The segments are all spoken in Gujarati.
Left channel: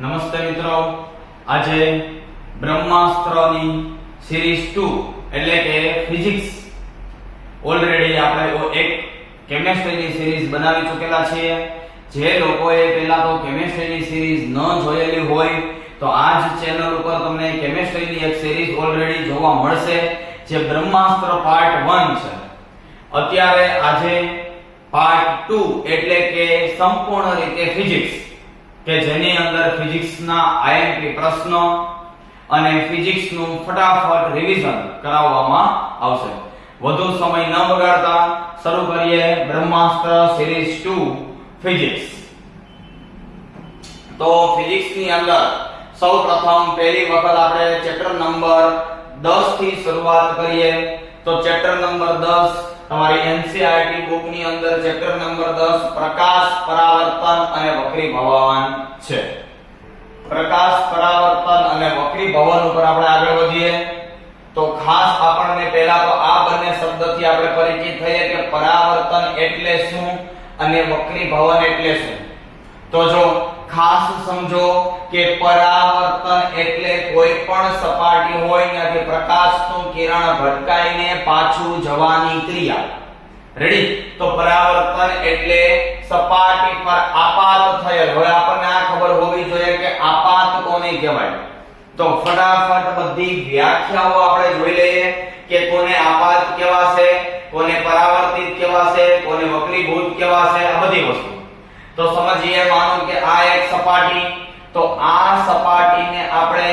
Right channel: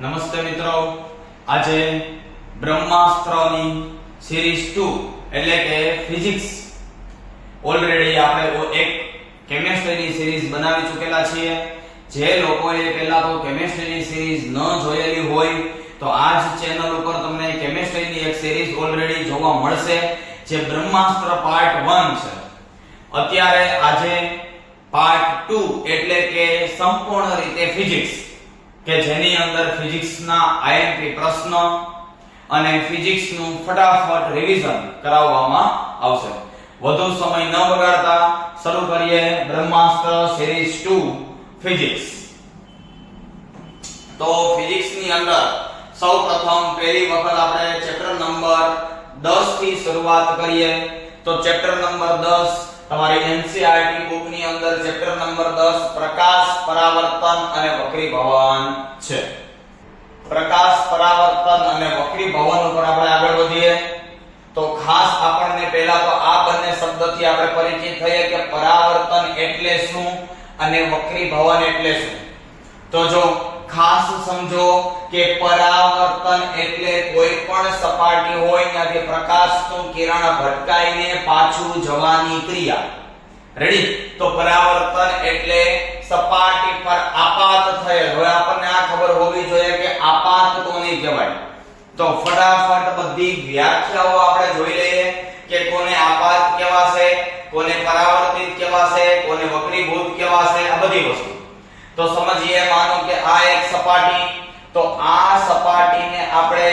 નમસ્તે મિત્રો, આજે બ્રહ્માસ્ત્રની સિરીઝ 2 એટલે કે ફિઝિક્સ ઓલરેડી આપણે એક કેમિસ્ટ્રીની સિરીઝ બનાવી ચૂકેલા છીએ. જે લોકોએ પહેલા તો કેમિસ્ટ્રીની સિરીઝ ન જોયેલી હોય તો આ જ ચેનલ ઉપર તમને કેમિસ્ટ્રીની એક સિરીઝ ઓલરેડી જોવા મળશે, જે બ્રહ્માસ્ત્ર પાર્ટ 1 છે. અત્યારે આજે પાર્ટ 2 એટલે કે સંપૂર્ણ રીતે ફિઝિક્સ, કે જેની અંદર ફિઝિક્સના આઈએમપી પ્રશ્નો અને ફિઝિક્સનું ફટાફટ રિવિઝન કરાવવામાં આવશે. વધુ સમય ન બગાડતા શરૂ કરીએ બ્રહ્માસ્ત્ર સિરીઝ 2 ફિઝિક્સ. તો ફિઝિક્સની અંદર સૌપ્રથમ પહેલી વખત આપણે ચેપ્ટર નંબર 10 થી શરૂઆત કરીએ. તો ચેપ્ટર નંબર 10 તમારી એનસીઈઆરટી બુક ની અંદર ચેપ્ટર નંબર 10 પ્રકાશ, પરાવર્તન અને વક્રીભવન છે. પ્રકાશ, પરાવર્તન અને વક્રીભવન ઉપર આપણે આગળ વધીએ તો ખાસ આપણને પહેલા તો આ બંને શબ્દથી આપણે પરિચિત થઈએ કે પરાવર્તન એટલે શું અને વક્રીભવન એટલે શું. તો જો ખાસ સમજો કે પરાવર્તન એટલે કોઈ પણ સપાટી હોય ત્યાંથી પ્રકાશનું કિરણ ભટકાઈને પાછું જવાની ક્રિયા. રેડી? તો પરાવર્તન એટલે સપાટી પર આપાત થયેલ. હવે આપણને આ ખબર હોવી જોઈએ કે આપાત કોને કહેવાય. તો ફટાફટ બધી વ્યાખ્યાઓ આપણે જોઈ લઈએ કે કોને આપાત કહેવાશે, કોને પરાવર્તિત કહેવાશે, કોને વક્રીભૂત કહેવાશે, આ બધી વસ્તુ. તો સમજીએ, માનો કે આ એક સપાટી, તો આ સપાટીને આપણે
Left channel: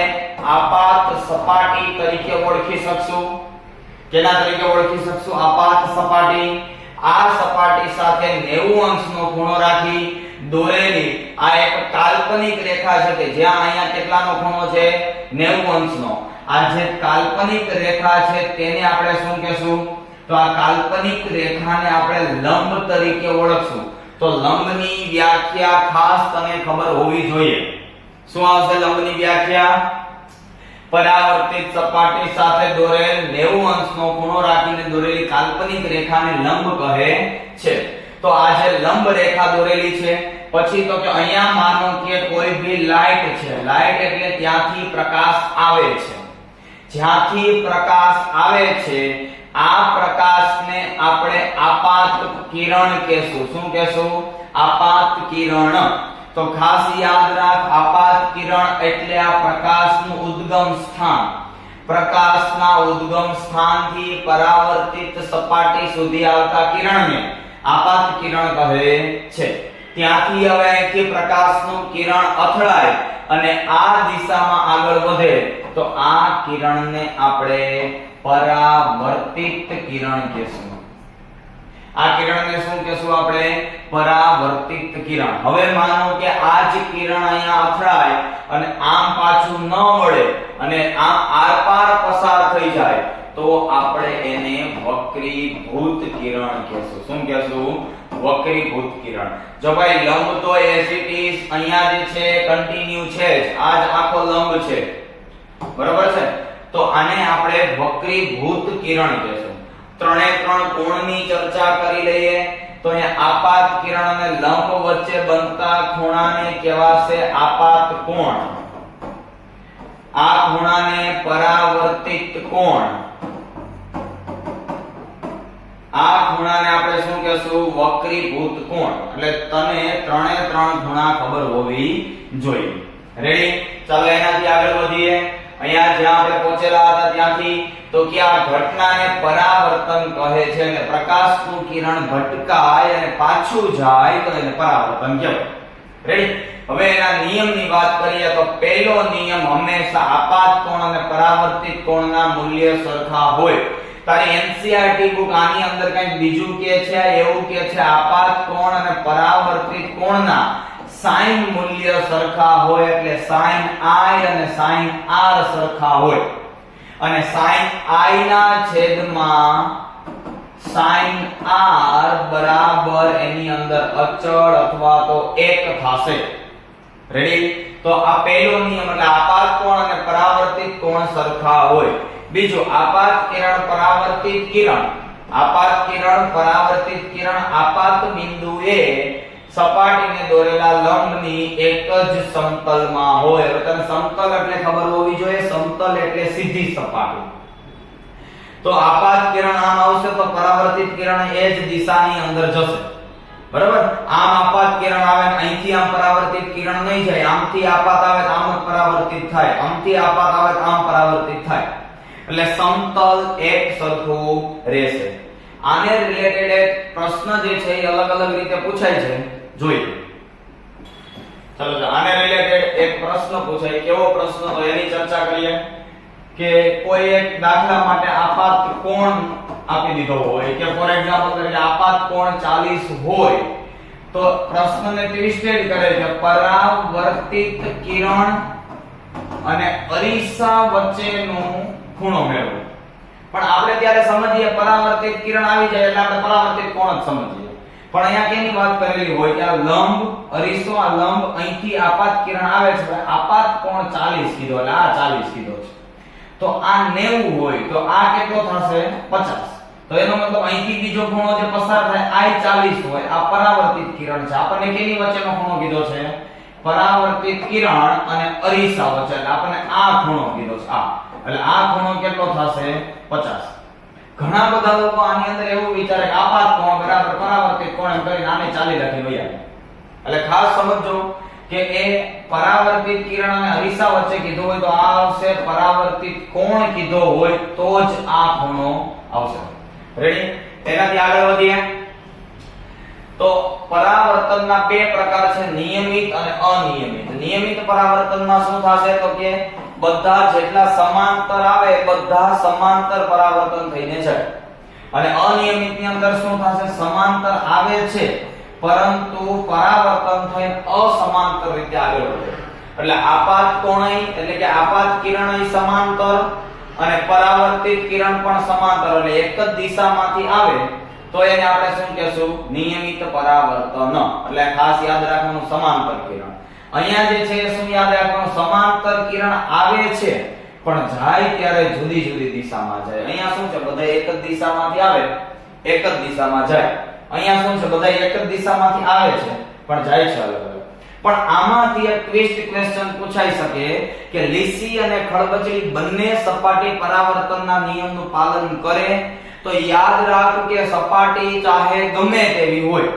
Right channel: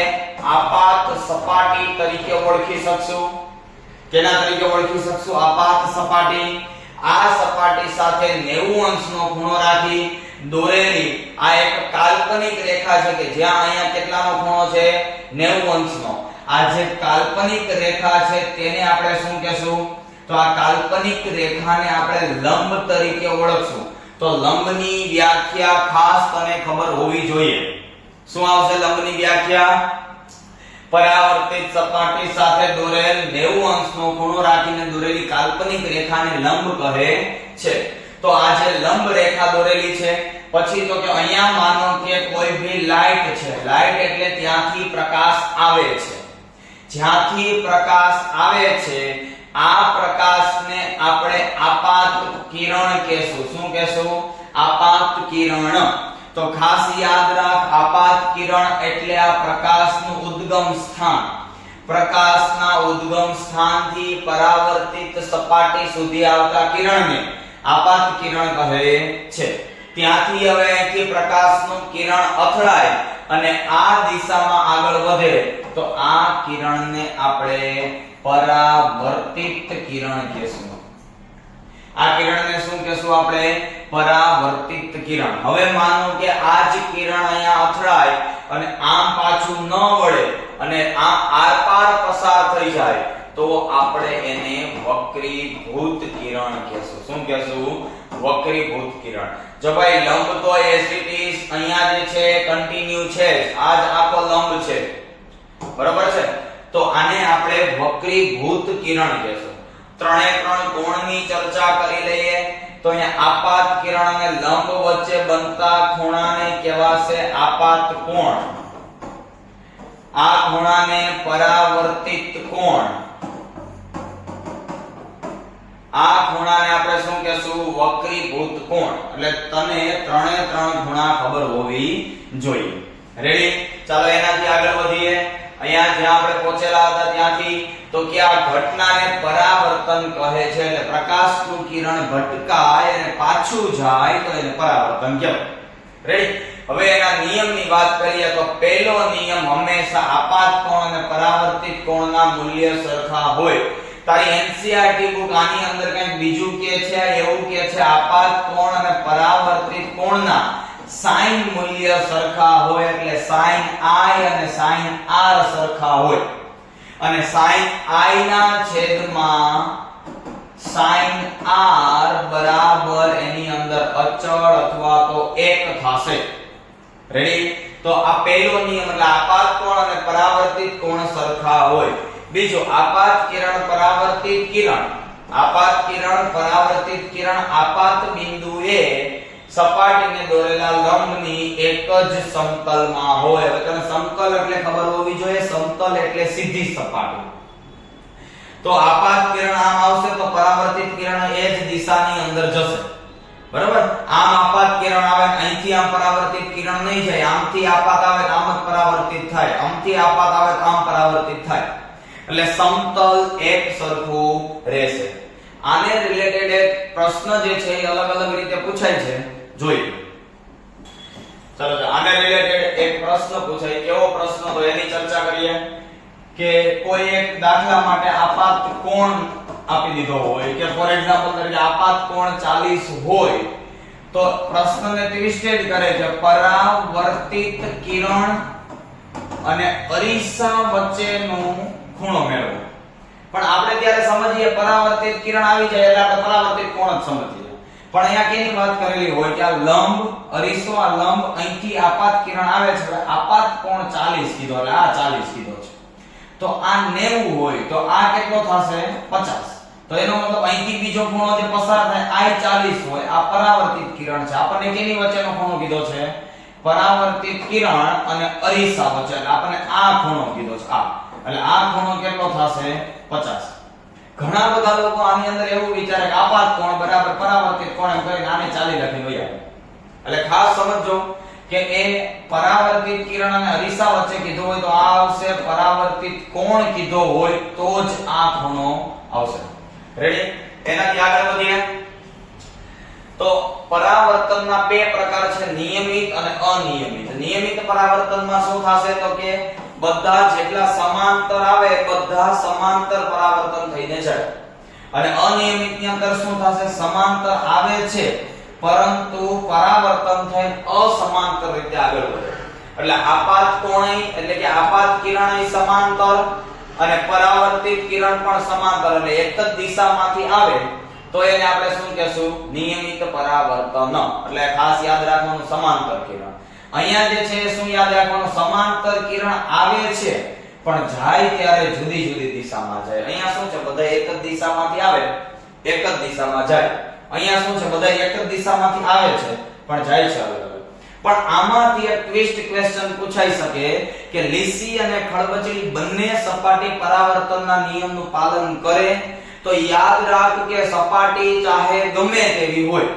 આપાત સપાટી તરીકે ઓળખી શકશું. કેના તરીકે ઓળખી શકશું? આપાત સપાટી. આ સપાટી સાથે 90 અંશનો ખૂણો રાખી દોરેલી આ એક કાલ્પનિક રેખા છે કે જ્યાં અહીંયા કેટલાનો ખૂણો છે? 90 અંશનો. આ જે કાલ્પનિક રેખા છે તેને આપણે શું કહેશું? તો આ કાલ્પનિક રેખાને આપણે લંબ તરીકે ઓળખશું. તો લંબની વ્યાખ્યા ખાસ તને ખબર હોવી જોઈએ. શું આવશે લંબની વ્યાખ્યા? પરાવર્તિત સપાટી સાથે દોરેલ 90 અંશનો ખૂણો રાખીને દોરેલી કાલ્પનિક રેખાને લંબ કહે છે. તો આ જે લંબ રેખા દોરેલી છે, પછી તો કે અહીંયા માનો કે કોઈ ભી લાઈટ છે. લાઈટ એટલે ત્યાંથી પ્રકાશ આવે છે. જ્યાંથી પ્રકાશ આવે છે આ પ્રકાશને આપણે આપાત કિરણ કહેશું. શું કહેશું? આપાત કિરણ. તો ખાસ યાદ રાખ, આપાત કિરણ એટલે આ પ્રકાશનું ઉદ્ગમ સ્થાન. પ્રકાશના ઉદ્ગમ સ્થાનથી પરાવર્તિત સપાટી સુધી આવતા કિરણને આપાત કિરણ કહે છે. ત્યાંથી હવે અહીંથી પ્રકાશનું કિરણ અથડાય અને આ દિશામાં આગળ વધે તો આ કિરણને આપણે પરાવર્તિત કિરણ કહેશું. આ કિરણને શું કહેશું આપણે? પરાવર્તિત કિરણ. હવે માનો કે આ જ કિરણ અહીંયા અથડાય અને આમ પાછું ન વળે અને આમ આરપાર પસાર થઈ જાય તો આપણે એને વક્રીભૂત કિરણ કહેશું. શું કહેશું? વક્રીભૂત કિરણ. જો ભાઈ લંબ તો એઝ ઇટ ઇઝ અહીંયા જે છે કન્ટિન્યુ છે, આ જ આખો લંબ છે, બરાબર છે? તો આને આપણે વક્રીભૂત કિરણ કહેશું. ત્રણે ત્રણ કોણની ચર્ચા કરી લઈએ. તો અહીંયા આપાત કિરણ અને લંબ વચ્ચે બનતા ખૂણાને કહેવાશે આપાત કોણ. આ ખૂણાને પરાવર્તિત કોણ. આ ખૂણાને આપણે શું કહેશું? વક્રીભૂત કોણ. એટલે તને ત્રણે ત્રણ ખૂણા ખબર હોવી જોઈએ. રેડી? ચાલો એનાથી આગળ વધીએ. અહીંયા જ્યાં આપણે પહોંચેલા હતા ત્યાંથી તો કે આ ઘટનાને પરાવર્તન કહે છે. એટલે પ્રકાશનું કિરણ ભટકાય અને પાછું જાય તો એને પરાવર્તન કહેવાય. રેડી? હવે એના નિયમની વાત કરીએ તો પહેલો નિયમ હંમેશા આપાત કોણ અને પરાવર્તિત કોણના મૂલ્ય સરખા હોય. તારી એનસીઈઆરટી બુક આની અંદર કંઈક બીજું કે છે, એવું કે છે આપાત કોણ અને પરાવર્તિત કોણના સાઈન મૂલ્ય સરખા હોય. એટલે સાઈન i અને સાઈન r સરખા હોય અને સાઈન i ના છેદમાં સાઈન r બરાબર એની અંદર અચળ અથવા તો 1 થશે. રેડી? તો આ પહેલો નિયમ એટલે આપાત કોણ અને પરાવર્તિત કોણ સરખા હોય. બીજો આપાત કિરણ પરાવર્તિત કિરણ. આપાત કિરણ પરાવર્તિત કિરણ આપાત બિંદુએ સપાટીને દોરેલા લંબની એક જ સમતલમાં હોય. હવે તને સમતલ એટલે ખબર હોવી જોઈએ. સમતલ એટલે સીધી સપાટી. તો આપાત કિરણ આમ આવશે તો પરાવર્તિત કિરણ એ જ દિશાની અંદર જશે. બરાબર? આમ આપાત કિરણ આવે ને અહીંથી આમ પરાવર્તિત કિરણ નહીં જાય. આમથી આપાત આવે તો આમ જ પરાવર્તિત થાય. આમથી આપાત આવે તો આમ પરાવર્તિત થાય. એટલે સમતલ એક સરખું રહેશે. આને રિલેટેડ એક પ્રશ્ન જે છે એ અલગ અલગ રીતે પૂછાય છે, જોઈએ. ચલો આને રિલેટેડ એક પ્રશ્ન પૂછાય. કેવો પ્રશ્ન તો એની ચર્ચા કરીએ. કે કોઈ એક દાખલા માટે આપાત કોણ આપી દીધો હોય કે ફોર એક્ઝામ્પલ તરીકે આપાત કોણ 40 હોય તો પ્રશ્નને ટ્વિસ્ટેડ કરે છે. પરાવર્તિત કિરણ અને અરીસા વચ્ચેનો ખૂણો મેળવો. પણ આપણે ત્યારે સમજીએ પરાવર્તિત કિરણ આવી જાય એટલે આપણે પરાવર્તિત કોણ જ સમજીએ. પણ અહીંયા કેની વાત કરેલી હોય કે આ લંબ અરીસો, આ લંબ અહીંથી આપાત કિરણ આવે છે એટલે આપાત કોણ 40 કીધો એટલે આ 40 કીધો છે. તો આ 90 હોય તો આ કેટલો થશે? 50. તો એનો મતલબ અહીંથી બીજો ખૂણો જે પસાર થાય આ 40 હોય. આ પરાવર્તિત કિરણ છે. આપણને કેની વચ્ચેનો ખૂણો કીધો છે? પરાવર્તિત કિરણ અને અરીસા વચ્ચે. એટલે આપણને આ ખૂણો કીધો છે આ. એટલે આ ખૂણો કેટલો થશે? 50. ઘણા બધા લોકો આની અંદર એવું વિચારે કે આપાત કોણ બરાબર પરાવર્તિત કોણ એમ કરીને આને 40 લખી વયા. એટલે ખાસ સમજજો કે એ પરાવર્તિત કિરણ અને અરીસા વચ્ચે કીધું હોય તો આ આવશે પરાવર્તિત કોણ કીધો હોય તો જ આ ખૂણો આવશે. રેડી? એનાથી આગળ વધીએ તો પરાવર્તનના બે પ્રકાર છે, નિયમિત અને અનિયમિત. નિયમિત પરાવર્તનમાં શું થશે તો કે બધા જેટલા સમાંતર આવે બધા સમાંતર પરાવર્તન થઈને જાય. અને અનિયમિતની અંદર શું થશે? સમાંતર આવે છે પરંતુ પરાવર્તન થઈને અસમાંતર રીતે આગળ વધે. એટલે આપાત કોણય એટલે કે આપાત કિરણય સમાંતર અને પરાવર્તિત કિરણ પણ સમાંતર એટલે એક જ દિશામાંથી આવે તો એને આપણે શું કહેશું? નિયમિત પરાવર્તન. એટલે ખાસ યાદ રાખવાનું સમાંતર કિરણ. અહીંયા જે છે શું યાદ રાખવાનું? સમાંતર કિરણ આવે છે પણ જાય ત્યારે જુદી જુદી દિશામાં જાય. અહીંયા શું છે? બધા એક જ દિશામાંથી આવે, એક જ દિશામાં જાય. અહીંયા શું છે? બધા એક જ દિશામાંથી આવે છે પણ જાય છે અલગ અલગ. પણ આમાંથી એક ટ્વિસ્ટ ક્વેશ્ચન પૂછાઈ શકે કે લીસી અને ખડબચડી બંને સપાટી પરાવર્તનના નિયમનું પાલન કરે તો યાદ રાખ કે સપાટી ચાહે ગમે તેવી હોય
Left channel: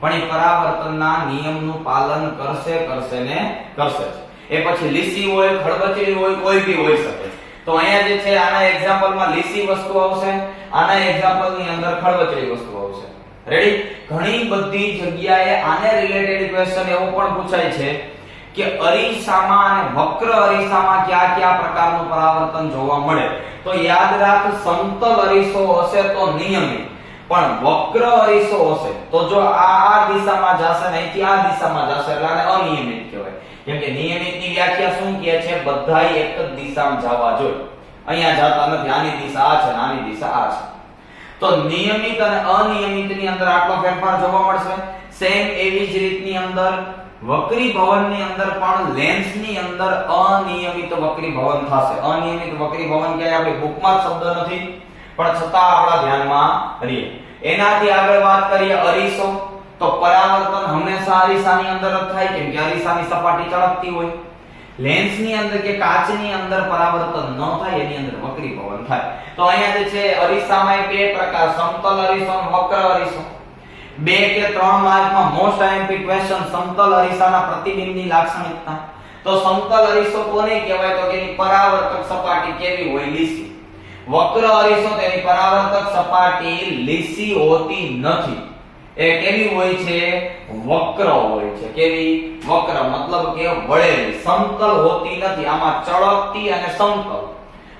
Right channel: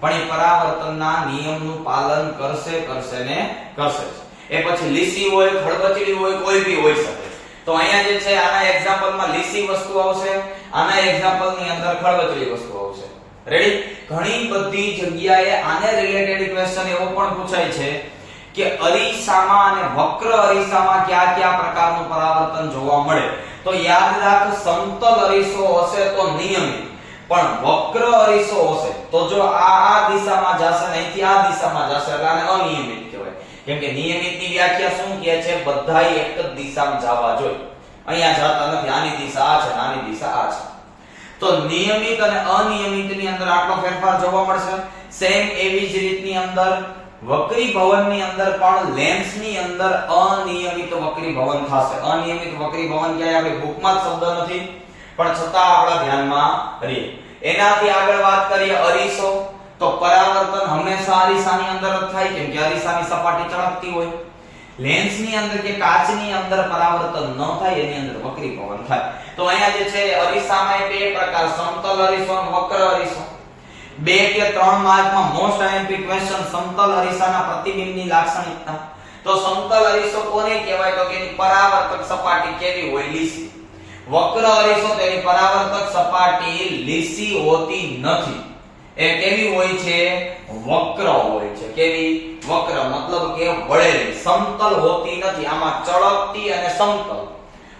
પણ એ પરાવર્તનના નિયમનું પાલન કરશે ને કરશે. એ પછી લીસી હોય, ખડબચડી હોય, કોઈ બી હોઈ શકે. તો અહીંયા જે છે આના એક્ઝામ્પલમાં લીસી વસ્તુ આવશે, આના એક્ઝામ્પલની અંદર ખડબચડી વસ્તુ આવશે. રેડી? ઘણી બધી જગ્યાએ આને રિલેટેડ ક્વેશ્ચન એવો પણ પૂછાય છે કે અરીસામાં અને વક્ર અરીસામાં કયા કયા પ્રકારનું પરાવર્તન જોવા મળે. તો યાદ રાખ સમતલ અરીસો હશે તો નિયમિત, પણ વક્ર અરીસો હશે તો જો આ દિશામાં જશે ને અહીંથી આ દિશામાં જશે એટલે આને અનિયમિત કહેવાય. કેમ કે નિયમિતની વ્યાખ્યા શું કહે છે? બધાય એક જ દિશામાં જવા જોઈએ. અહીંયા જતા નથી. આની દિશા આ છે અને આની દિશા આ છે. તો નિયમિત અને અનિયમિતની અંદર આટલો ફેરફાર જોવા મળશે. સેમ એવી જ રીતની અંદર વક્રીભવનની અંદર પણ લેન્સની અંદર અનિયમિત વક્રીભવન થશે. અનિયમિત વક્રીભવન ક્યાંય આપણી બુકમાં શબ્દ નથી પણ છતાં આપણા ધ્યાનમાં રહીએ. એનાથી આગળ વાત કરીએ અરીસો. તો પરાવર્તન હંમેશા અરીસાની અંદર જ થાય કેમ કે અરીસાની સપાટી ચળકતી હોય. લેન્સની અંદર કે કાચની અંદર પરાવર્તન ન થાય, એની અંદર વક્રીભવન થાય. તો અહીંયા જે છે અરીસામાં બે પ્રકાર, સમતલ અરીસો અને વક્ર અરીસો. 2 કે 3 માર્કમાં મોસ્ટ આઈએમપી ક્વેશ્ચન સમતલ અરીસાના પ્રતિબિંબની લાક્ષણિકતા. તો સમતલ અરીસો કોને કહેવાય? તો કે એની પરાવર્તક સપાટી કેવી હોય? લીસી. વક્ર અરીસો તેની પરાવર્તક સપાટી લીસી હોતી નથી. એ કેવી હોય છે? વક્ર હોય છે. કેવી? વક્ર મતલબ કે વળેલી. સમતલ હોતી નથી. આમાં ચળકતી અને સમતલ.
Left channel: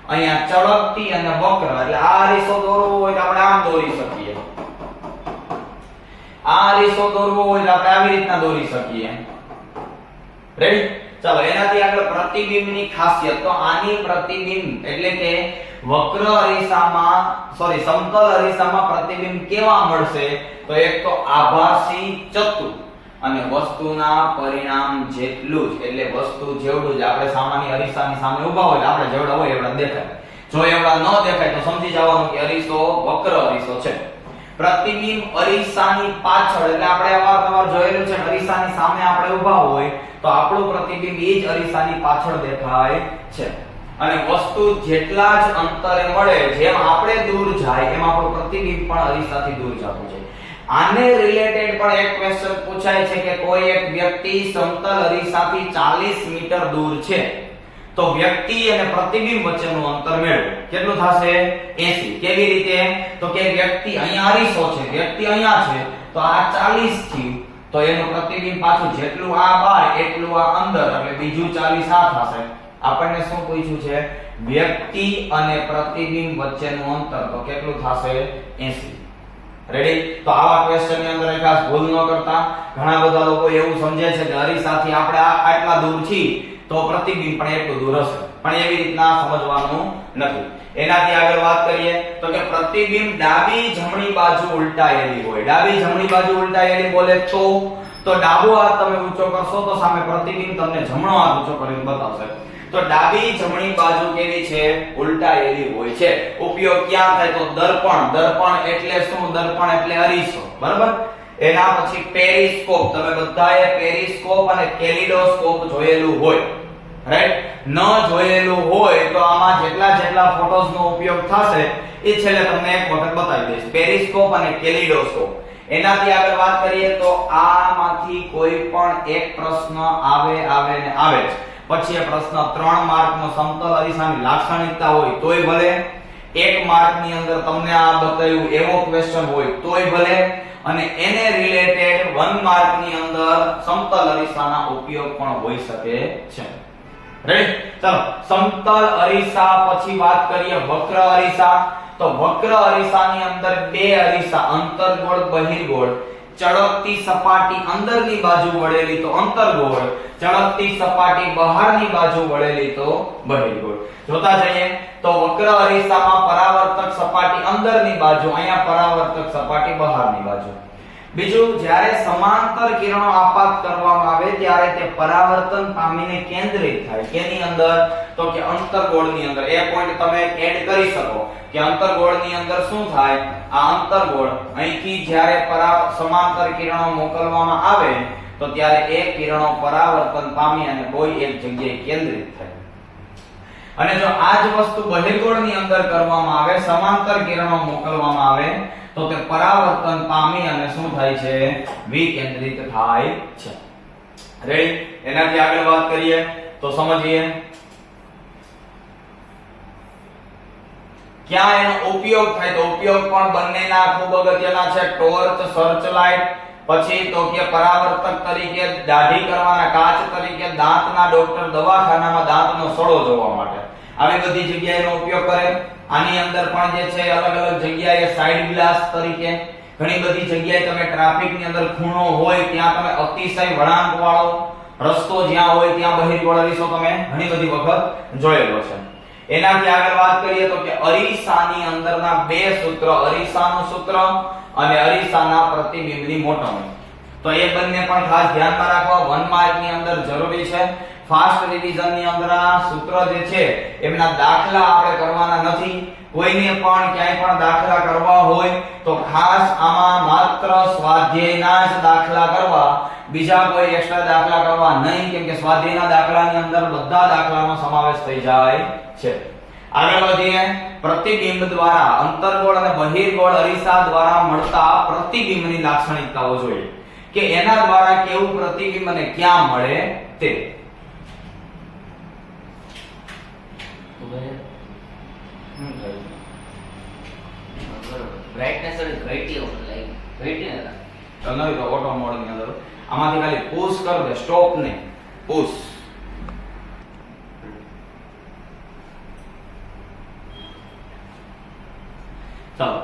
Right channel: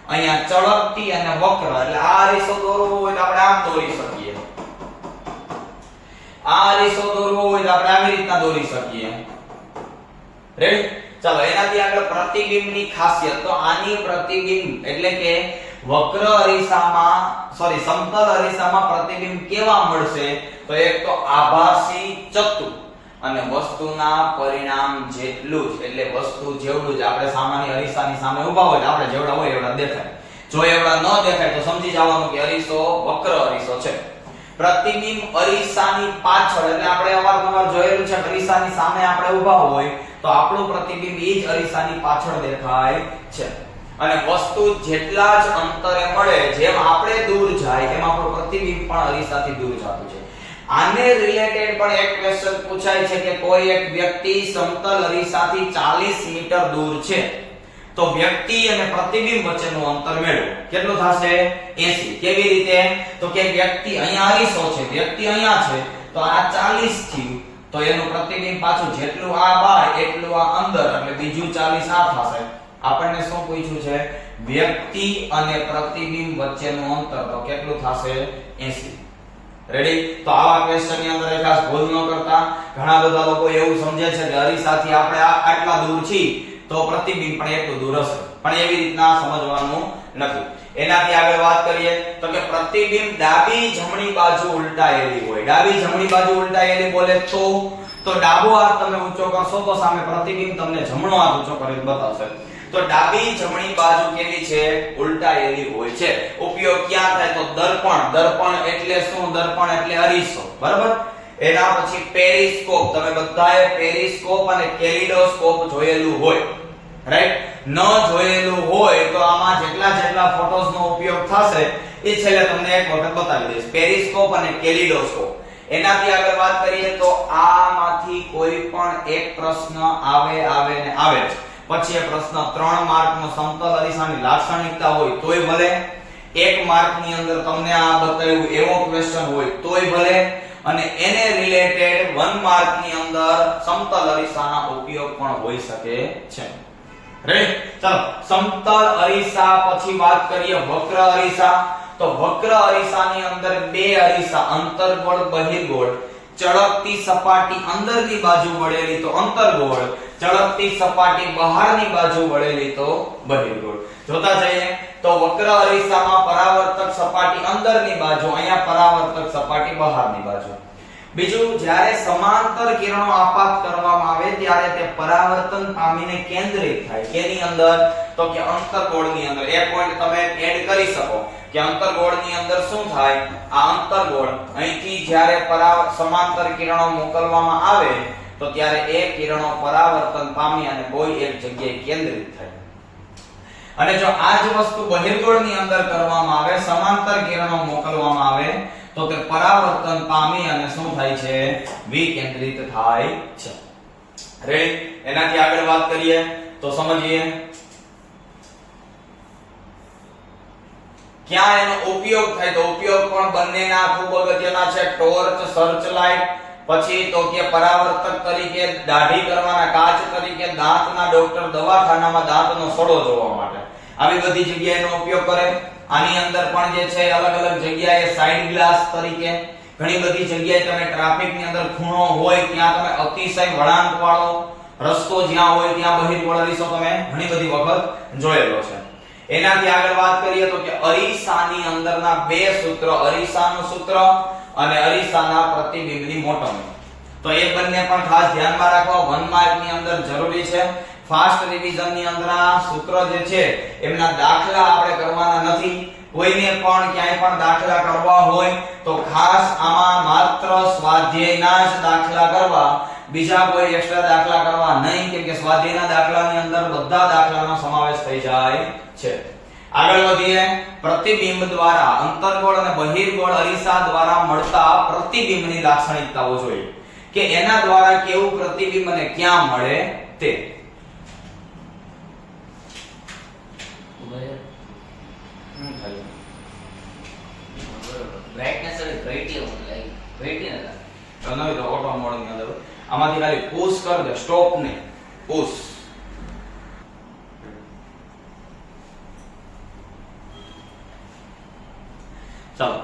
અહીંયા ચળકતી અને વક્ર. એટલે આ અરીસો દોરવો હોય તો આપણે આમ દોરી શકીએ. આ અરીસો દોરવો હોય તો આપણે આવી રીતના દોરી શકીએ. રેડી? ચાલો એનાથી આગળ પ્રતિબિંબની ખાસિયત. તો આની પ્રતિબિંબ એટલે કે વક્ર અરીસામાં સમતલ અરીસામાં પ્રતિબિંબ કેવા મળશે? તો એક તો આભાસી ચતુર અને વસ્તુના પરિણામ જેટલું જ, એટલે વસ્તુ જેવડું જ. આપણે સામાન્ય અરીસાની સામે ઊભા હોય આપણે જેવડા હોય એવડા દેખાય. જો એવડા ન દેખાય તો સમજી જવાનું કે અરીસો વક્ર અરીસો છે. પ્રતિબિંબ અરીસાની પાછળ, એટલે આપણે અવારનવાર જોયેલું છે અરીસાની સામે આપણે ઊભા હોય તો આપણું પ્રતિબિંબ એ જ અરીસાની પાછળ દેખાય છે. અને વસ્તુ જેટલા જ અંતરે મળે, જેમ આપણે દૂર જાય એમ આપણું પ્રતિબિંબ પણ અરીસાથી દૂર જતું છે. આને રિલેટેડ પણ એક ક્વેશ્ચન પૂછાય છે કે કોઈ એક વ્યક્તિ સમતલ અરીસાથી 40 મીટર દૂર છે તો વ્યક્તિ અને પ્રતિબિંબ વચ્ચેનું અંતર મેળવો. કેટલું થશે? 80. કેવી રીતે? તો કે વ્યક્તિ અહીંયા અરીસો છે, વ્યક્તિ અહીંયા છે, તો આ 40 થયું, તો એનું પ્રતિબિંબ પાછું જેટલું આ બહાર એટલું આ અંદર, એટલે બીજું 40 આ થશે. આપણને શું પૂછ્યું છે? વ્યક્તિ અને પ્રતિબિંબ વચ્ચેનું અંતર, તો કેટલું થશે? 80. રેડી? તો આવા ક્વેશ્ચન ની અંદર ખાસ ભૂલ ન કરતા. ઘણા બધા લોકો એવું સમજે છે કે અરીસાથી આપણે આટલા દૂર છીએ તો પ્રતિબિંબ પણ એટલું દૂર હશે, પણ એવી રીતના સમજવાનું નથી. એનાથી આગળ વાત કરીએ તો કે પ્રતિબિંબ ડાબી જમણી બાજુ ઉલટાયેલી હોય. ડાબી જમણી બાજુ ઉલટાયેલી બોલે તો ડાબો હાથ તમે ઊંચો કરશો તો સામે પ્રતિબિંબ તમને જમણો હાથ ઊંચો કરીને બતાવશે. તો ડાબી જમણી બાજુ કેવી છે? ઉલટાયેલી હોય છે. ઉપયોગ ક્યાં થાય? તો દર્પણ. દર્પણ એટલે શું? દર્પણ એટલે અરીસો, બરાબર? એના પછી પેરિસ્કોપ. તમે બધાએ પેરિસ્કોપ અને કેલિડોસ્કોપ જોયેલું હોય, રાઈટ? ન જોયેલું હોય તો આમાં જેટલા ફોટોસ નો ઉપયોગ થશે એ છેલ્લે તમને એક વખત બતાવી દઈશ. પેરિસ્કોપ અને કેલિડોસ્કોપ. એનાથી આગળ વાત કરીએ તો આમાંથી કોઈ પણ એક પ્રશ્ન આવે ને આવે જ. પછી એ પ્રશ્ન 3 માર્કનો સમતલ અરીસાની લાક્ષણિકતા હોય તોય ભલે, 1 માર્કની અંદર તમને આ બતાવ્યું એવો ક્વેશ્ચન હોય તોય ભલે, અને એને રિલેટેડ 1 માર્કની અંદર સમતલ અરીસાના ઉપયોગ પણ હોઈ શકે છે. રેડી? ચાલો સમતલ અરીસા પછી વાત કરીએ વક્ર અરીસા. તો વક્ર અરીસાની અંદર બે અરીસા, અંતર્ગોળ બહિર્ગોળ, ચળકતી સપાટી અંદરની બાજુ વળેલી તો અંતર્ગોળ, ચળકતી સપાટી બહારની બાજુ વળેલી તો બહિર્ગોળ. જોતા જઈએ તો વક્ર અરીસામાં પરાવર્તક સપાટી અંદરની બાજુ, અહીંયા પરાવર્તક સપાટી બહારની બાજુ. બીજું, જ્યારે સમાંતર કિરણો આપાત કરવામાં આવે ત્યારે તે પરાવર્તન પામીને કેન્દ્રિત થાય. કેની અંદર? તો કે અંતર્ગોળની અંદર. એ પોઈન્ટ તમે એડ કરી શકો કે અંતર્ગોળની અંદર શું થાય? આ અંતર્ગોળ અહીંથી જ્યારે સમાંતર કિરણો મોકલવામાં આવે તો ત્યારે એ કિરણો પરાવર્તન પામી અને કોઈ એક જગ્યાએ કેન્દ્રિત થાય. અને જો આ જ વસ્તુ બહિર્ગોળની અંદર કરવામાં આવે, સમાંતર કિરણો મોકલવામાં આવે તો તે પરાવર્તન પામી અને શું થાય છે? વિકેન્દ્રિત થાય છે. રેડી? એનાથી આગળ વાત કરીએ તો સમજીએ ક્યાં એનો ઉપયોગ થાય. તો ઉપયોગ પણ બંનેના ખૂબ અગત્યના છે. ટોર્ચ, સર્ચ લાઇટ, પછી તો કે પરાવર્તક તરીકે, દાઢી કરવાના કાચ તરીકે, દાંતના ડોક્ટર દવાખાનામાં દાંતનો સડો જોવા માટે આવી બધી જગ્યાએ એનો ઉપયોગ કરે. આની અંદર પણ જે છે અલગ અલગ જગ્યાએ સાઇડ ગ્લાસ તરીકે, ઘણી બધી જગ્યાએ તમે ટ્રાફિકની અંદર ખૂણો હોય ત્યાં તમે અતિશય વળાંક વાળો રસ્તો જ્યાં હોય ત્યાં બહિર્ગોળ અરીસો તમે ઘણી બધી વખત જોયેલો છે. એનાથી આગળ વાત કરીએ તો કે અરીસાની અંદરના બે સૂત્ર, અરીસાનું સૂત્ર અને અરીસાના પ્રતિબિંબની મોટવણી. તો એ બંને પણ ખાસ ધ્યાનમાં રાખવા. 1 માર્કની અંદર જરૂરી છે. ફાસ્ટ રિવિઝન ની અંદરના સૂત્ર જે છે એમના દાખલા આપણે કરવાના નથી. કોઈને પણ ક્યાંય પણ દાખલા કરવા હોય તો ખાસ આમાં માત્ર સ્વાધ્યાયના જ દાખલા કરવા, બીજા કોઈ એક્સ્ટ્રા દાખલા કરવા નહીં, કેમ કે સ્વાધ્યાયના દાખલાની અંદર બધા દાખલાનો સમાવેશ થઈ જાય છે. આગળ વધીએ. પ્રતિબિંબ દ્વારા, અંતર્ગોળ અને બહિર્ગોળ અરીસા દ્વારા મળતા પ્રતિબિંબની લાક્ષણિકતાઓ જોઈએ કે એના દ્વારા કેવું પ્રતિબિંબ અને ક્યાં મળે તે. બ્રાઇટનેસ અને બ્રાઇટલી લાઈક બ્રાઇટલી ના તો નહીં તો ઓટો મોડ ની અંદર આમાંથી ખાલી પુશ કર દે, સ્ટોપ નહીં, પુશ. ચાલો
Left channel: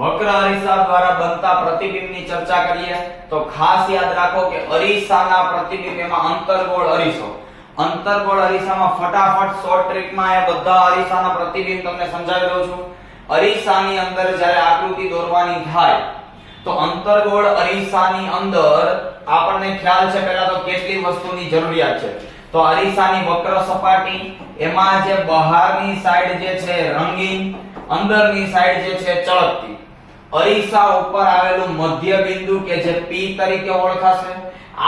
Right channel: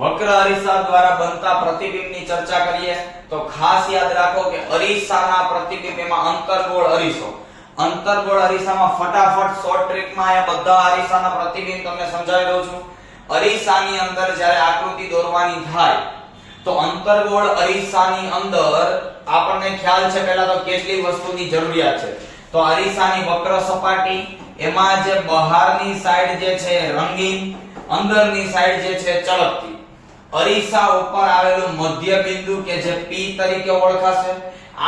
વક્ર અરીસા દ્વારા બનતા પ્રતિબિંબની ચર્ચા કરીએ તો ખાસ યાદ રાખો કે અરીસાના પ્રતિબિંબ એમાં અંતર્ગોળ અરીસો, અંતર્ગોળ અરીસામાં ફટાફટ શોર્ટ ટ્રીકમાં આ બધા અરીસાના પ્રતિબિંબ તમને સમજાવી દઉં છું. અરીસાની અંદર જ્યારે આકૃતિ દોરવાની થાય તો અંતર્ગોળ અરીસાની અંદર આપણને ખ્યાલ છે પહેલા તો કેટલી વસ્તુની જરૂરિયાત છે. તો અરીસાની વક્ર સપાટી, એમાં જે બહારની સાઈડ જે છે રંગીન, અંદરની સાઈડ જે છે ચળકતી. અરીસા ઉપર આવેલું મધ્ય બિંદુ કે જે P તરીકે ઓળખાશે.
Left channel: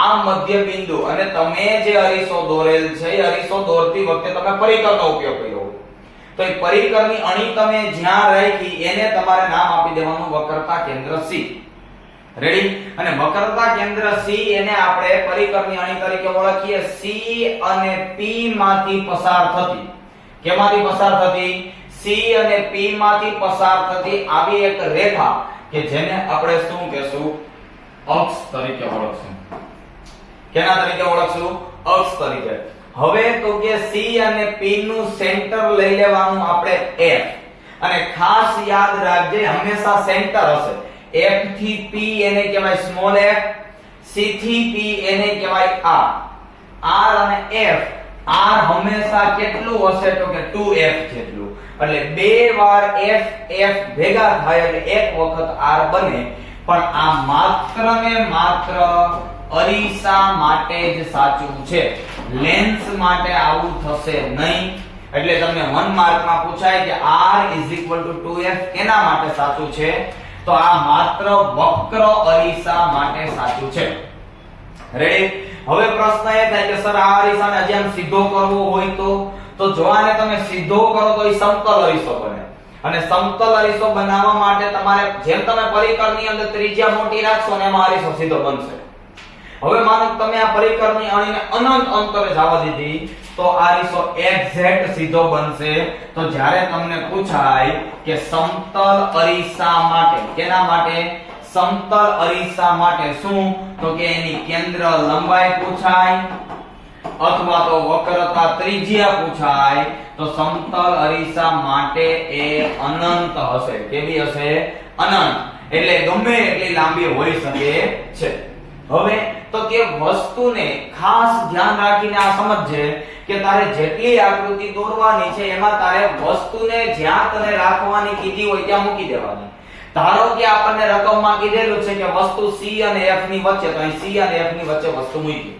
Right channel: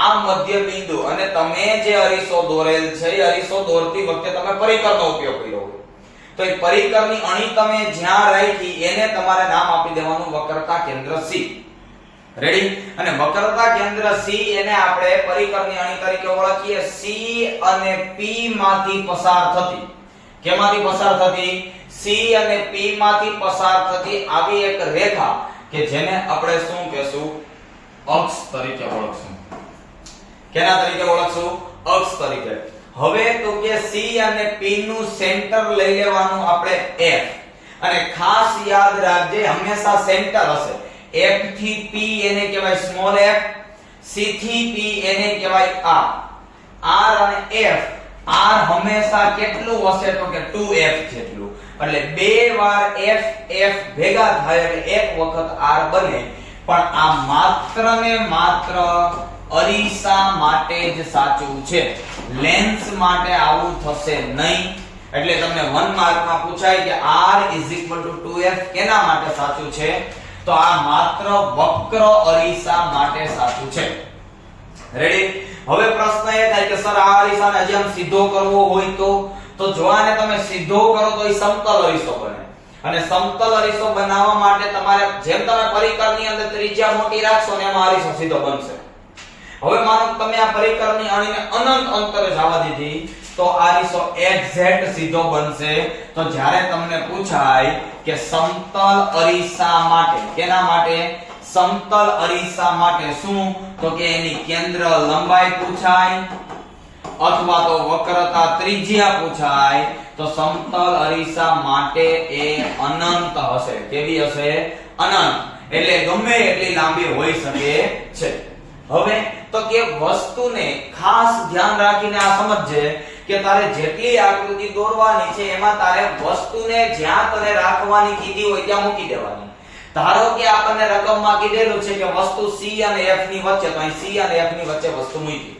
આ મધ્ય બિંદુ અને તમે જે અરીસો દોરેલ છે એ અરીસો દોરતી વખતે તમે પરિકરનો ઉપયોગ કર્યો હોય તો એ પરિકરની અણી તમે જ્યાં રાખી એને તમારે નામ આપી દેવાનું વક્રતા કેન્દ્ર C. રેડી? અને વક્રતા કેન્દ્ર C એને આપણે પરિકરની અણી તરીકે ઓળખીએ. C અને P માંથી પસાર થતી, કેમાંથી પસાર થતી? C અને P માંથી પસાર થતી આવી એક રેખા કે જેને આપણે શું કહેશું? અક્ષ તરીકે ઓળખશું. કેના તરીકે ઓળખશું? અક્ષ તરીકે. હવે તો કે C અને P નું સેન્ટર લઈ લેવાનું આપણે F. અને ખાસ યાદ રાખજે હંમેશા સેન્ટર હશે. F થી P એને કહેવાય સ્મોલ f, C થી P એને કહેવાય r. R અને F, R હંમેશા કેટલું હશે તો કે 2f જેટલું. એટલે બે વાર f f ભેગા થાય એટલે એક વખત r બને. પણ આ માત્ર ને માત્ર અરીસા માટે જ સાચું છે. લેન્સ માટે આવું થશે નહીં. એટલે તમને 1 માર્કમાં પૂછાય કે r 2f કેના માટે સાચું છે? તો આ માત્ર વક્ર અરીસા માટે સાચું છે. રેડી? હવે પ્રશ્ન એ થાય કે સર આ અરીસાને હજી આમ સીધો કરવો હોય તો જો આને તમે સીધો કરો તો એ સમતલ અરીસો બને. અને સમતલ અરીસો બનાવવા માટે તમારે જેમ તમે પરિકરની અંદર ત્રિજ્યા મોટી રાખશો ને એનો અરીસો સીધો બનશે. હવે માનો તમે આ પરિકરની અણીને અનંત અંતરે જવા દીધી તો આ અરીસો એક્ઝેક્ટ સીધો બનશે. તો જ્યારે તમને પૂછાય કે સમતલ અરીસા માટે, કેના માટે? સમતલ અરીસા માટે શું? તો કે એની કેન્દ્ર લંબાઈ પૂછાય અથવા તો વક્રતા ત્રિજ્યા પૂછાય તો સમતલ અરીસા માટે એ અનંત હશે. કેવી હશે? અનંત. એટલે ગમે એટલી લાંબી હોઈ શકે છે. હવે તો કે વસ્તુને ખાસ ધ્યાન રાખીને આ સમજજે કે તારે જેટલી આકૃતિ દોરવાની છે એમાં તારે વસ્તુને જ્યાં તને રાખવાની કીધી હોય ત્યાં મૂકી દેવાની. ધારો કે આપણને રકમમાં કીધેલું છે કે વસ્તુ C અને F ની વચ્ચે, તો અહીં C અને F ની વચ્ચે વસ્તુ મૂકી.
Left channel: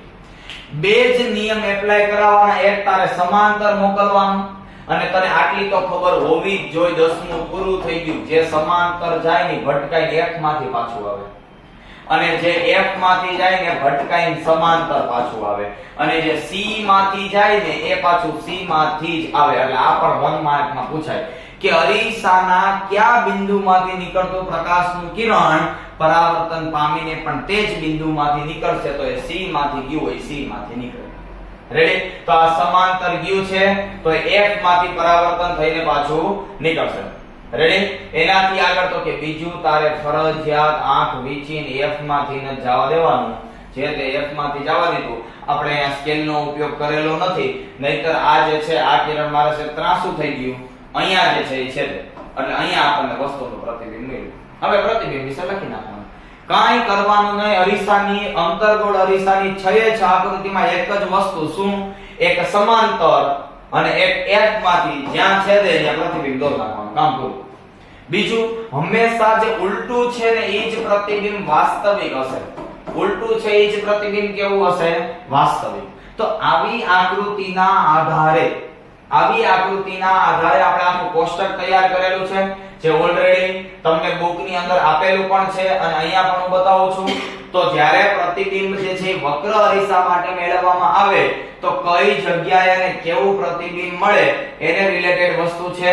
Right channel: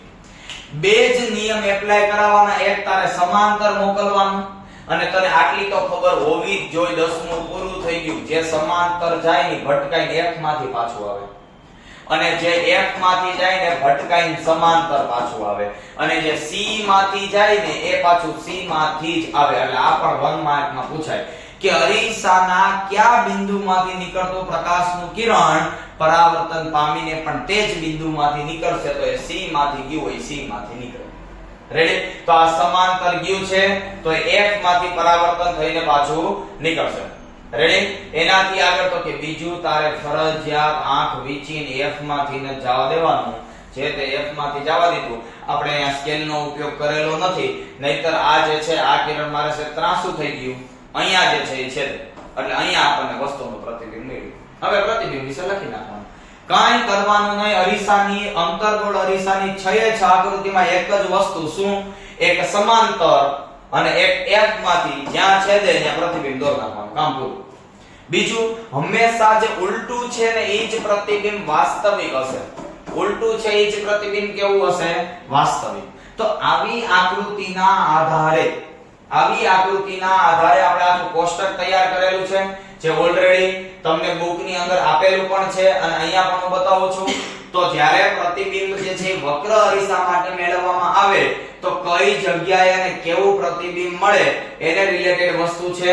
બે જ નિયમ એપ્લાય કરાવવાના. એક તારે સમાંતર મોકલવાનું અને તને આટલી તો ખબર હોવી જ જોઈએ 10મું પૂરું થઈ ગયું. જે સમાંતર જાય ને ભટકાઈને F માંથી પાછું આવે અને જે F માંથી જાય ને ભટકાઈને સમાંતર પાછું આવે અને જે C માંથી જાય ને એ પાછું C માંથી જ આવે. એટલે આ પણ 1 માર્કમાં પૂછાય કે અરીસાના કયા બિંદુમાંથી નીકળતો પ્રકાશનું કિરણ પરાવર્તન પામીને પણ તે જ બિંદુમાંથી નીકળશે તો એ C માંથી ગયું હોય C માંથી નીકળે. રેડી? તો આ સમાંતર ગયું છે તો F માંથી પરાવર્તન થઈને પાછું નીકળશે. રેડી? એનાથી આગળ તો કે બીજું તારે ફરજિયાત આંખ વીંચીને F માંથી ન જવા દેવાનું. જે તે F માંથી જવા દીધું. આપણે અહીંયા સ્કેલનો ઉપયોગ કરેલો નથી, નહીતર આ જે છે આ કિરણ મારે છે ત્રાસું થઈ ગયું. અહીંયા જે છે એ છે એટલે અહીંયા આપણને વસ્તુનું પ્રતિબિંબ મળ્યું. હવે પ્રતિબિંબ વિશે લખી નાખવાનું. કાંઈ કરવાનું નહીં. અરીસાની અંતર્ગોળ અરીસાની 6 આકૃતિમાં એક જ વસ્તુ શું? એક સમાંતર અને એક F માંથી જ્યાં છેદે ત્યાં પ્રતિબિંબ દોર નાખવાનું. કામ પૂરું. બીજું, હંમેશા જે ઉલટું છે ને એ જ પ્રતિબિંબ વાસ્તવિક હશે. ઉલટું છે એ જ પ્રતિબિંબ કેવું હશે? વાસ્તવિક. તો આવી આકૃતિના આધારે આપણે આખું કોષ્ટક તૈયાર કરેલું છે જે ઓલરેડી તમને બુકની અંદર આપેલું પણ છે અને અહીંયા પણ હું બતાવું છું. તો જ્યારે પ્રતિબિંબ જે છે વક્ર અરીસા માટે મેળવવામાં આવે તો કઈ જગ્યાએ અને કેવું પ્રતિબિંબ મળે એને રિલેટેડ વસ્તુ છે.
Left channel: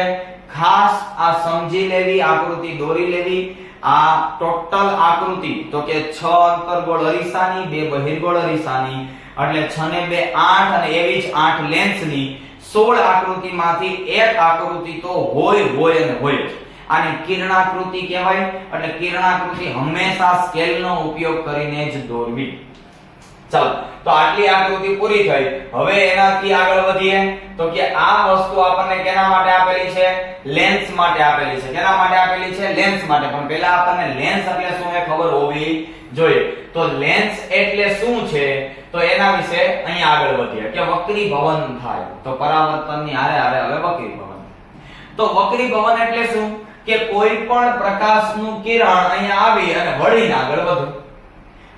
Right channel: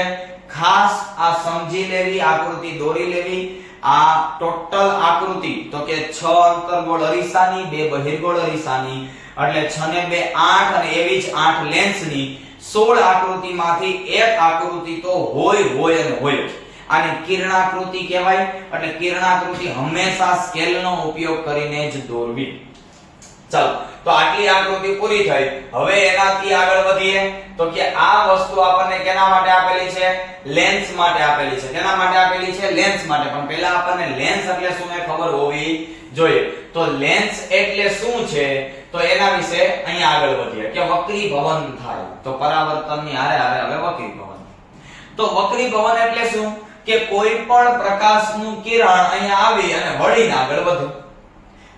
ખાસ આ સમજી લેવી, આકૃતિ દોરી લેવી. આ ટોટલ આકૃતિ તો કે 6 અંતર્ગોળ અરીસાની, 2 બહિર્ગોળ અરીસાની એટલે 6 ને 2 8 અને એવી જ 8 લેન્સની 16 આકૃતિમાંથી એક આકૃતિ તો હોય અને હોય જ. આને કિરણાકૃતિ કહેવાય. એટલે કિરણાકૃતિ હંમેશા સ્કેલનો ઉપયોગ કરીને જ દોરવી. ચાલો, તો આટલી આકૃતિ પૂરી થઈ. હવે એનાથી આગળ વધીએ તો કે આ વસ્તુ આપણને કેના માટે આપેલી છે? લેન્સ માટે આપેલી છે. કેના માટે આપેલી છે? લેન્સ માટે. પણ પહેલા આપણને લેન્સ એટલે શું એ ખબર હોવી જોઈએ. તો લેન્સ એટલે શું છે તો એના વિશે અહીંયા આગળ વધીએ કે વક્રીભવન થાય તો પરાવર્તનની હારે હવે વક્રીભવન. તો વક્રીભવન એટલે શું? કે કોઈ પણ પ્રકાશનું કિરણ અહીંયા આવી અને વળીને આગળ વધે.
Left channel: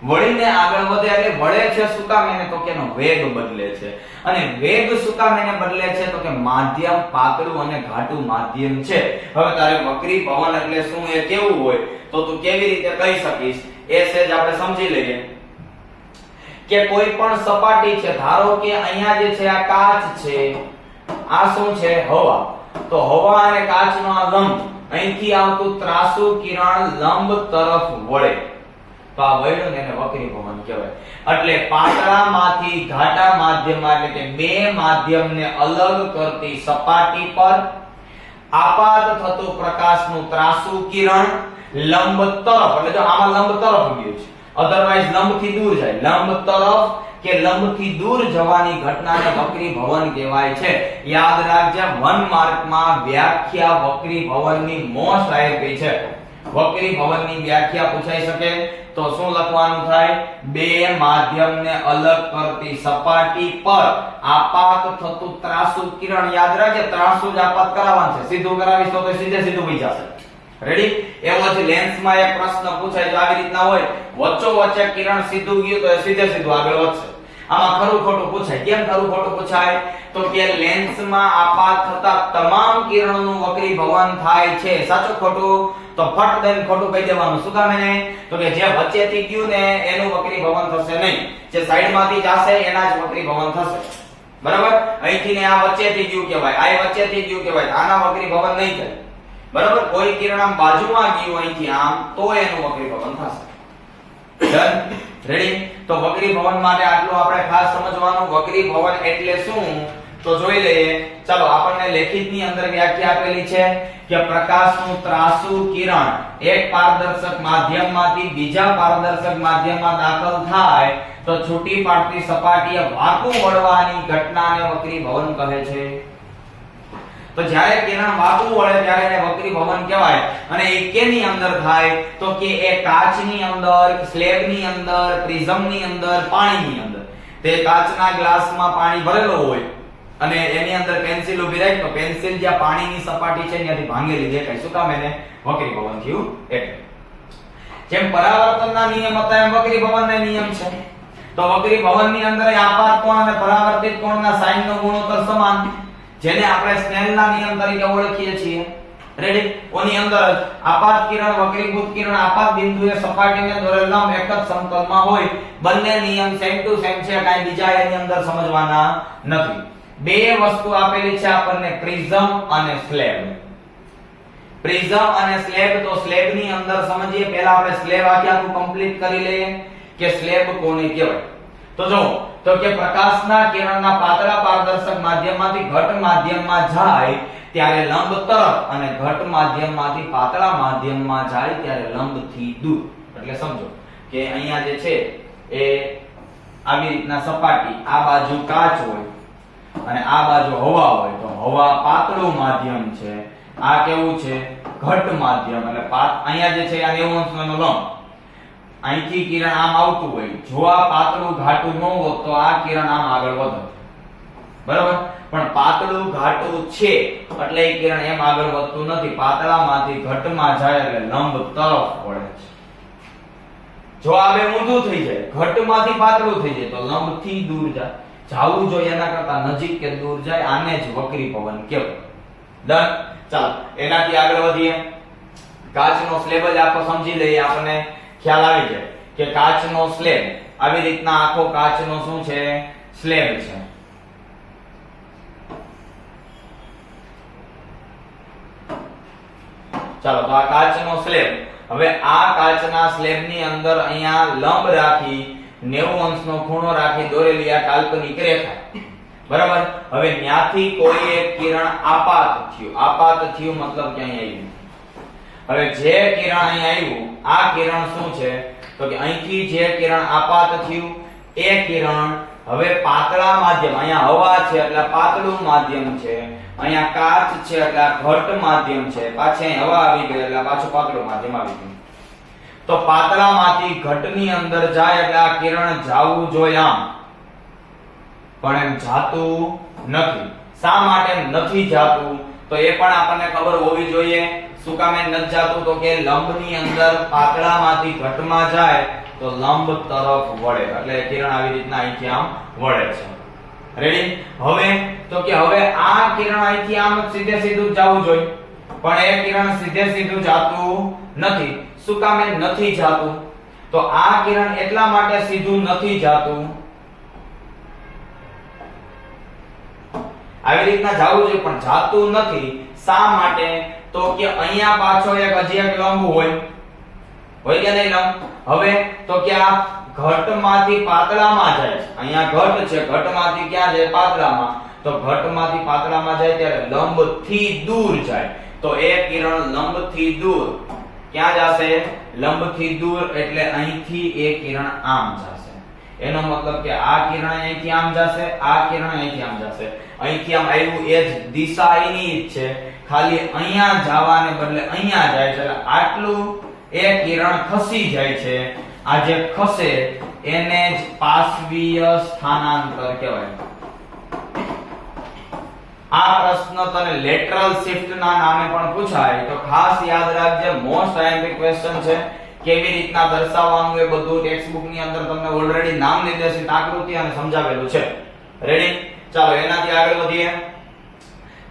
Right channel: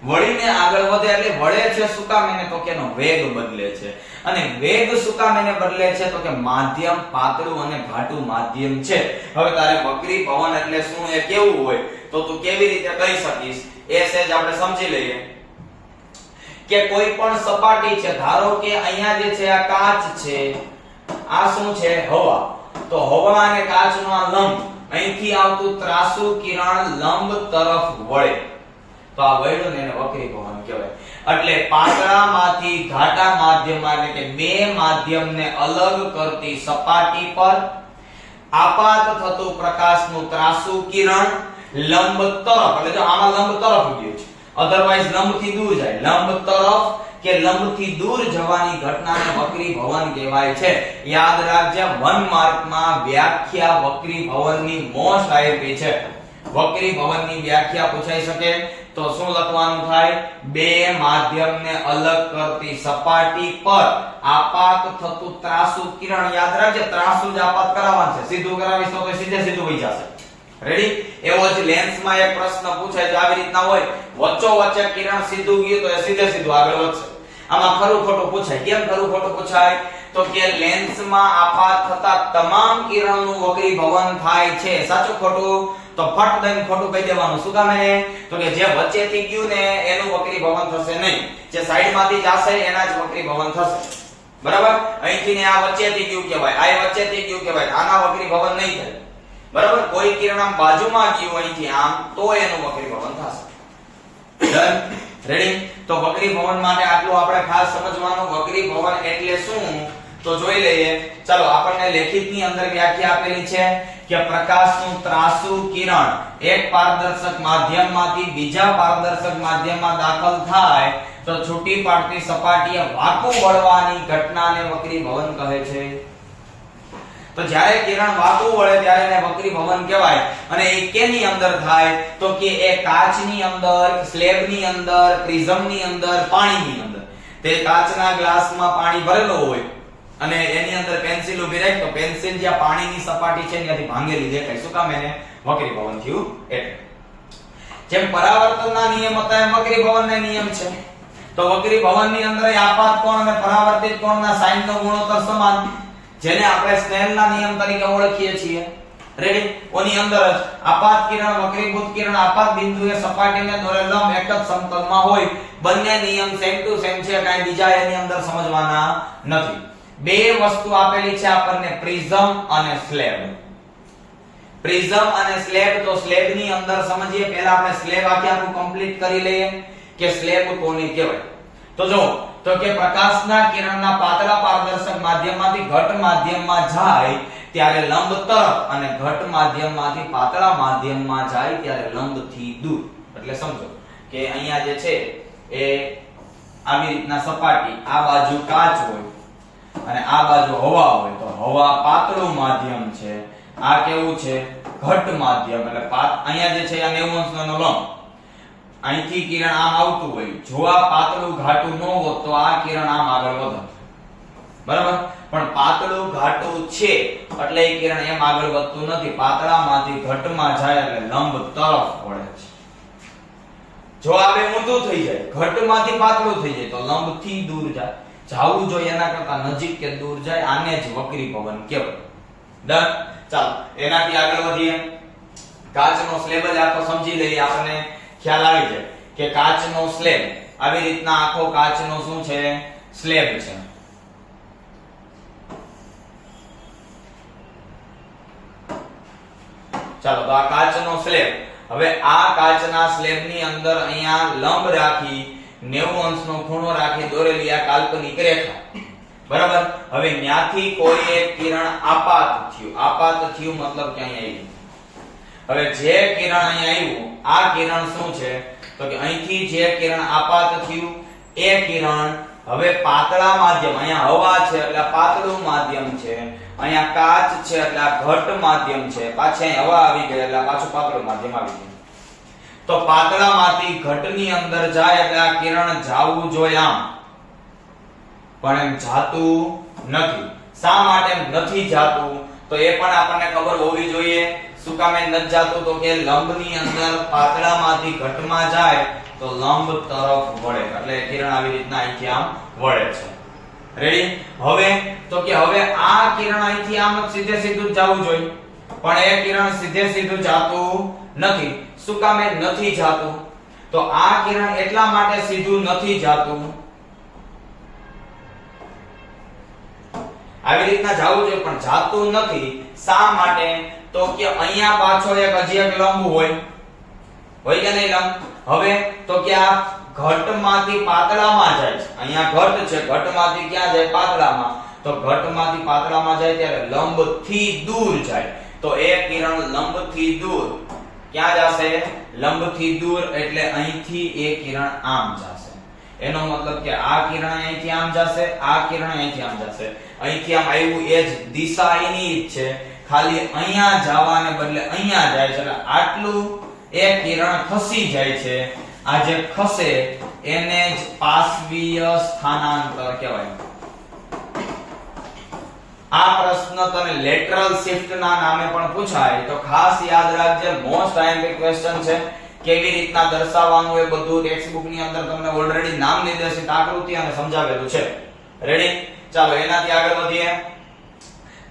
વળીને આગળ વધે એટલે વળે છે શું કામ? એને તો કે એનો વેગ બદલે છે. અને વેગ શું કામ એને બદલે છે? તો કે માધ્યમ પાતળું અને ઘાટું માધ્યમ છે. હવે તારે વક્રીભવન એટલે શું એ કેવું હોય તો તું કેવી રીતે કહી શકીશ એ સેજ આપણે સમજી લઈએ કે કોઈ પણ સપાટી છે, ધારો કે અહીંયા જે છે આ કાચ છે, આ શું છે હવા, તો હવા અને કાચનો આ લંબ, અહીંથી આવતું ત્રાસુ કિરણ લંબ તરફ વળે તો આ વળ્યું ને એને વક્રીભવન કહેવાય. એટલે પાતળામાંથી ઘાટા માધ્યમમાં એટલે કે બે માધ્યમને અલગ કરતી સપાટી પર આપાત થતું પ્રકાશનું ત્રાસુ કિરણ લંબ તરફ, એટલે જો આમાં લંબ તરફ ગયું છે, અધરવાઇઝ લંબથી દૂર જાય, લંબ તરફ કે લંબથી દૂર જવાની ઘટનાને વક્રીભવન કહેવાય છે. યાદ રાખજે, 1 માર્કમાં વ્યાખ્યા વક્રીભવનની મોસ્ટ આઈએમપી છે. વક્રીભવનની વ્યાખ્યા પૂછાઈ શકે તો શું લખવાનું થાય? બે માધ્યમને અલગ કરતી સપાટી પર આપાત થતું ત્રાસુ કિરણ. યાદ રાખજે, ત્રાસુ જ આપાત કરાવવાનું છે, સીધું કરાવીશ તો સીધે સીધું વહી જશે. રેડી? એવો જ લેન્સમાં એક પ્રશ્ન પૂછાય તો આવી રીતના હોય, વચ્ચો વચ્ચે કિરણ સીધું ગયું તો એ સીધે સીધું આગળ વધશે. આમાં ખરું ખોટું પૂછાય. કેમ ખરું ખોટું પૂછાય? તો કે લેન્સમાં આપાત થતા તમામ કિરણોનું વક્રીભવન થાય છે. સાચું ખોટું? તો ફટ દઈને ખોટું કહી દેવાનું. શું કામ એને? તો કે જે વચ્ચેથી ગયું ને એનું વક્રીભવન થશે નહીં, જે સાઈડમાંથી જશે એના જ વક્રીભવન થશે. બરાબર? અહીંથી ને આ વચ્ચેથી ગયું કહેવાય, આ વચ્ચેથી ગયું કહેવાય, આના વક્રીભવન નહીં થાય. બરાબર? કોઈ કિરણ આમ બાજુમાં ગયું અહીંથી આમ તો એનું વક્રીભવન થશે. ડન? રેડી? તો વક્રીભવન માટે આટલું આપણે ખાસ સમજવાનું. વક્રીભવન એટલે શું તો જોઈ લઈએ. ચાલો, આપણને લેખિતની અંદર વ્યાખ્યા આપેલી છે કે પ્રકાશનું ત્રાસુ કિરણ એક પારદર્શક માધ્યમમાંથી બીજા પારદર્શક માધ્યમમાં દાખલ થાય તો છૂટી પાડતી સપાટીએ વાંકું વળવાની ઘટનાને વક્રીભવન કહે છે. તો જ્યારે કિરણ વાંકું વળે ત્યારે એને વક્રીભવન કહેવાય. અને એ કેની અંદર થાય? તો કે એ કાચની અંદર, સ્લેબની અંદર, પ્રિઝમની અંદર, પાણીની અંદર. તે કાચના ગ્લાસમાં પાણી ભરેલો હોય અને એની અંદર પેન્સિલ ઊભી રાખી તો પેન્સિલ જ્યાં પાણીની સપાટી છે ત્યાંથી ભાંગેલી દેખાય. શું કામ? એને વક્રીભવન થયું એટલે. જેમ પરાવર્તનના નિયમ હતા એમ વક્રીભવનના નિયમ છે. તો વક્રીભવનની અંદર આપાત કોણ અને પરાવર્તિત કોણના સાઇનનો ગુણોત્તર સમાન, જેને આપણે સ્નેલના નિયમ તરીકે ઓળખીએ છીએ. રેડી? ઓની અંદર જ આપાત કિરણ, વક્રીભૂત કિરણ આપાત બિંદુએ સપાટીને દોરેલ લંબ એક જ સમતલમાં હોય. બંને નિયમ સેમ ટુ સેમ છે, કાંઈ બીજા એની અંદર સમજવાના નથી. બે વસ્તુ આપેલી છે આપણને, પ્રિઝમ અને સ્લેબ. પ્રિઝમ અને સ્લેબ. તો સ્લેબની અંદર સમજીએ. પહેલા આપણે સ્લેબ આખું કમ્પ્લીટ કરી લઈએ કે સ્લેબ કોને કહેવાય. તો જો, તો કે પ્રકાશના કિરણના પાતળા પારદર્શક માધ્યમમાંથી ઘટ માધ્યમમાં જાય ત્યારે લંબ તરફ અને ઘટ માધ્યમમાંથી પાતળા માધ્યમમાં જાય ત્યારે લંબથી દૂર. એટલે સમજો કે અહીંયા જે છે એ આવી રીતના સપાટી, આ બાજુ કાચ હોય અને આ બાજુ હવા હોય, તો હવા પાતળું માધ્યમ છે, આ કેવું છે? ઘટ માધ્યમ. એટલે અહીંયા જે છે આ 90 અંશનો લંબ, અહીંથી કિરણ આમ આવતું હોય, જો આ પાતળું ઘાટું ન હોત તો આ કિરણ આમ આગળ વધત. બરાબર? પણ પાતળું ઘાટું છે એટલે એ કિરણ એમ આગળ વધતું નથી, પાતળામાંથી ઘટમાં જાય એટલે લંબ તરફ વળે છે. જો આ બે ઊંધું થઈ જાય, ઘટમાંથી પાતળું થઈ જાય તો લંબથી દૂર જાય. જાવું જોઈએ એના કરતા નજીક કે દૂર જાય, આને જ વક્રીભવન કહેવાય. ડન? ચાલો, એનાથી આગળ વધીએ. કાચનો સ્લેબ જ આખો સમજી લઈએ, આપણને ખ્યાલ આવી જાય કે કાચનો સ્લેબ આવી રીતના આખો કાચનો શું છે? સ્લેબ છે. ચાલો, તો આ કાચનો સ્લેબ. હવે આ કાચના સ્લેબની અંદર અહીંયા લંબ રાખી 90 અંશનો ખૂણો રાખી દોરેલી આ કાલ્પનિક રેખા. બરાબર? હવે ન્યાથી કોઈ એક કિરણ આપાત થયું. આપાત થયું મતલબ કે અહીંયા આવ્યું. હવે જે કિરણ અહીંયા આવ્યું, આ કિરણ શું છે? તો કે અહીંથી જે કિરણ આપાત થયું એ કિરણ હવે પાતળા માધ્યમ, અહીંયા હવા છે એટલે પાતળું માધ્યમ છે, અહીંયા કાચ છે એટલે આ ઘટ માધ્યમ છે, પાછી અહીં હવા આવી ગઈ એટલે પાછું પાતળું માધ્યમ આવી ગયું. તો પાતળામાંથી ઘટની અંદર જાય એટલે આ કિરણ જાવું જોઈએ આમ, પણ એમ જાતું નથી. શા માટે એમ નથી જાતું? તો એ પણ આપણને ખબર હોવી જોઈએ. શું કામ એમ નથી જાતું? તો કે લંબની અંદર પાતળામાંથી ઘટમાં જાય તો લંબ તરફ વળે, એટલે કિરણ આવી રીતના અહીંથી આમ વળે છે. રેડી? હવે તો કે હવે આ કિરણ અહીંથી આમ સીધે સીધું જવું જોઈએ, પણ એ કિરણ સીધે સીધું જાતું નથી. શું કામ એ નથી જાતું? તો આ કિરણ એટલા માટે સીધું નથી જાતું, આવી રીતના જાવું જોઈએ પણ જાતું નથી. શા માટે? તો કે અહીંયા પાછો એક હજી એક લંબ હોય કે નહીં લંબ? હવે તો કે આ ઘટમાંથી પાતળામાં જાય છે. અહીંયા ઘટ છે, ઘટમાંથી ક્યાં જાય? પાતળામાં. તો ઘટમાંથી પાતળામાં જાય ત્યારે લંબથી દૂર જાય. તો એ કિરણ લંબથી દૂર ક્યાં જશે? લંબથી દૂર એટલે અહીંથી એ કિરણ આમ જશે. એનો મતલબ કે આ કિરણ અહીંથી આમ જશે, આ કિરણ અહીંથી આમ જશે. અહીંથી આમ આવ્યું એ જ દિશા એની જ છે, ખાલી અહીંયા જવાને બદલે અહીંયા જાય છે. એટલે આટલું એ કિરણ ખસી જાય છે. આ જે ખસે એને જ પાર્શ્વીય સ્થાનાંતર કહેવાય. આ પ્રશ્ન તને લેટરલ શિફ્ટ ના નામે પણ પૂછાય, તો ખાસ યાદ રાખજે. મોસ્ટ આઈએમપી ક્વેશ્ચન છે. કેવી રીતના દર્શાવવાનું એ બધું ટેક્સ્ટ બુક ની અંદર તમને ઓલરેડી નામ નિર્દેશિત આકૃતિ અને સમજાવેલું છે. રેડી? ચાલો એનાથી આગળ વધીએ.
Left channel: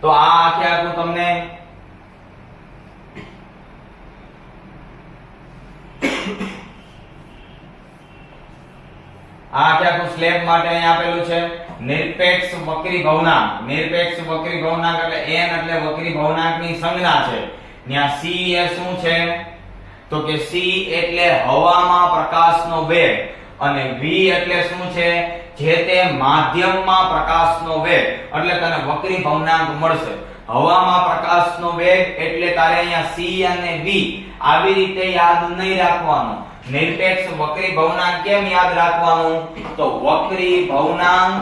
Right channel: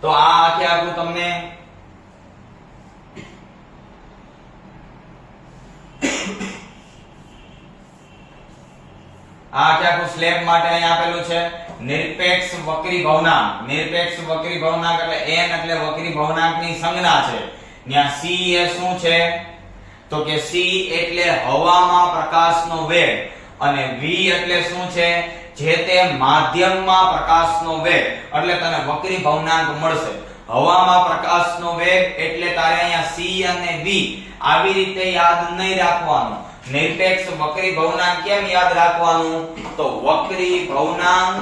તો આ આખે આખું તમને આ આખે આખું સ્લેબ માટે અહીં આપેલું છે. નિરપેક્ષ વક્રી ભવનાંક. નિરપેક્ષ વક્રી ભવનાંક એટલે n એટલે વક્રી ભવનાંકની સંજ્ઞા છે. ત્યાં c એ શું છે? તો કે c એટલે હવામાં પ્રકાશનો વેગ અને v એટલે શું છે? જે તે માધ્યમમાં પ્રકાશનો વેગ. એટલે તને વક્રી ભવનાંક મળશે. હવામાં પ્રકાશનો વેગ એટલે તારે અહીંયા c અને v આવી રીતે યાદ નહીં રાખવાનું. નિરપેક્ષ વક્રી ભવનાંક કેમ યાદ રાખવાનું? તો વક્રી ભવનાંક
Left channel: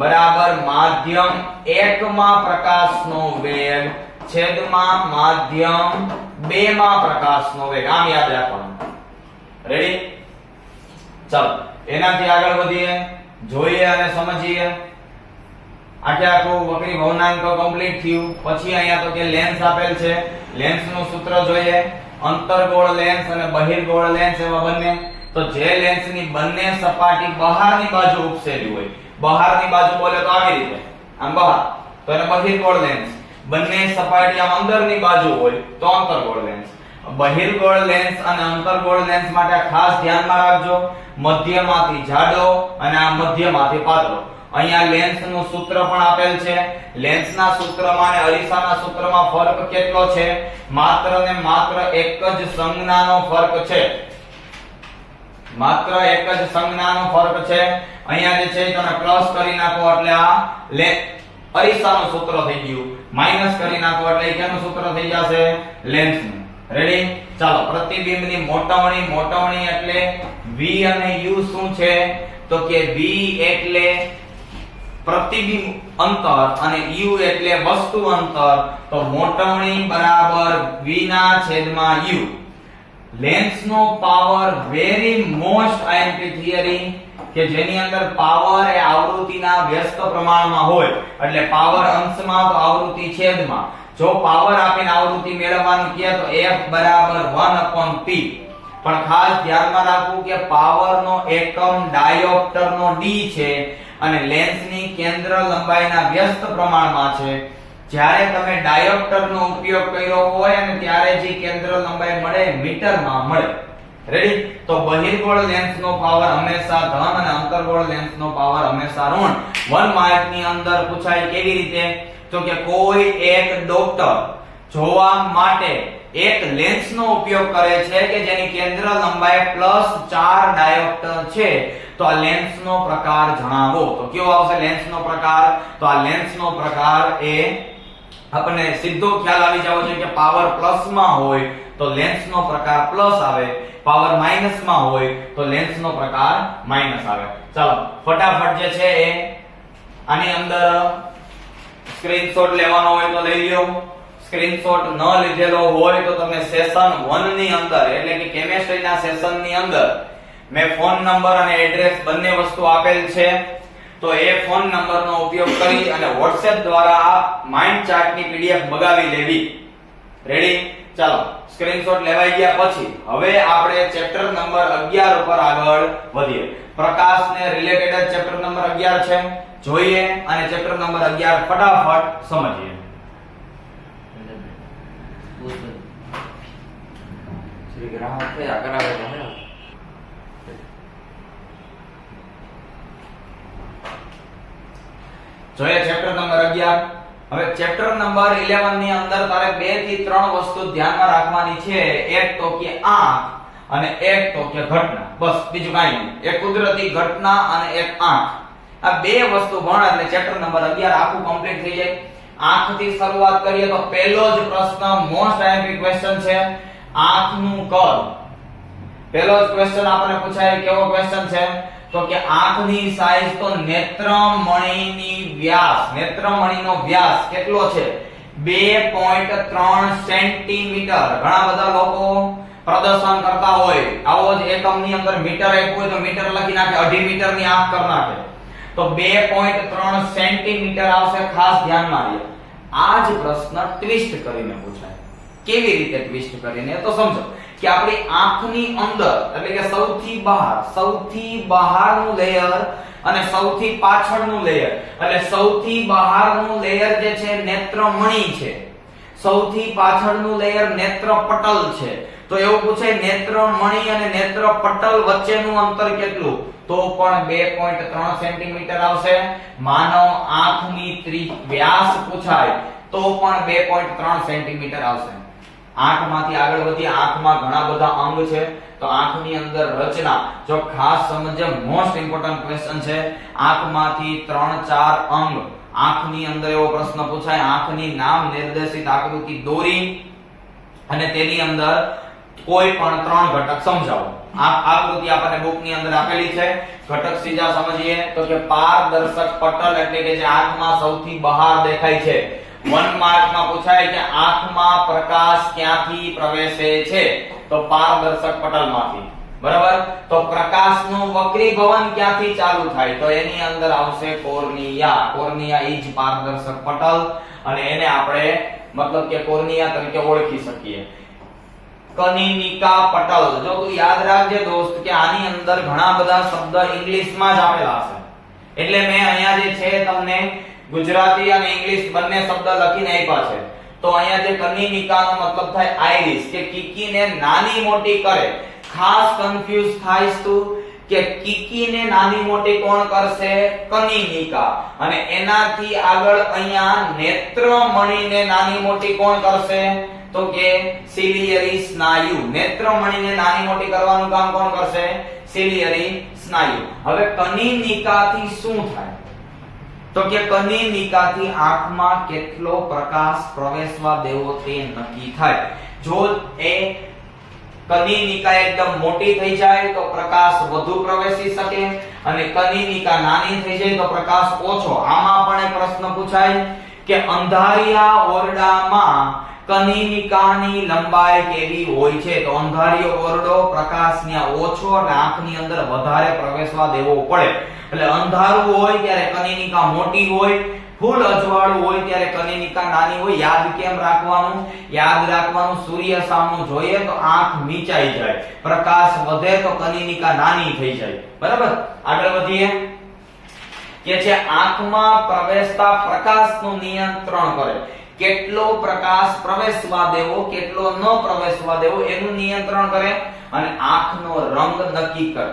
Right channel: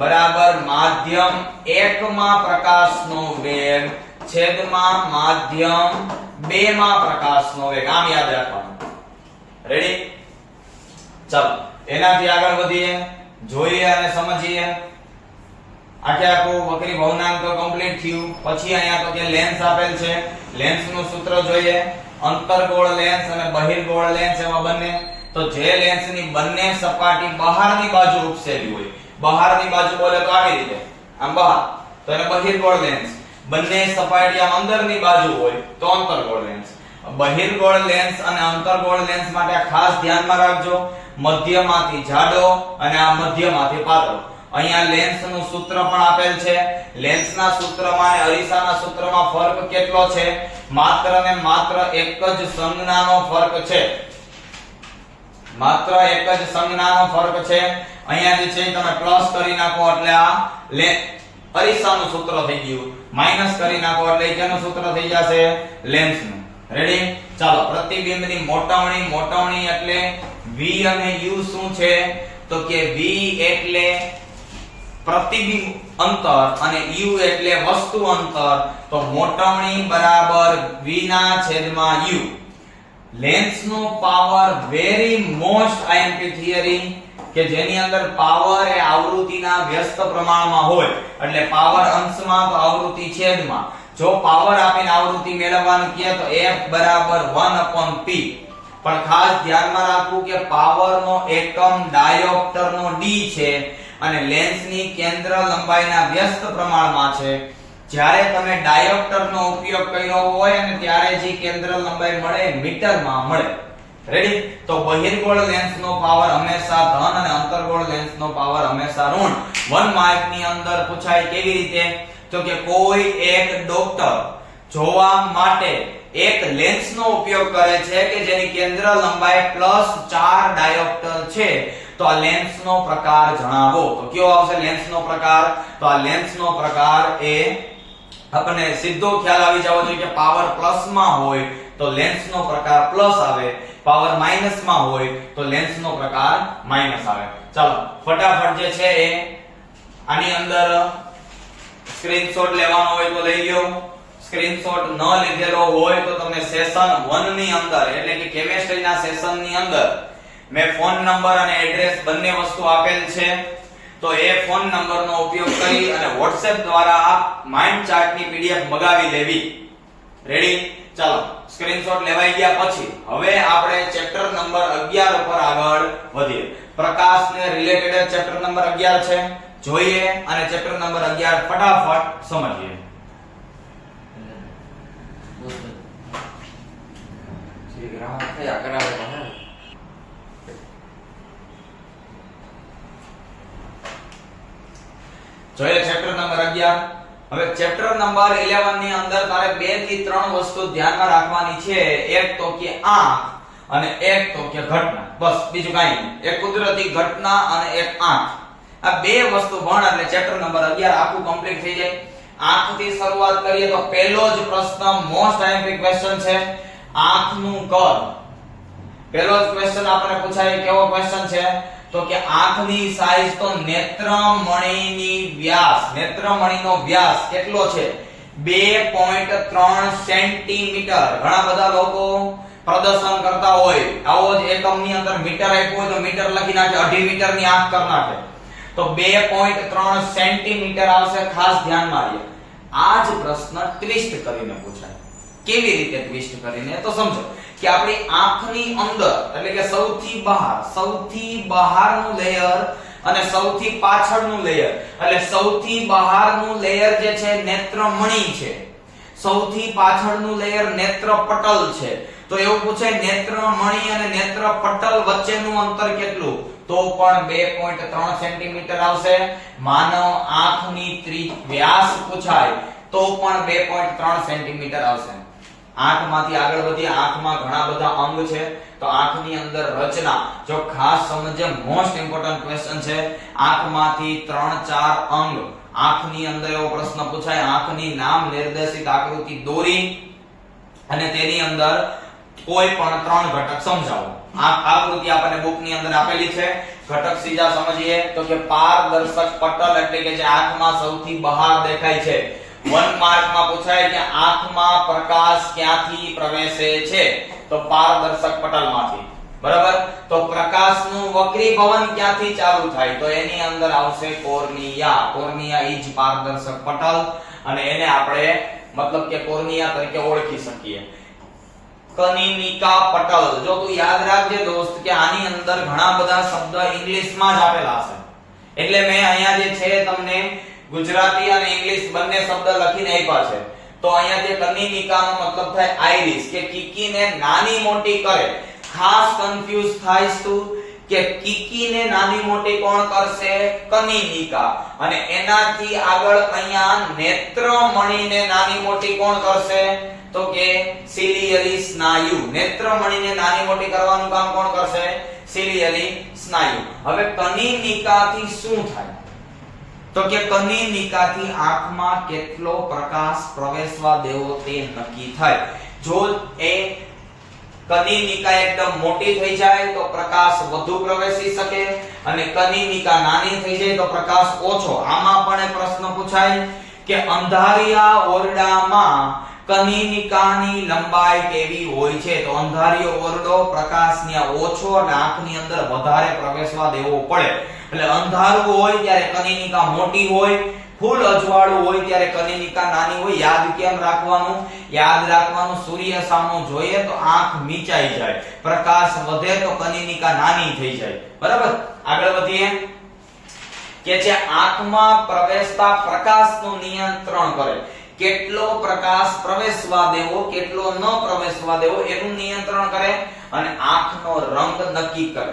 બરાબર માધ્યમ 1 માં પ્રકાશનો વેગ છેદમાં માધ્યમ 2 માં પ્રકાશનો વેગ. આમ યાદ રાખવાનું. રેડી? ચાલો એનાથી આગળ વધીએ, જોઈએ અને સમજીએ. આખે આખું વક્રી ભવનાંક તો કમ્પ્લીટ થયું. પછી અહીંયા તો કે લેન્સ આપેલ છે. લેન્સ નું સૂત્ર જોઈએ. અંતર્ગોળ લેન્સ અને બહિર્ગોળ લેન્સ એવા બંને. તો જે લેન્સની બંને સપાટી બહારની બાજુ ઉપસેલી હોય, બહારની બાજુ બોલે તો આવી રીતે આમ બહાર, તો એને બહિર્ગોળ લેન્સ. બંને સપાટી આમ અંદરની બાજુ હોય તો અંતર્ગોળ લેન્સ. બહિર્ગોળ લેન્સ અને અંતર્ગોળ લેન્સ માટે ખાસ ધ્યાનમાં રાખજો, મધ્યમાંથી જાડો અને આ મધ્યમાંથી પાતળો. અહીંયા લેન્સ નું સૂત્ર પણ આપેલ છે. લેન્સના સૂત્રમાં અને અરીસાના સૂત્રમાં ફરક કેટલો છે? માત્ર ને માત્ર એક જ સંજ્ઞાનો ફરક છે. માત્ર એક જ સંજ્ઞાનો ફરક છે. અહીંયા જે છે તમે પ્લસ કરી નાખો એટલે આ અરીસાનું સૂત્ર થઈ ગયું, માઈનસ કરી નાખો એટલે કેનું સૂત્ર થઈ જશે? લેન્સનું. રેડી? ચાલો પ્રતિબિંબની મોટવણી. મોટવણી એટલે v અને u શું છે? તો કે v એટલે પ્રતિબિંબ અંતર અને u એટલે વસ્તુ અંતર. તો મોટવણી બરાબર v ના છેદમાં u. લેન્સ નો power very most IMP theory કે જેની અંદર પાવર એ આવૃત્તિના વ્યસ્ત પ્રમાણમાં હોય. એટલે પાવર અંશમાં તો આવૃત્તિ છેદમાં. જો પાવર આપીને આવૃત્તિ મેળવવાનું કહે તો f બરાબર 1/p. પણ ખાસ ધ્યાનમાં રાખવું કે પાવર નો એકમ ડાયોપ્ટર નો d છે અને લેન્સની કેન્દ્ર લંબાઈના વ્યસ્ત પ્રમાણમાં છે. જ્યારે તમે ડાયોપ્ટર નો ઉપયોગ કર્યો હોય અને ત્યારે જે કેન્દ્ર લંબાઈ મળે મીટરમાં મળે. રેડી? તો બહિર્ગોળ લેન્સ નો પાવર હંમેશા ધન અને અંતર્ગોળ લેન્સ નો પાવર હંમેશા ઋણ. 1 માર્ક ની અંદર પૂછાય કેવી રીતે? તો કે કોઈ એક ડોક્ટર જોવા માટે એક લેન્સ નો ઉપયોગ કરે છે કે જેની કેન્દ્ર લંબાઈ +4 ડાયોપ્ટર છે. તો આ લેન્સ નો પ્રકાર જણાવો. તો કયો આવશે લેન્સ નો પ્રકાર? તો આ લેન્સ નો પ્રકાર એ આપણને સીધો ખ્યાલ આવી જવો જોઈએ કે પાવર પ્લસ માં હોય તો લેન્સ નો પ્રકાર પ્લસ આવે, પાવર માઈનસ માં હોય તો લેન્સ નો પ્રકાર માઈનસ આવે. ચાલો ફટાફટ જે છે એ આની અંદર સ્ક્રીનશોટ લેવાનો હોય તો લઈ લ્યો. સ્ક્રીનશોટ ન લીધેલો હોય તો તમે સેશન 1 ની અંદર એટલે કે કેમેસ્ટ્રીના સેશન ની અંદર મેં ફોન નંબર અને એડ્રેસ બંને વસ્તુ આપેલ છે. તો એ ફોન નંબરનો ઉપયોગ કરી અને WhatsApp દ્વારા માઇન્ડ ચાર્ટની PDF મગાવી લેવી. રેડી? ચાલો સ્ક્રીનશોટ લેવાઈ ગયા પછી હવે આપણે ચેપ્ટર નંબર 11 ઉપર આગળ વધીએ. પ્રકાશને રિલેટેડ ચેપ્ટર નંબર 11 છે. જોઈએ અને ચેપ્ટર નંબર 11 ફટાફટ સમજીએ. ગ્રાફ કયા કરાવે તો હે જોઈએ ચેપ્ટર નંબર 11. હવે ચેપ્ટર નંબર 11 ની અંદર તારે 2 થી 3 વસ્તુ ધ્યાનમાં રાખવાની છે. એક તો કે આંખ અને એક તો કે ઘટના. બસ બીજું કાઈ નહીં. એક કુદરતી ઘટના અને એક આંખ. આ બે વસ્તુ ભણ એટલે ચેપ્ટર નંબર 11 આખું કમ્પ્લીટ થઈ જાય. આંખથી શરૂઆત કરીએ તો પહેલો જ પ્રશ્ન મોસ્ટ આઈએમપી ક્વેશ્ચન છે આંખનું કદ. પહેલો જ ક્વેશ્ચન આપણને પૂછાય કેવો ક્વેશ્ચન છે તો કે આંખની સાઈઝ તો નેત્રમણીની વ્યાસ, નેત્રમણીનો વ્યાસ કેટલો છે 2.3 સેન્ટીમીટર. ઘણા બધા લોકો પ્રદર્શન કરતા હોય આવો જ એકમની અંદર મીટર આપ્યું હોય તો મીટર લખી નાખે, 2.5 મીટરની આંખ કરી નાખે તો 2.3 સેન્ટીમીટર આવશે. ખાસ ધ્યાનમાં લ્યો આ જ પ્રશ્ન ટ્વિસ્ટ કરીને પૂછાય. કેવી રીતે ટ્વિસ્ટ કરીને તો સમજો કે આપણી આંખની અંદર એટલે કે સૌથી બહારનું લેયર અને સૌથી પાછળનું લેયર એટલે સૌથી બહારનું લેયર જે છે નેત્રમણી છે, સૌથી પાછળનું લેયર નેત્રપટલ છે. તો એવું પૂછાય નેત્રમણી અને નેત્રપટલ વચ્ચેનું અંતર કેટલું તો પણ 2.3 સેન્ટીમીટર આવશે. માનવ આંખની વ્યાસ પૂછાય તો પણ 2.3 સેન્ટીમીટર આવશે. આંખમાંથી આગળ વધીએ. આંખમાં ઘણા બધા અંગ છે તો આંખની અંદર રચના જો ખાસ સમજે મોસ્ટ ઇમ્પોર્ટન્ટ ક્વેશ્ચન છે. આંખમાંથી 3-4 અંગ. આંખની અંદર એવો પ્રશ્ન પૂછાય આંખની નામ નિર્દેશિત આકૃતિ દોરી અને તેની અંદર કોઈ પણ 3 ઘટક સમજાવો. આ આકૃતિ આપણને બુકની અંદર આપેલી છે. ઘટક સીધા સમજીએ તો કે પારદર્શક પટલ એટલે કે જે આંખમાં સૌથી બહાર દેખાય છે. 1 માર્કમાં પૂછાય કે આંખમાં પ્રકાશ ક્યાંથી પ્રવેશે છે તો પારદર્શક પટલમાંથી. બરાબર. તો પ્રકાશનું વક્રીભવન ક્યાંથી ચાલુ થાય તો એની અંદર આવશે કોર્નિયા. કોર્નિયા ઈ જ પારદર્શક પટલ અને એને આપણે મતલબ કે કોર્નિયા તરીકે ઓળખી શકીએ. કનિનિકા પટલ. જો તું યાદ રાખજે દોસ્ત કે આની અંદર ઘણા બધા શબ્દ ઇંગ્લિશમાં જ આપેલા હશે એટલે મેં અહીંયા જે છે તમને ગુજરાતી અને ઇંગ્લિશ બંને શબ્દ લખીને આપ્યા છે. તો અહીંયા જે કનિનિકાનો મતલબ થાય આઈરિસ કે કીકીને નાની મોટી કરે. ખાસ કન્ફ્યુઝ થાઈસ તું કે કીકીને નાની મોટી કોણ કરશે કનિનિકા અને એનાથી આગળ અહીંયા નેત્રમણીને નાની મોટી કોણ કરશે તો કે સિલિયરી સ્નાયુ. નેત્રમણીને નાની મોટી કરવાનું કામ કોણ કરશે સિલિયરી સ્નાયુ. હવે કનિનિકાથી શું થાય તો કે કનિનિકાથી આંખમાં કેટલો પ્રકાશ પ્રવેશવા દેવો તે નક્કી થાય. જો એ કનિનિકા એકદમ મોટી થઈ જાય તો પ્રકાશ વધુ પ્રવેશી શકે અને કનિનિકા નાની થઈ જાય તો પ્રકાશ ઓછો. આમાં પણ એક પ્રશ્ન પૂછાય કે અંધારિયા ઓરડામાં કનિનિકાની લંબાઈ કેવી હોય છે તો અંધારિયો ઓરડો પ્રકાશને ઓછો અને આંખની અંદર વધારે પ્રવેશવા દેવો પડે. એટલે અંધારું હોય ત્યારે કનિનિકા મોટી હોય, ફૂલ અજવાળું હોય ત્યારે કનિનિકા નાની હોય. યાદ કેમ રાખવાનું? યાદ રાખવાનું સૂર્ય સામો જોઈએ તો આંખ મીચાઈ જાય, પ્રકાશ વધે તો કનિનિકા નાની થઈ જાય. બરાબર. આગળ વધીએ કે છે આંખમાં પ્રવેશતા પ્રકાશનું નિયંત્રણ કરે. કેટલો પ્રકાશ પ્રવેશવા દેવો કેટલો ન પ્રવેશવા દેવો એનું નિયંત્રણ કરે અને આંખનો રંગ નક્કી કરે.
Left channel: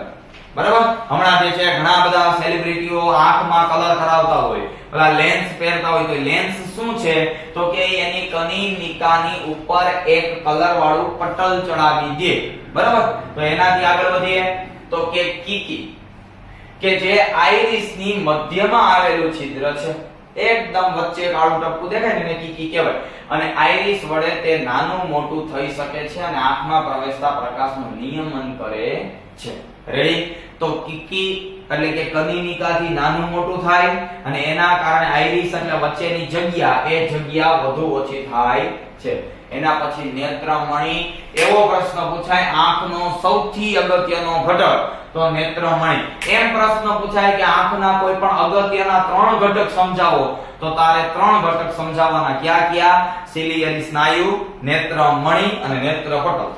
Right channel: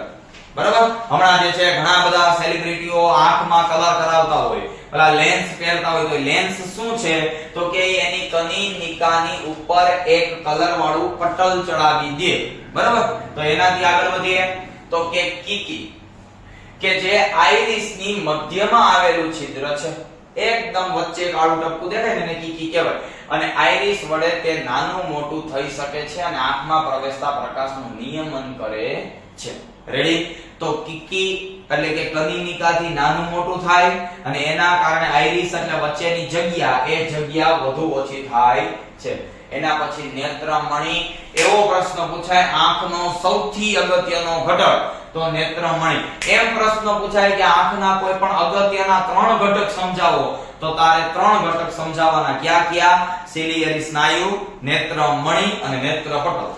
બરાબર. હમણાં જે છે ઘણા બધા સેલિબ્રિટીઓ આંખમાં કલર કરાવતા હોય, પેલા લેન્સ પહેરતા હોય તો લેન્સ શું છે તો કે એની કનિનિકાની ઉપર એક કલર વાળું પટલ ચડાવી દે. બરાબર. તો એનાથી આગળ વધીએ તો કે કીકી કે જે આઈરિસની મધ્યમાં આવેલું છિદ્ર છે એકદમ વચ્ચે કાળું ટપકું દેખાય ને એને કીકી કહેવાય અને આઈરિસ વડે તે નાનું મોટું થઈ શકે છે અને આંખમાં પ્રવેશતા પ્રકાશનું નિયમન કરે છે. રેડી. તો કીકી એટલે કે કનિનિકાથી નાનું મોટું થાય અને એના કારણે આઈરિસ એટલે વચ્ચેની જગ્યા એ જગ્યા વધુ ઓછી થાય છે. એના પછી નેત્રમણી. એવો પ્રશ્ન પૂછાય આંખનો સૌથી અગત્યનો ઘટક તો નેત્રમણી. એમ પ્રશ્ન પૂછાય કે આંખના કોઈ પણ અગત્યના 3 ઘટક સમજાવો તો તારે 3 ઘટક સમજાવવાના. ક્યાં ક્યાં? સિલિયરી સ્નાયુ, નેત્રમણી અને નેત્રપટલ.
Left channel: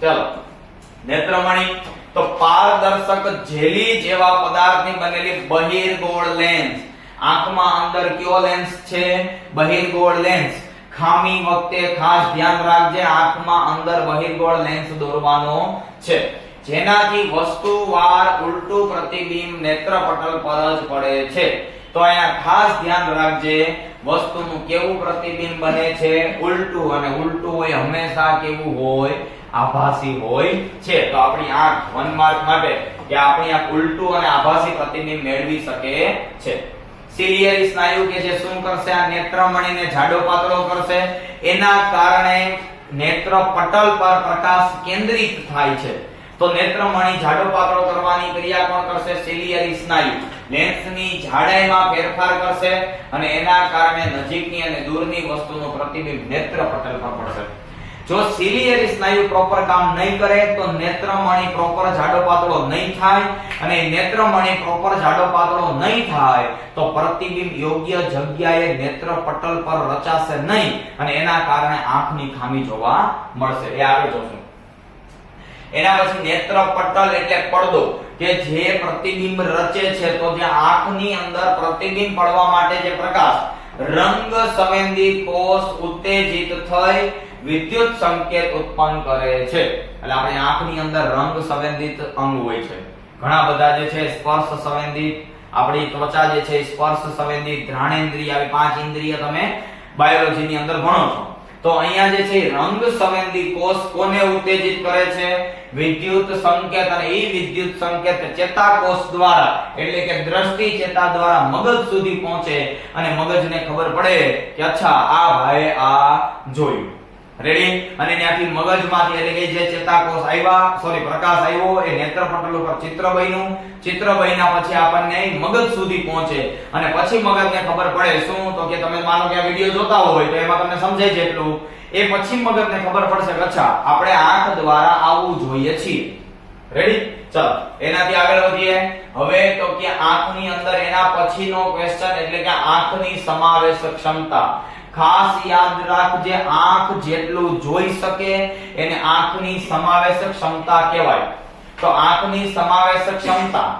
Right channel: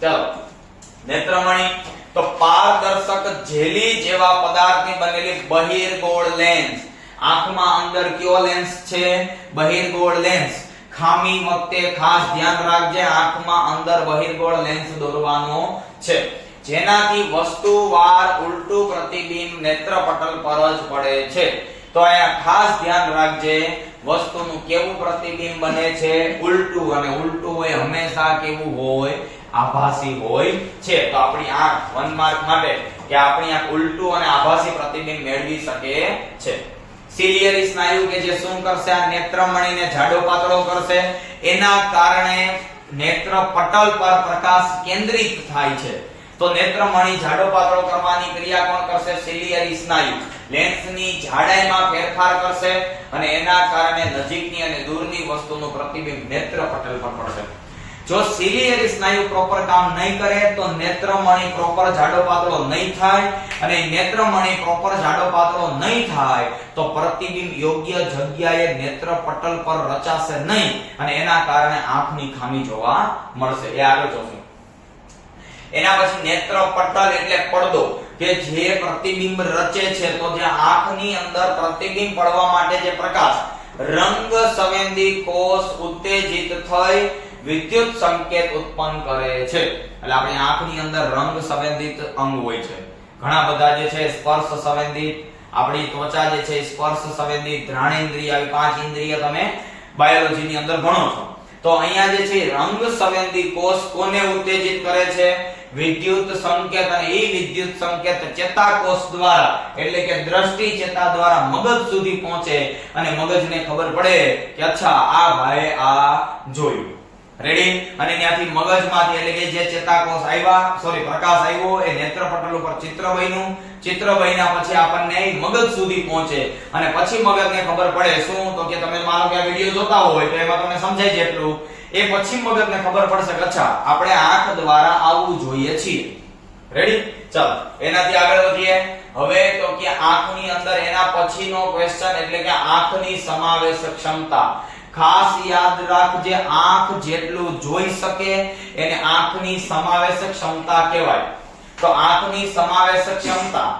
ચાલો. નેત્રમણી તો પારદર્શક જેલી જેવા પદાર્થની બનેલી બહિર્ગોળ લેન્સ. આંખમાં અંદર કયો લેન્સ છે? બહિર્ગોળ લેન્સ. ખામી વખતે ખાસ ધ્યાન રાખજે, આંખમાં અંદર બહિર્ગોળ લેન્સ દોરવાનો છે, જેનાથી વસ્તુવાર ઉલટું પ્રતિબિંબ નેત્રપટલ પર જ પડે છે. તો અહીંયા ખાસ ધ્યાન રાખજે, વસ્તુનું કેવું પ્રતિબિંબ બને છે? ઉલટું, અને ઉલટું હોય હંમેશા કેવું હોય? આભાસી હોય છે. તો આપણી આંખ 1 માર્ક માટે કે આપણી આંખ ઉલટું અને આભાસી પ્રતિબિંબ મેળવી શકે છે. સિલિયરી સ્નાયુ કે જે શું કરશે? આ નેત્રમણીને જાડો પાતળો કરશે, એના કારણે નેત્રપટલ પર પ્રકાશ કેન્દ્રિત થાય છે. તો નેત્રમણી જાડો પાતળો કરવાની ક્રિયા કોણ કરશે? સિલિયરી સ્નાયુ લેન્સની જાડાઈમાં ફેરફાર કરશે અને એના કારણે નજીકની અને દૂરની વસ્તુનું પ્રતિબિંબ નેત્રપટલ પર પડશે. જો સિલિયરી સ્નાયુ પ્રોપર કામ નહીં કરે તો નેત્રમણી પ્રોપર જાડો પાતળો નહીં થાય, અને નેત્રમણી પ્રોપર જાડો પાતળો નહીં થાય તો પ્રતિબિંબ યોગ્ય જગ્યાએ નેત્રપટલ પર રચાશે નહીં, અને એના કારણે આંખની ખામી જોવા મળશે. એ આગળ જોશું. એના પછી નેત્રપટલ એટલે પડદો કે જે પ્રતિબિંબ રચે છે. તો જે આંખની અંદર પ્રતિબિંબ પડવા માટે જે પ્રકાશ રંગ સંવેદી કોષ ઉત્તેજિત થઈ વિદ્યુત સંકેત ઉત્પન્ન કરે છે. એટલે આપણી આંખની અંદર રંગ સંવેદિત અંગ હોય છે ઘણા બધા, જે છે સ્પર્શ સંવેદિત, આપણી ત્વચા જે છે સ્પર્શ સંવેદિત, ઘ્રાણેન્દ્રિય, આવી 5 ઇન્દ્રિય તમે બાયોલોજી ની અંદર ભણો છો. તો અહીંયા જે છે રંગ સંવેદી કોષ કોને ઉત્તેજિત કરે છે? વિદ્યુત સંકેત, અને એ વિદ્યુત સંકેત ચેતાકોષ દ્વારા એટલે કે દ્રષ્ટિ ચેતા દ્વારા મગજ સુધી પહોંચે અને મગજને ખબર પડે કે અચ્છા આ ભાઈ આ જોયું. રેડી? અને ત્યાંથી મગજમાંથી એટલે કે જે ચેતાકોષ આવ્યા, સોરી પ્રકાશ આવ્યો, એ નેત્રપટલ ઉપર ચિત્ર બન્યું, ચિત્ર બન્યા પછી આપણને મગજ સુધી પહોંચે, અને પછી મગજને ખબર પડે શું? તો કે તમે માનો કે આ વિડિયો જોતા હોય તો એમાં તમને સમજાય જેટલું, એ પછી મગજને ખબર પડશે કે અચ્છા આપણે આંખ દ્વારા આવવું જોઈએ છીએ. રેડી? ચાલો એનાથી આગળ વધીએ. હવે તો કે આંખની અંદર એના પછીનો ક્વેશ્ચન એટલે કે આંખની સમાવેશક ક્ષમતા. ખાસ યાદ રાખજે, આંખ જેટલું જોઈ શકે એને આંખની સમાવેશક ક્ષમતા કહેવાય. તો આંખની સમાવેશક ક્ષમતા,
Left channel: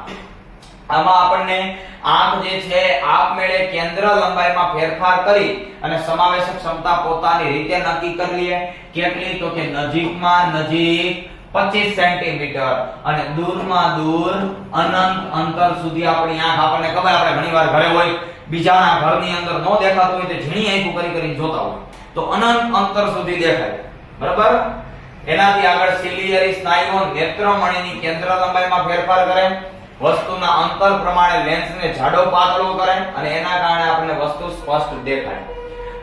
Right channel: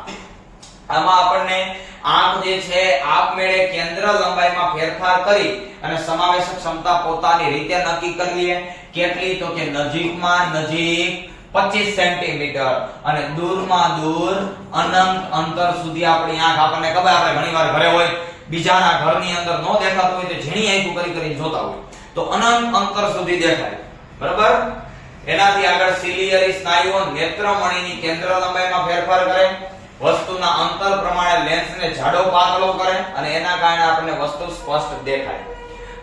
આમાં આપણને આંખ જે છે આપમેળે કેન્દ્ર લંબાઈમાં ફેરફાર કરી અને સમાવેશક ક્ષમતા પોતાની રીતે નક્કી કરી લે. કેટલી? તો કે નજીકમાં નજીક 25 સેન્ટીમીટર અને દૂરમાં દૂર અનંત અંતર સુધી આપણી આંખ, આપણને ખબર આપણે ઘણીવાર ઘરે હોય, બીજાના ઘરની અંદર નો દેખાતું હોય તો ઝીણી આંખો કરી કરીને જોતા હોય તો અનંત અંતર સુધી દેખાય. બરાબર? એનાથી આગળ સિલિયરી સ્નાયુઓ નેત્રમણીની કેન્દ્ર લંબાઈમાં ફેરફાર કરે, વસ્તુના અંતર પ્રમાણે લેન્સને જાડો પાતળો કરે અને એના કારણે આપણને વસ્તુ સ્પષ્ટ દેખાય.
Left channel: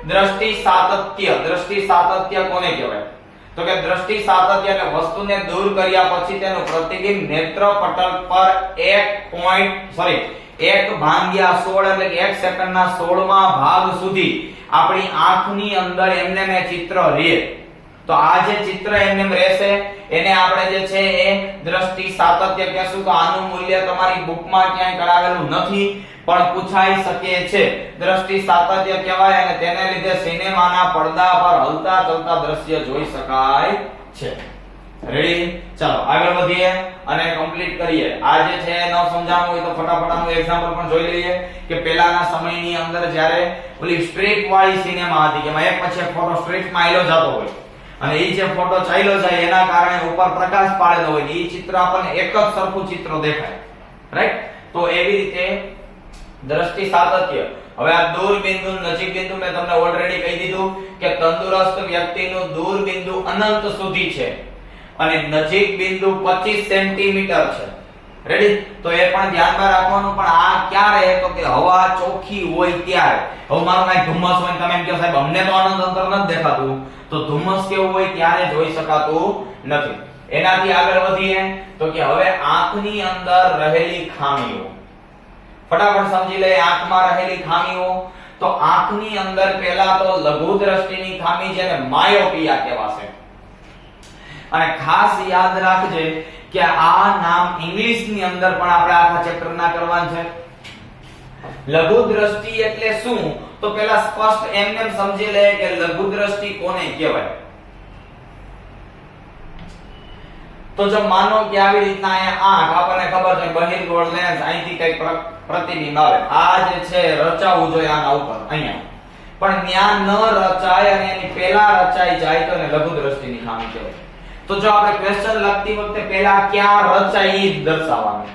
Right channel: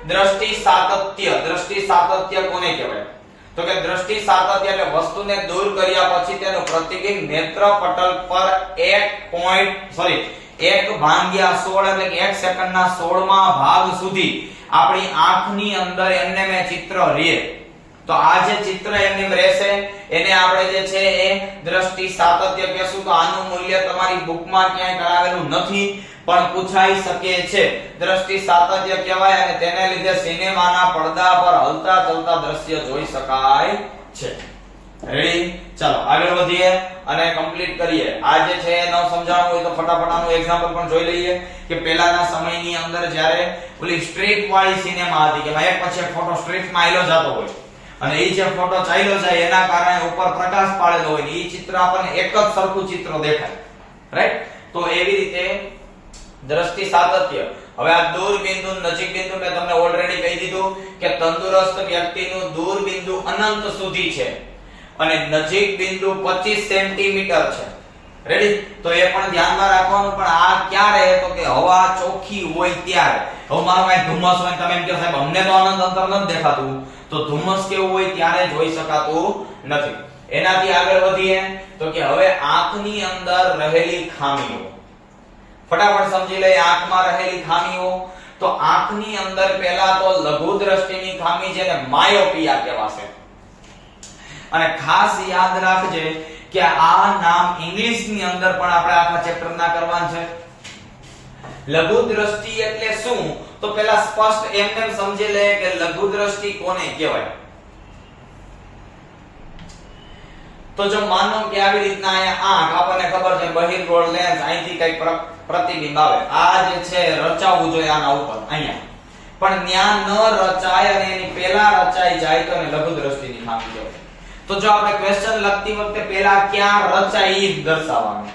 દ્રષ્ટિ સાતત્ય. દ્રષ્ટિ સાતત્ય કોને કહેવાય? તો કે દ્રષ્ટિ સાતત્ય એટલે વસ્તુને દૂર કર્યા પછી તેનું પ્રતિબિંબ નેત્રપટલ પર 1/16 એટલે કે 1 સેકન્ડના 16મા ભાગ સુધી આપણી આંખની અંદર એમને મે ચિત્ર રહે. તો આ જે ચિત્ર એમને રહેશે એને આપણે જે છે એ દ્રષ્ટિ સાતત્ય કહેશું. તો આનું મૂલ્ય તમારી બુકમાં ક્યાંય કરાવેલું નથી પણ પૂછાઈ શકે છે. દ્રષ્ટિ સાતત્ય કહેવાય અને તેને લીધે સિનેમાના પડદા પર હલતા ચલતા દ્રશ્ય જોઈ શકાય છે. રેડી? ચાલો આગળ વધીએ અને કમ્પ્લીટ કરીએ. આ જે છે ન સમજાવવું હોય તો ફટાફટ આનું એક્ઝામ્પલ પણ જોઈ લઈએ કે પહેલાના સમયની અંદર જ્યારે ઓલી સ્ટ્રીપ વાળી સિનેમા હતી કે એક પછી એક ફોટો સ્ટ્રીપમાં આયલો જતો હોય અને એ જે ફોટો ચાલ્યો જાય એના કારણે ઉપર પ્રકાશ પાડેલો હોય, એ ચિત્ર આપણને એક જ સરખું ચિત્ર દેખાય. રાઈટ? તો એવી રીતે દ્રષ્ટિ સાતત્ય. હવે આ દૂર બિંદુ નજીક બિંદુ મેં તમને ઓલરેડી કહી દીધું કે તંદુરસ્ત વ્યક્તિનું દૂર બિંદુ અનંત સુધી છે અને નજીક બિંદુ 25 સેન્ટીમીટર છે. રેડી? તો એ પણ ધ્યાનમાં રાખવાનું. પણ આ ક્યારે? તો કે હવા ચોખ્ખી હોય ત્યારે. હવે મારો કઈ ધુમ્મસ હોય તમે એમ કહો સાહેબ અમને તો અનંત અંતર નથી દેખાતું, તો ધુમ્મસ કેવું હોય ત્યારે જોઈ શકાતું નથી. એનાથી આગળ વધીએ તો કે હવે આંખની અંદર રહેલી ખામીઓ ફટાફટ સમજી લઈએ. આંખમાં રહેલી ખામીઓ, તો આંખની અંદર પહેલા તો લઘુ દ્રષ્ટિની ખામી જેને માયોપિયા કહેવાશે. અને ખાસ યાદ રાખજે કે આ નામ ઇંગ્લિશની અંદર પણ આપણે આખા ચેપ્ટર ના કરવાનું છે. લઘુ દ્રષ્ટિ એટલે શું? તો પહેલા સ્પષ્ટ એમને સમજી લે કે લઘુ દ્રષ્ટિ કોને કહેવાય. તો જો માનો કે આવી રીતના અહીંયા આંખ, આપણને ખબર છે બહિર્ગોળ લેન્સ, અહીંથી કઈક પ્રતિબિંબ આવે, આ જે છે રચાવવું જોઈએ આના ઉપર અહીંયા. પણ ન્યા ન રચાય અને એની પહેલા રચાઈ જાય તો એને લઘુ દ્રષ્ટિની ખામી કહેવાય. તો જો આપણે ક્વેશ્ચન લખતી વખતે પહેલા ક્યાં રચાય ઈ દર્શાવવાનું.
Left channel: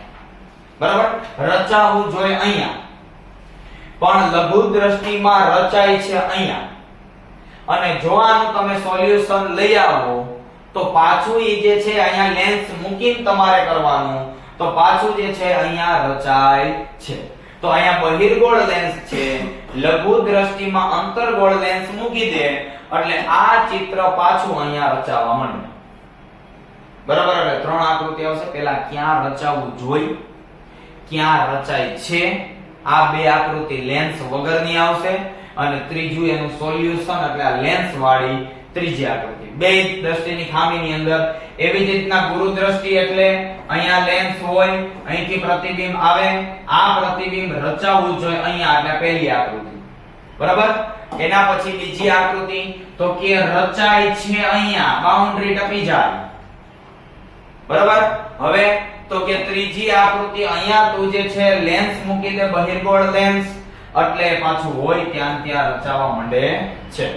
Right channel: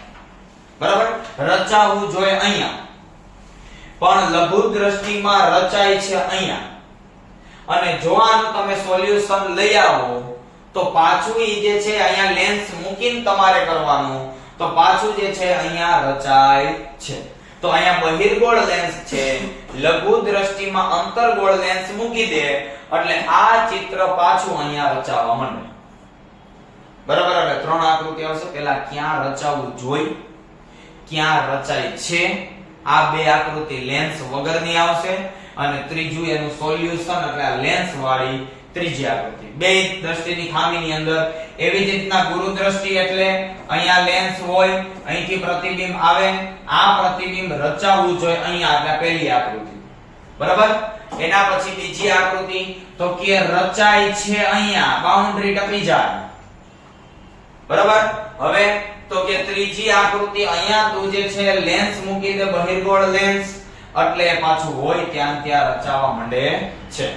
બરાબર, રચાવું જોઈએ અહીંયા, પણ લઘુ દ્રષ્ટિમાં રચાય છે અહીંયા. અને જો આનું તમે સોલ્યુશન લઈ આવો તો પાછું ઈ જે છે અહીંયા લેન્સ મૂકીને તમારે કરવાનું, તો પાછું જે છે અહીંયા રચાય છે. તો અહીંયા બહિર્ગોળ લેન્સ છે, લઘુ દ્રષ્ટિમાં અંતર્ગોળ લેન્સ મૂકી દે એટલે આ ચિત્ર પાછું અહીંયા રચાવા માંડે. બરાબર, એટલે ત્રણ આકૃતિ આવશે. પહેલા ક્યાં રચાવું જોઈ, ક્યાં રચાય છે, આ બે આકૃતિ લેન્સ વગરની આવશે, અને ત્રીજું એનું સોલ્યુશન એટલે આ લેન્સ વાળી ત્રીજી આકૃતિ. બે દ્રષ્ટિની ખામીની અંદર એવી જ રીતના ગુરુ દ્રષ્ટિ એટલે અહીંયા લેન્સ હોય, અહીંથી પ્રતિબિંબ આવે, આ પ્રતિબિંબ રચાવવું જોઈએ અહીંયા, એટલે પહેલી આકૃતિ. બરાબર, એના પછી બીજી આકૃતિ તો કે રચાય છે અહીંયા, બાઉન્ડ્રી ટપી જાય. બરાબર, હવે તો કે ત્રીજી આકૃતિ અહીંયા તું જે છે લેન્સ મૂકી દે, બહિર્ગોળ લેન્સ, એટલે પાછું હોય ત્યાં ત્યાં રચાવા માંડે છે.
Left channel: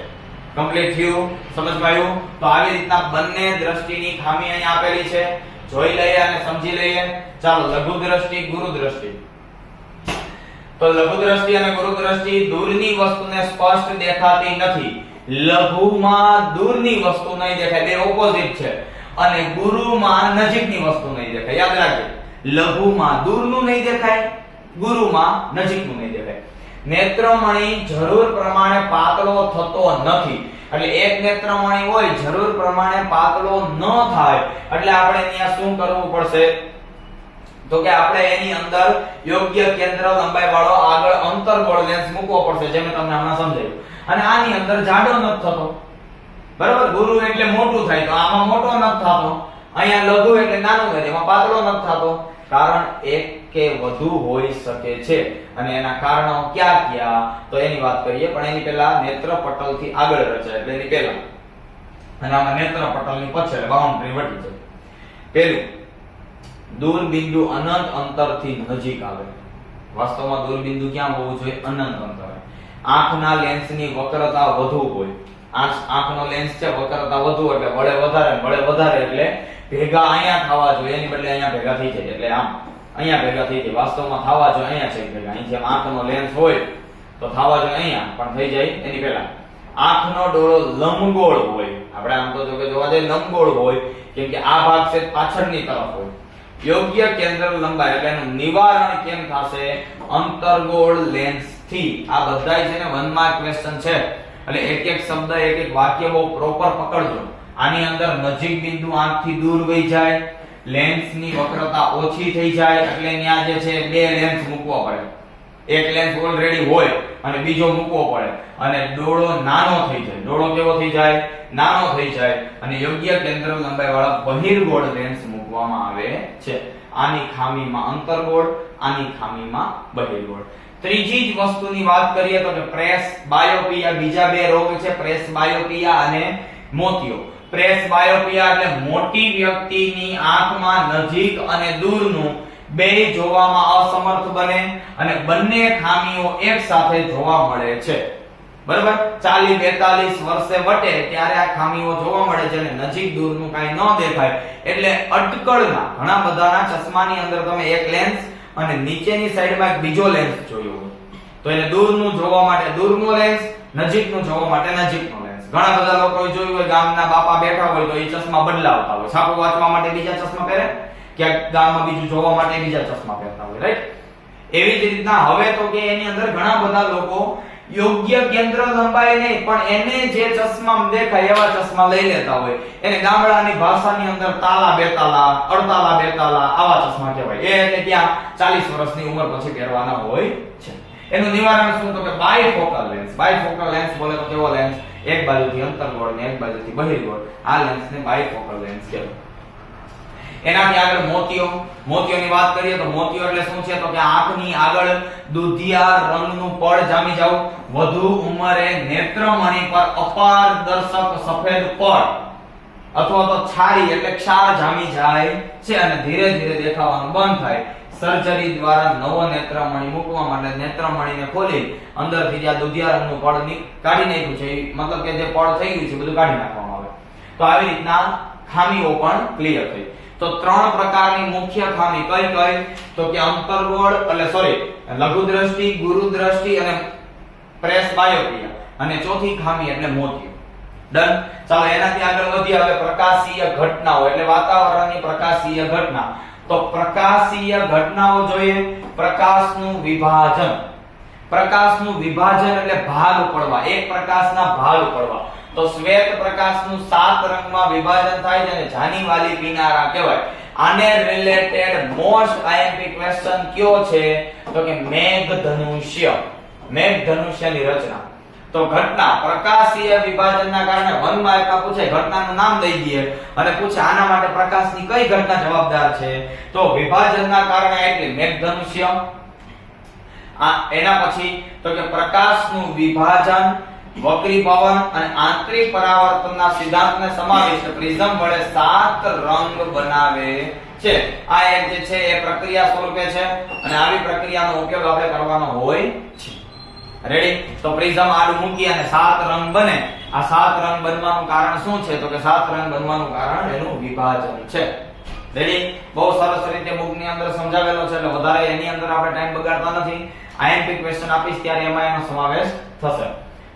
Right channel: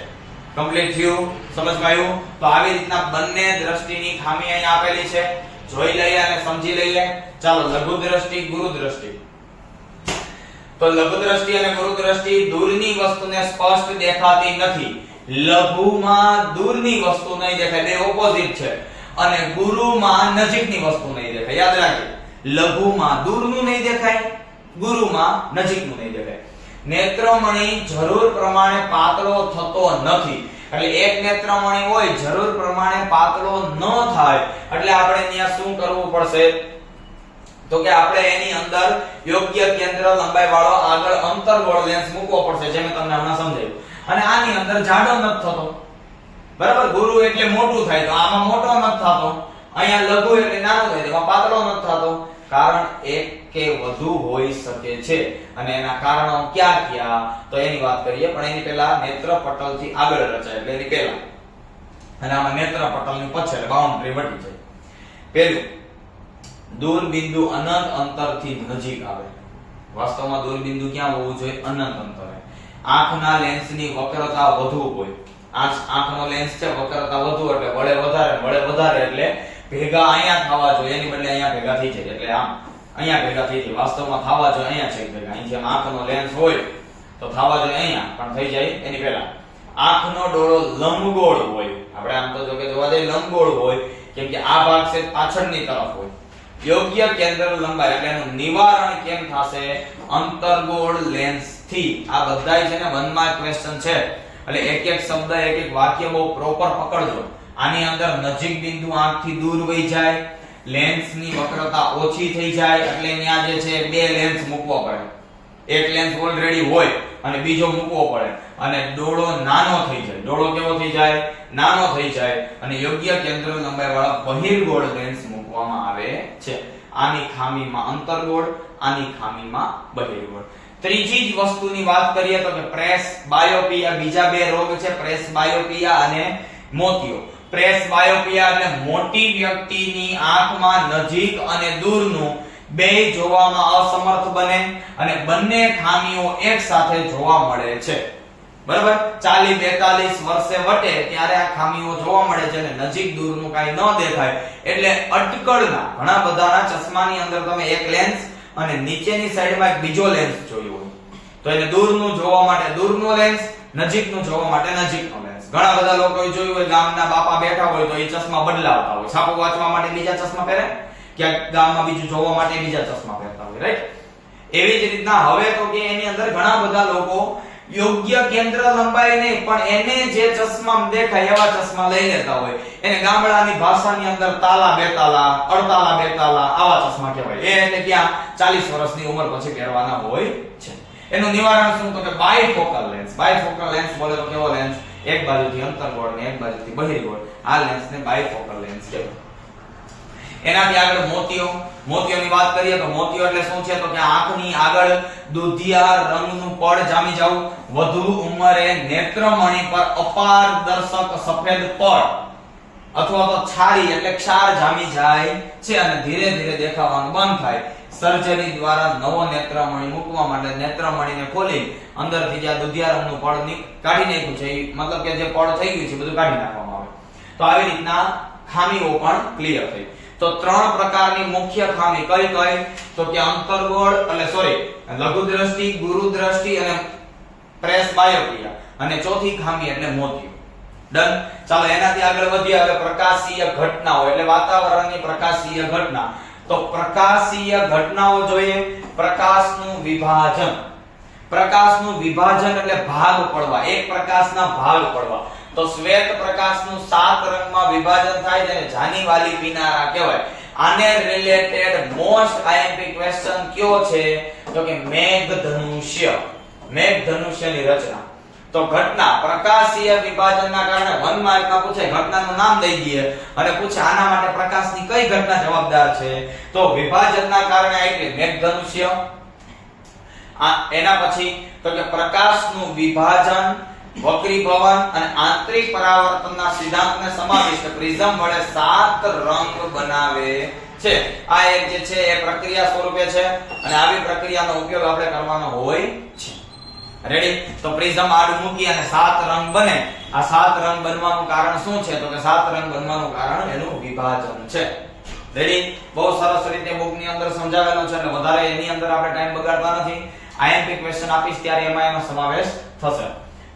કમ્પ્લીટ થયું, સમજમાં આવ્યું? તો આવી રીતના બંને દ્રષ્ટિની ખામી અહીં આપેલી છે, જોઈ લઈએ અને સમજી લઈએ. ચાલો, લઘુ દ્રષ્ટિ, ગુરુ દ્રષ્ટિ. તો લઘુ દ્રષ્ટિ અને ગુરુ દ્રષ્ટિ દૂરની વસ્તુને સ્પષ્ટ દેખાતી નથી. લઘુમાં દૂરની વસ્તુ નહીં દેખાય, બે ઓપોઝિટ છે, અને ગુરુમાં નજીકની વસ્તુ નહીં દેખાય. યાદ રાખજો, લઘુમાં દૂરનું નહીં દેખાય, ગુરુમાં નજીકનું નહીં દેખાય. નેત્રમણિ જરૂર પ્રમાણે પાતળો થતો નથી, એટલે એક નેત્રમણિ હોય જરૂર પ્રમાણે પાતળો ન થાય, એટલે આપણે અહીંયા શું કરવું પડશે તો કે આપણે એની અંદર યોગ્ય કેન્દ્ર લંબાઈ વાળો આગળ અંતર્ગોળ લેન્સ મૂકવો પડશે, જે મેં તમને હમણાં સમજાવ્યું. અને આની અંદર જાડો નથી થતો. બરાબર, ગુરુ એટલે મોટું થાય, તો આમાં મોટો નથી થતો, અહીંયા લઘુ એટલે નાનું થાય, એમાં પાતળો નથી થતો. કારણ એક કે વધુ હોઈ શકે છે, અને એના કારણો ક્યાં ક્યાં તો એની વાત કરીએ. પણ એની પહેલા નેત્રપટલથી આગળ રચાય એટલે એની પહેલા, અને આમાં નેત્રપટલની પાછળ બાઉન્ડ્રી વટી જાય. પહેલું, દૂરબિંદુ અનંત અંતરથી નજીક આવે. વાસ્તવમાં દૂરબિંદુ ક્યાં હોવું જોઈએ? અનંત અંતરે. આંખના લેન્સની વક્રતા વધુ હોય, આંખનો લેન્સ છે વક્રતા વધુ એટલે વળે વધારે એટલે ભેગા અહીંયા થવા જોઈએ, એની બદલે અહીંયા ભેગા થઈ જાય, એટલે આમ અહીંયા ભેગા થઈ જાય. વાસ્તવમાં થવા જોઈએ અહીંયા છે ભેગા. અહીં જેમ આંખનો લેન્સ હોય તો થવા જોઈએ અહીંયા, પણ થઈ જાય એની પહેલા. આંખનો ડોળો લંબગોળ હોય, આપણે આમ તો જો કે જોવા જઈએ લંબગોળ હોય, કેમ કે આ ભાગ છે પાછળની તરફ હોય. યોગ્ય કેન્દ્ર લંબાઈ એટલે એનું નિવારણ કેમ થશે? અંતર્ગોળ લેન્સ થી. આ બધાય છે ને 1 માર્ક ક્વેશ્ચન છે, એટલે એક એક શબ્દ એક એક વાક્ય બહુ પ્રોપર પકડજો. આની અંદર નજીક બિંદુ આંખથી દૂર વહી જાય, લેન્સની વક્રતા ઓછી થઈ જાય, એટલે ત્યાં જે છે બે લેન્સ મૂકવો પડે. એક લેન્સ ઓલરેડી હોય અને બીજો મૂકવો પડે, અને ડોળો નાનો થઈ જાય. ડોળો કેવો થઈ જાય? નાનો થઈ જાય, અને યોગ્ય કેન્દ્ર લંબાઈ વાળા બહિર્ગોળ લેન્સ મૂકવામાં આવે છે. આની ખામીમાં અંતર્ગોળ, આની ખામીમાં બહિર્ગોળ. ત્રીજી જ વસ્તુની વાત કરીએ તો કે પ્રેસ બાયોપિયા. બીજા બે રોગ છે, પ્રેસ બાયોપિયા અને મોતિયો. પ્રેસ બાયોપિયા એટલે મોટી વ્યક્તિની આંખમાં નજીક અને દૂરનું બે જોવામાં અસમર્થ બને, અને બંને ખામીઓ એક સાથે જોવા મળે છે. બરાબર, 40-42 વર્ષે વટે ત્યારે આ ખામીઓ જોવા મળે છે, અને નજીક દૂરનું કાઈ ન દેખાય. એટલે અટકળના ઘણા બધાના ચશ્માની અંદર તમે એક લેન્સ અને નીચેની સાઈડમાં એક બીજો લેન્સ જોયો હોય, તો એને દૂરનું જોવા માટે દૂરનું લેન્સ, નજીકનું જોવા માટે નજીકનો લેન્સ. ઘણા બધા લોકોએ જોયું હોય ગામના બાપા બેઠા હોય તો એ ચશ્મા બદલાવતા હોય, છાપું વાંચવા માટે બીજા ચશ્મા પહેરે, ક્યાંક ગામમાં બીજું જોવા માટે બીજા ચશ્મા પહેરતા હોય, રાઈટ? એવી જ રીતના હવે તો કે એની અંદર ઘણા બધા લોકો યોગ્ય કેન્દ્ર લંબાઈ નહીં, પણ એને જે ચશ્મા દેખાય એવા ચશ્મા લઈ લેતા હોય. એને ગામડાની ભાષાની અંદર તાલા બેતાલા, અડતાલા બેતાલા આવા ચશ્મા કહેવાય. એ એટલે ક્યાં 40 વર્ષની ઉંમર પછી પહેરવાના હોય છે. એનું નિવારણ શું? તો કે બાયફોકલ લેન્સ. બાયફોકલ લેન્સ બોલે તો કેવો લેન્સ? એક બાજુથી અંતર્ગોળ ને એક બાજુથી બહિર્ગોળ. આ લેન્સને બાયફોકલ લેન્સ કહેવાય. એનાથી આગળ મોતિયો. મોતિયોની વાત કરીએ તો મોતિયો એટલે શું છે? તો કે આંખની આગળ દૂધિયા રંગનું પડ જામી જવું, વધુ ઉંમરે નેત્રમણિ પર અપારદર્શક સફેદ પડ અથવા તો છારી એટલે ક્ષાર જામી જાય છે, અને ધીરે ધીરે દેખાવાનું બંધ થાય. સર્જરી દ્વારા નવો નેત્રમણી મૂકવા માટે નેત્રમણીને ખોલી અંદરથી જે દુધિયા રંગનું પડ કાઢી નાખ્યું છે, મતલબ કે જે પડ થઈ ગયું છે બધું કાઢી નાખવામાં આવે. તો આવી રીતના ખામીઓ પણ ક્લિયર થઈ. તો ત્રણ પ્રકારની મુખ્ય ખામી કઈ કઈ? તો કે અંતર્ગોળ લઘુ દ્રષ્ટિ, ગુરુ દ્રષ્ટિ અને પ્રેસ બાયોપિયા, અને ચોથી ખામી એટલે મોતિયો. ડન. ચાલો એનાથી આગળ વધીએ. હવે પ્રકાશીય ઘટનાઓ એટલે વાતાવરણની પ્રકાશીય ઘટના. તો પ્રકાશીય ઘટનાઓ જોઈએ. પ્રકાશનું વિભાજન. પ્રકાશનું વિભાજન એટલે ભાગ પડવા, એક પ્રકાશના ભાગ પડવા. તો શ્વેત પ્રકાશનું 7 રંગમાં વિભાજન થાય છે અને જાનીવાલી કિનારા કહેવાય. આને રિલેટેડ મોસ્ટ આઈએમપી ક્વેશ્ચન કયો છે? તો કે મેઘધનુષ્ય. મેઘધનુષ્યની રચના. તો ઘટના પ્રકાશીય વિભાજનના કારણે 1 માર્કમાં પૂછાય. ઘટનાનું નામ દઈ દઈએ અને પૂછે આના માટે પ્રકાશની કઈ ઘટના જવાબદાર છે? તો વિભાજનના કારણે આટલી મેઘધનુષ્ય. એના પછી તો કે પ્રકાશનું વિભાજન, વક્રીભવન અને આંતરિક પરાવર્તનના સિદ્ધાંતને સમાવિષ્ટ પ્રિઝમ વડે 7 રંગ બનાવે છે. આ એક જે છે એ પ્રક્રિયા સ્વરૂપે છે અને આવી પ્રક્રિયાનો ઉપયોગ આપણે કરવાનો હોય છે. રેડી? તો પ્રિઝમ આડું મૂકી અને 7 રંગ બને. આ 7 રંગ બનવાનું કારણ શું છે? તો કે 7 રંગ બનવાનું કારણ એનું વિભાજન છે. રેડી? બહુ સરસ રીતે બુકની અંદર સમજાવેલો છે એટલે વધારે એની અંદર આપણે ટાઈમ બગાડતા નથી. આઈએમપી ક્વેશ્ચન આપીશ ત્યારે એમાં એનો સમાવેશ થશે.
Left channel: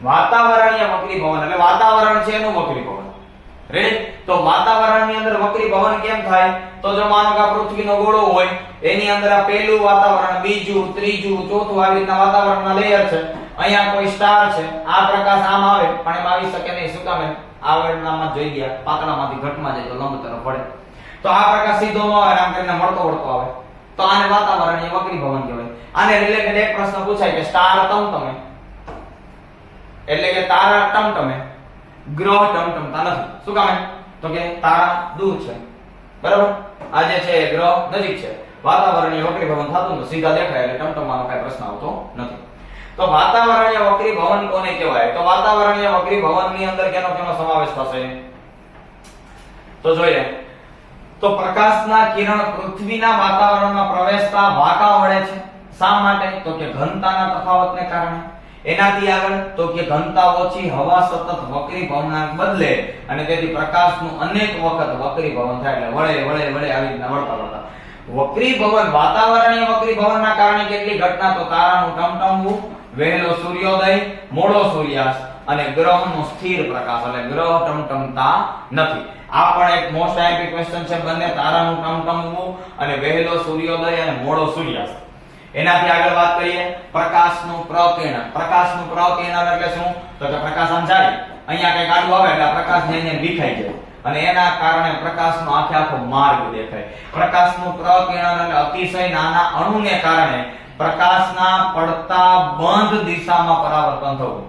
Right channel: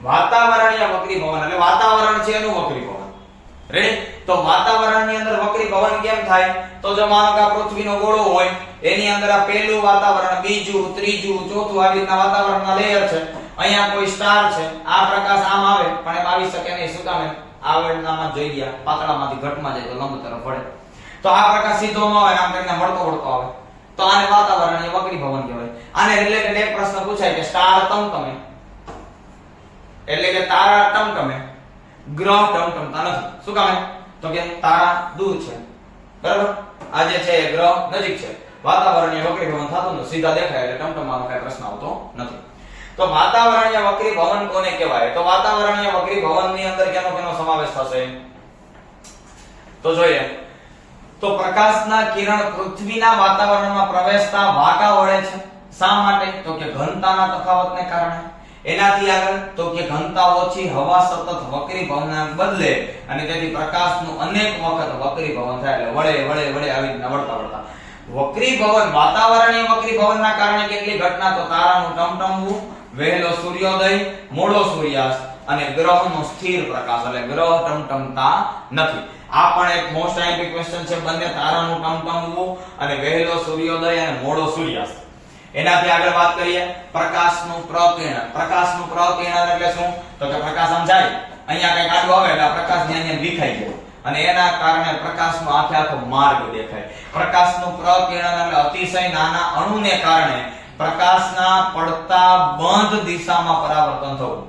વાતાવરણીય વક્રીભવન એટલે વાતાવરણ છે એનું વક્રીભવન. રેડી? તો વાતાવરણની અંદર વક્રીભવન કેમ થાય? તો જો માનો કે આ પૃથ્વીનો ગોળો હોય, એની અંદર આ પહેલું વાતાવરણ, બીજું, ત્રીજું, ચોથું આવી રીતના વાતાવરણના લેયર છે. અહીંયા કોઈ સ્ટાર છે, આ પ્રકાશ આમ આવે પણ એ આવી શકે નહીં. શું કામ? આવરણમાં જોઈ ગયા, પાતળામાંથી ઘટમાં જાય તો લંબ તરફ પડે. તો આ પ્રકાશ સીધો ન આવે, આમ કરીને મળતો વળતો આવે. તો આને વાતાવરણીય વક્રીભવન કહેવાય. આને રિલેટેડ એક પ્રશ્ન પૂછાય કે સ્ટાર ટમટમે એટલે કે તારા ટમટમે, ગ્રહ ટમટમતા નથી. શું કામ? તો કે તારા દૂર છે, બરાબર? આ જે છે ગ્રહ નજીક છે. વાતાવરણીય વક્રીભવન થતું નથી, સીધા દેખાય એટલે ટમટમવાનો કઈ પ્રશ્ન આવતો નથી. તો વાતાવરણીય વક્રીભવન કોને કહેવાય? તો વાતાવરણીય વક્રીભવનની અંદર કેનો કેનો સમાવેશ થશે? તો જોઈએ. તો પ્રકાશના કિરણ પૃથ્વીના વાતાવરણમાં પ્રવેશતા વાંકા વળે છે. શા માટે? તો કે ઘનતાના તફાવતને કારણે. એનાથી આગળ તો કે ઘનતા ઓછી, હવા સતત વક્રીભવનાંક બદલે અને તેથી પ્રકાશનું અનેક વખત વક્રીભવન થાય એટલે વળે આવી રીતના વળતા. વક્રીભવન, વાતાવરણીય વક્રીભવનના કારણે કેટલી ઘટના? તો તારાનું ટમટમવું, વહેલો સૂર્યોદય, મોડો સૂર્યાસ્ત અને ગ્રહનો સ્થિર પ્રકાશ એટલે ગ્રહ ટમટમતા નથી. આ પણ એક મોસ્ટ આઈએમપી ક્વેશ્ચન છે. બંને તારાનું ટમટમવું અને વહેલો સૂર્યોદય અને મોડો સૂર્યાસ્ત. એનાથી આગળ વાત કરીએ પ્રકાશનું પ્રકિરણ. પ્રકાશનું પ્રકિરણ એટલે શું? તો કે પ્રકાશ આમ જાય, અહીંયા કઈ આડું આવે એટલે પ્રકાશ ત્યાં વિખાઈ જાય અને એના કારણે પ્રકાશનો આખો માર્ગ દેખાય. પ્રકાશનું પ્રકિરણ એટલે અતિશય નાના અણુને કારણે પ્રકાશના પડતા બંધ દિશામાં પરાવર્તન થવું.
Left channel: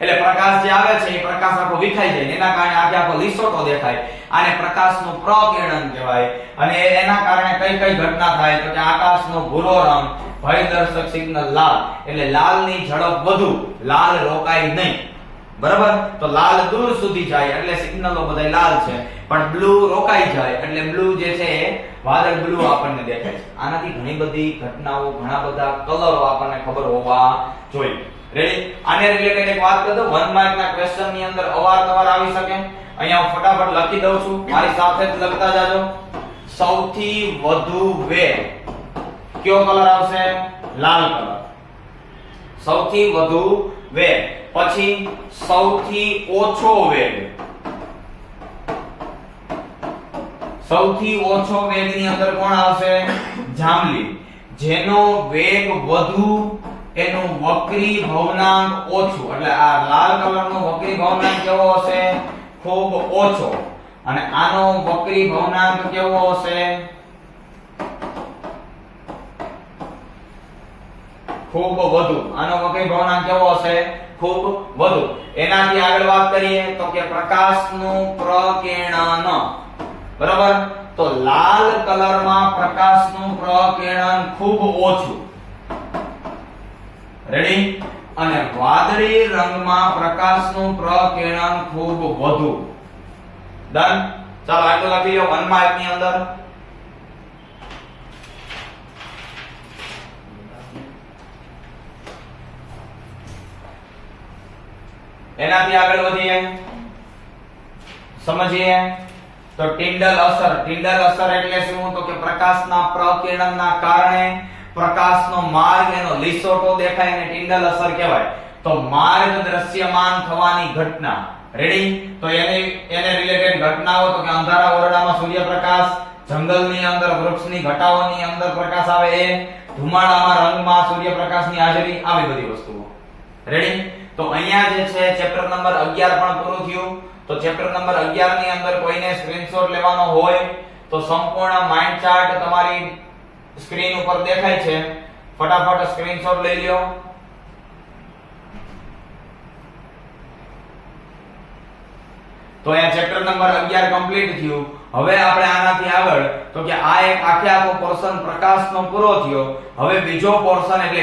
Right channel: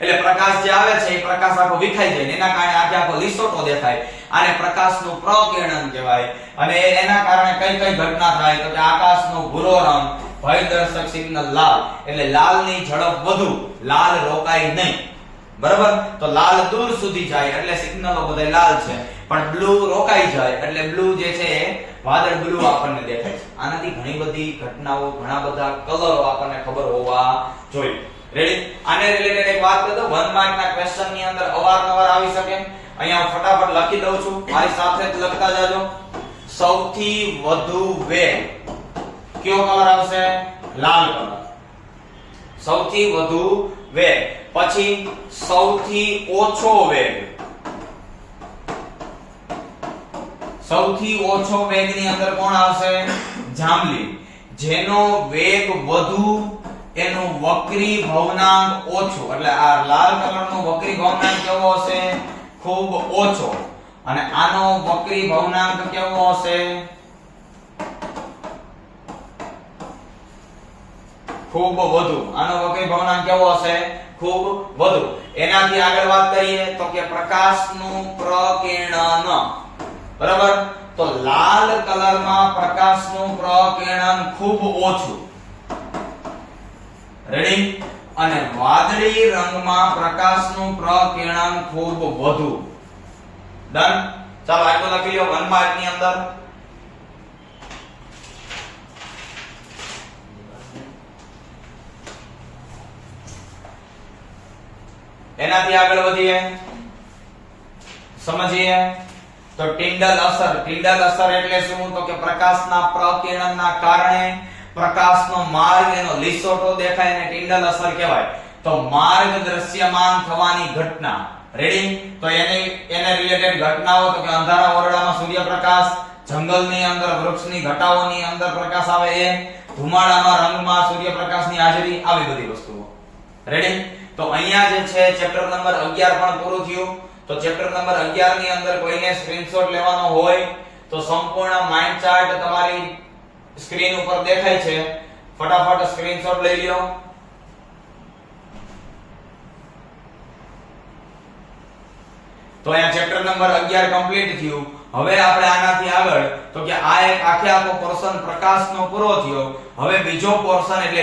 એટલે પ્રકાશ જે આવે છે એ પ્રકાશ આખો વિખાઈ જાય એના કારણે આખો લીસોટો દેખાય. આને પ્રકાશનું પ્રકિરણ કહેવાય. અને એના કારણે કઈ કઈ ઘટના થાય? તો કે આકાશનો ભૂરો રંગ, ભયદર્શક સિગ્નલ લાલ એટલે લાલની ઝડપ વધુ, લાલ રોકાય નહીં. બરાબર? તો લાલ દૂર સુધી જાય એટલે સિગ્નલો બધા લાલ છે, પણ બ્લુ રોકાઈ જાય એટલે બ્લુ જે છે એ વાદળ બ્લુ આપણને દેખાય છે. આનાથી ઘણી બધી ઘટનાઓ, ઘણા બધા કલરો આપણને ખબર હોવા જોઈએ. રેડી? આને રિલેટેડ એક વાત કરું. 1 માર્કના ક્વેશ્ચન ની અંદર અવારનવાર આવી શકે. અહીંયા હું ફટાફટ લખી દઉં છું, મારી સાથે જ લખતા જાજો. સૌથી વધુ વેગ કયો કલર આવશે? લાલ કલર. સૌથી વધુ વેગ. પછી સૌથી ઓછો વેગ. સૌથી ઓછો વેગની અંદર કોણ આવશે? જાંબલી. જેનો વેગ વધુ એનું વક્રીભવનાંક ઓછું એટલે આ લાલ કલરનો વક્રીભવનાંક કેવો હશે? ખૂબ ઓછો. અને આનો વક્રીભવનાંક કેવો હશે? ખૂબ વધુ. આનો વક્રીભવનાંક કેવો હશે? ખૂબ વધુ. એનાથી આગળ વાત કરીએ તો કે પ્રકાશનું પ્રકિરણ. બરાબર? તો લાલ કલરમાં પ્રકાશનું પ્રકિરણ ખૂબ ઓછું. રેડી? અને વાદળી રંગમાં પ્રકાશનું પ્રકિરણ ખૂબ વધુ. ડન? ચાલો આટલું લખી લો 1 માર્ક ની અંદર. એનાથી આગળ વધીએ, સમજીએ તો ટિન્ડલ અસર એટલે શું? તો કે પ્રકાશના પ્રકિરણના કારણે પ્રકાશનો માર્ગ એનો લીસોટો દેખાય અને ટિન્ડલ અસર કહેવાય. તો માર્ગ દ્રશ્યમાન થવાની ઘટના. રેડી? તો એને રિલેટેડ ઘટનાઓ તો કે અંધારા ઓરડામાં સૂર્યપ્રકાશ, જંગલની અંદર વૃક્ષની ઘટાઓની અંદર પ્રકાશ આવે એ, ધુમાડામાં રંગમાં સૂર્યપ્રકાશની હાજરી, આવી બધી વસ્તુઓ. રેડી? તો અહીંયા જે છે ચેપ્ટર નંબર 11 પણ પૂરું થયું. તો ચેપ્ટર નંબર 11 ની અંદર કોઈને સ્ક્રીનશોટ લેવાનો હોય તો સંપૂર્ણ માઇન્ડ ચાર્ટ તમારી સ્ક્રીન ઉપર દેખાય છે, ફટાફટ સ્ક્રીનશોટ લઈ લ્યો. તો અહીંયા ચેપ્ટર નંબર 11 કમ્પ્લીટ થયું. હવે આપણે આનાથી આગળ તો કે આ એક આખો પોર્શન પ્રકાશનો પૂરો થયો. હવે બીજો પોર્શન એટલે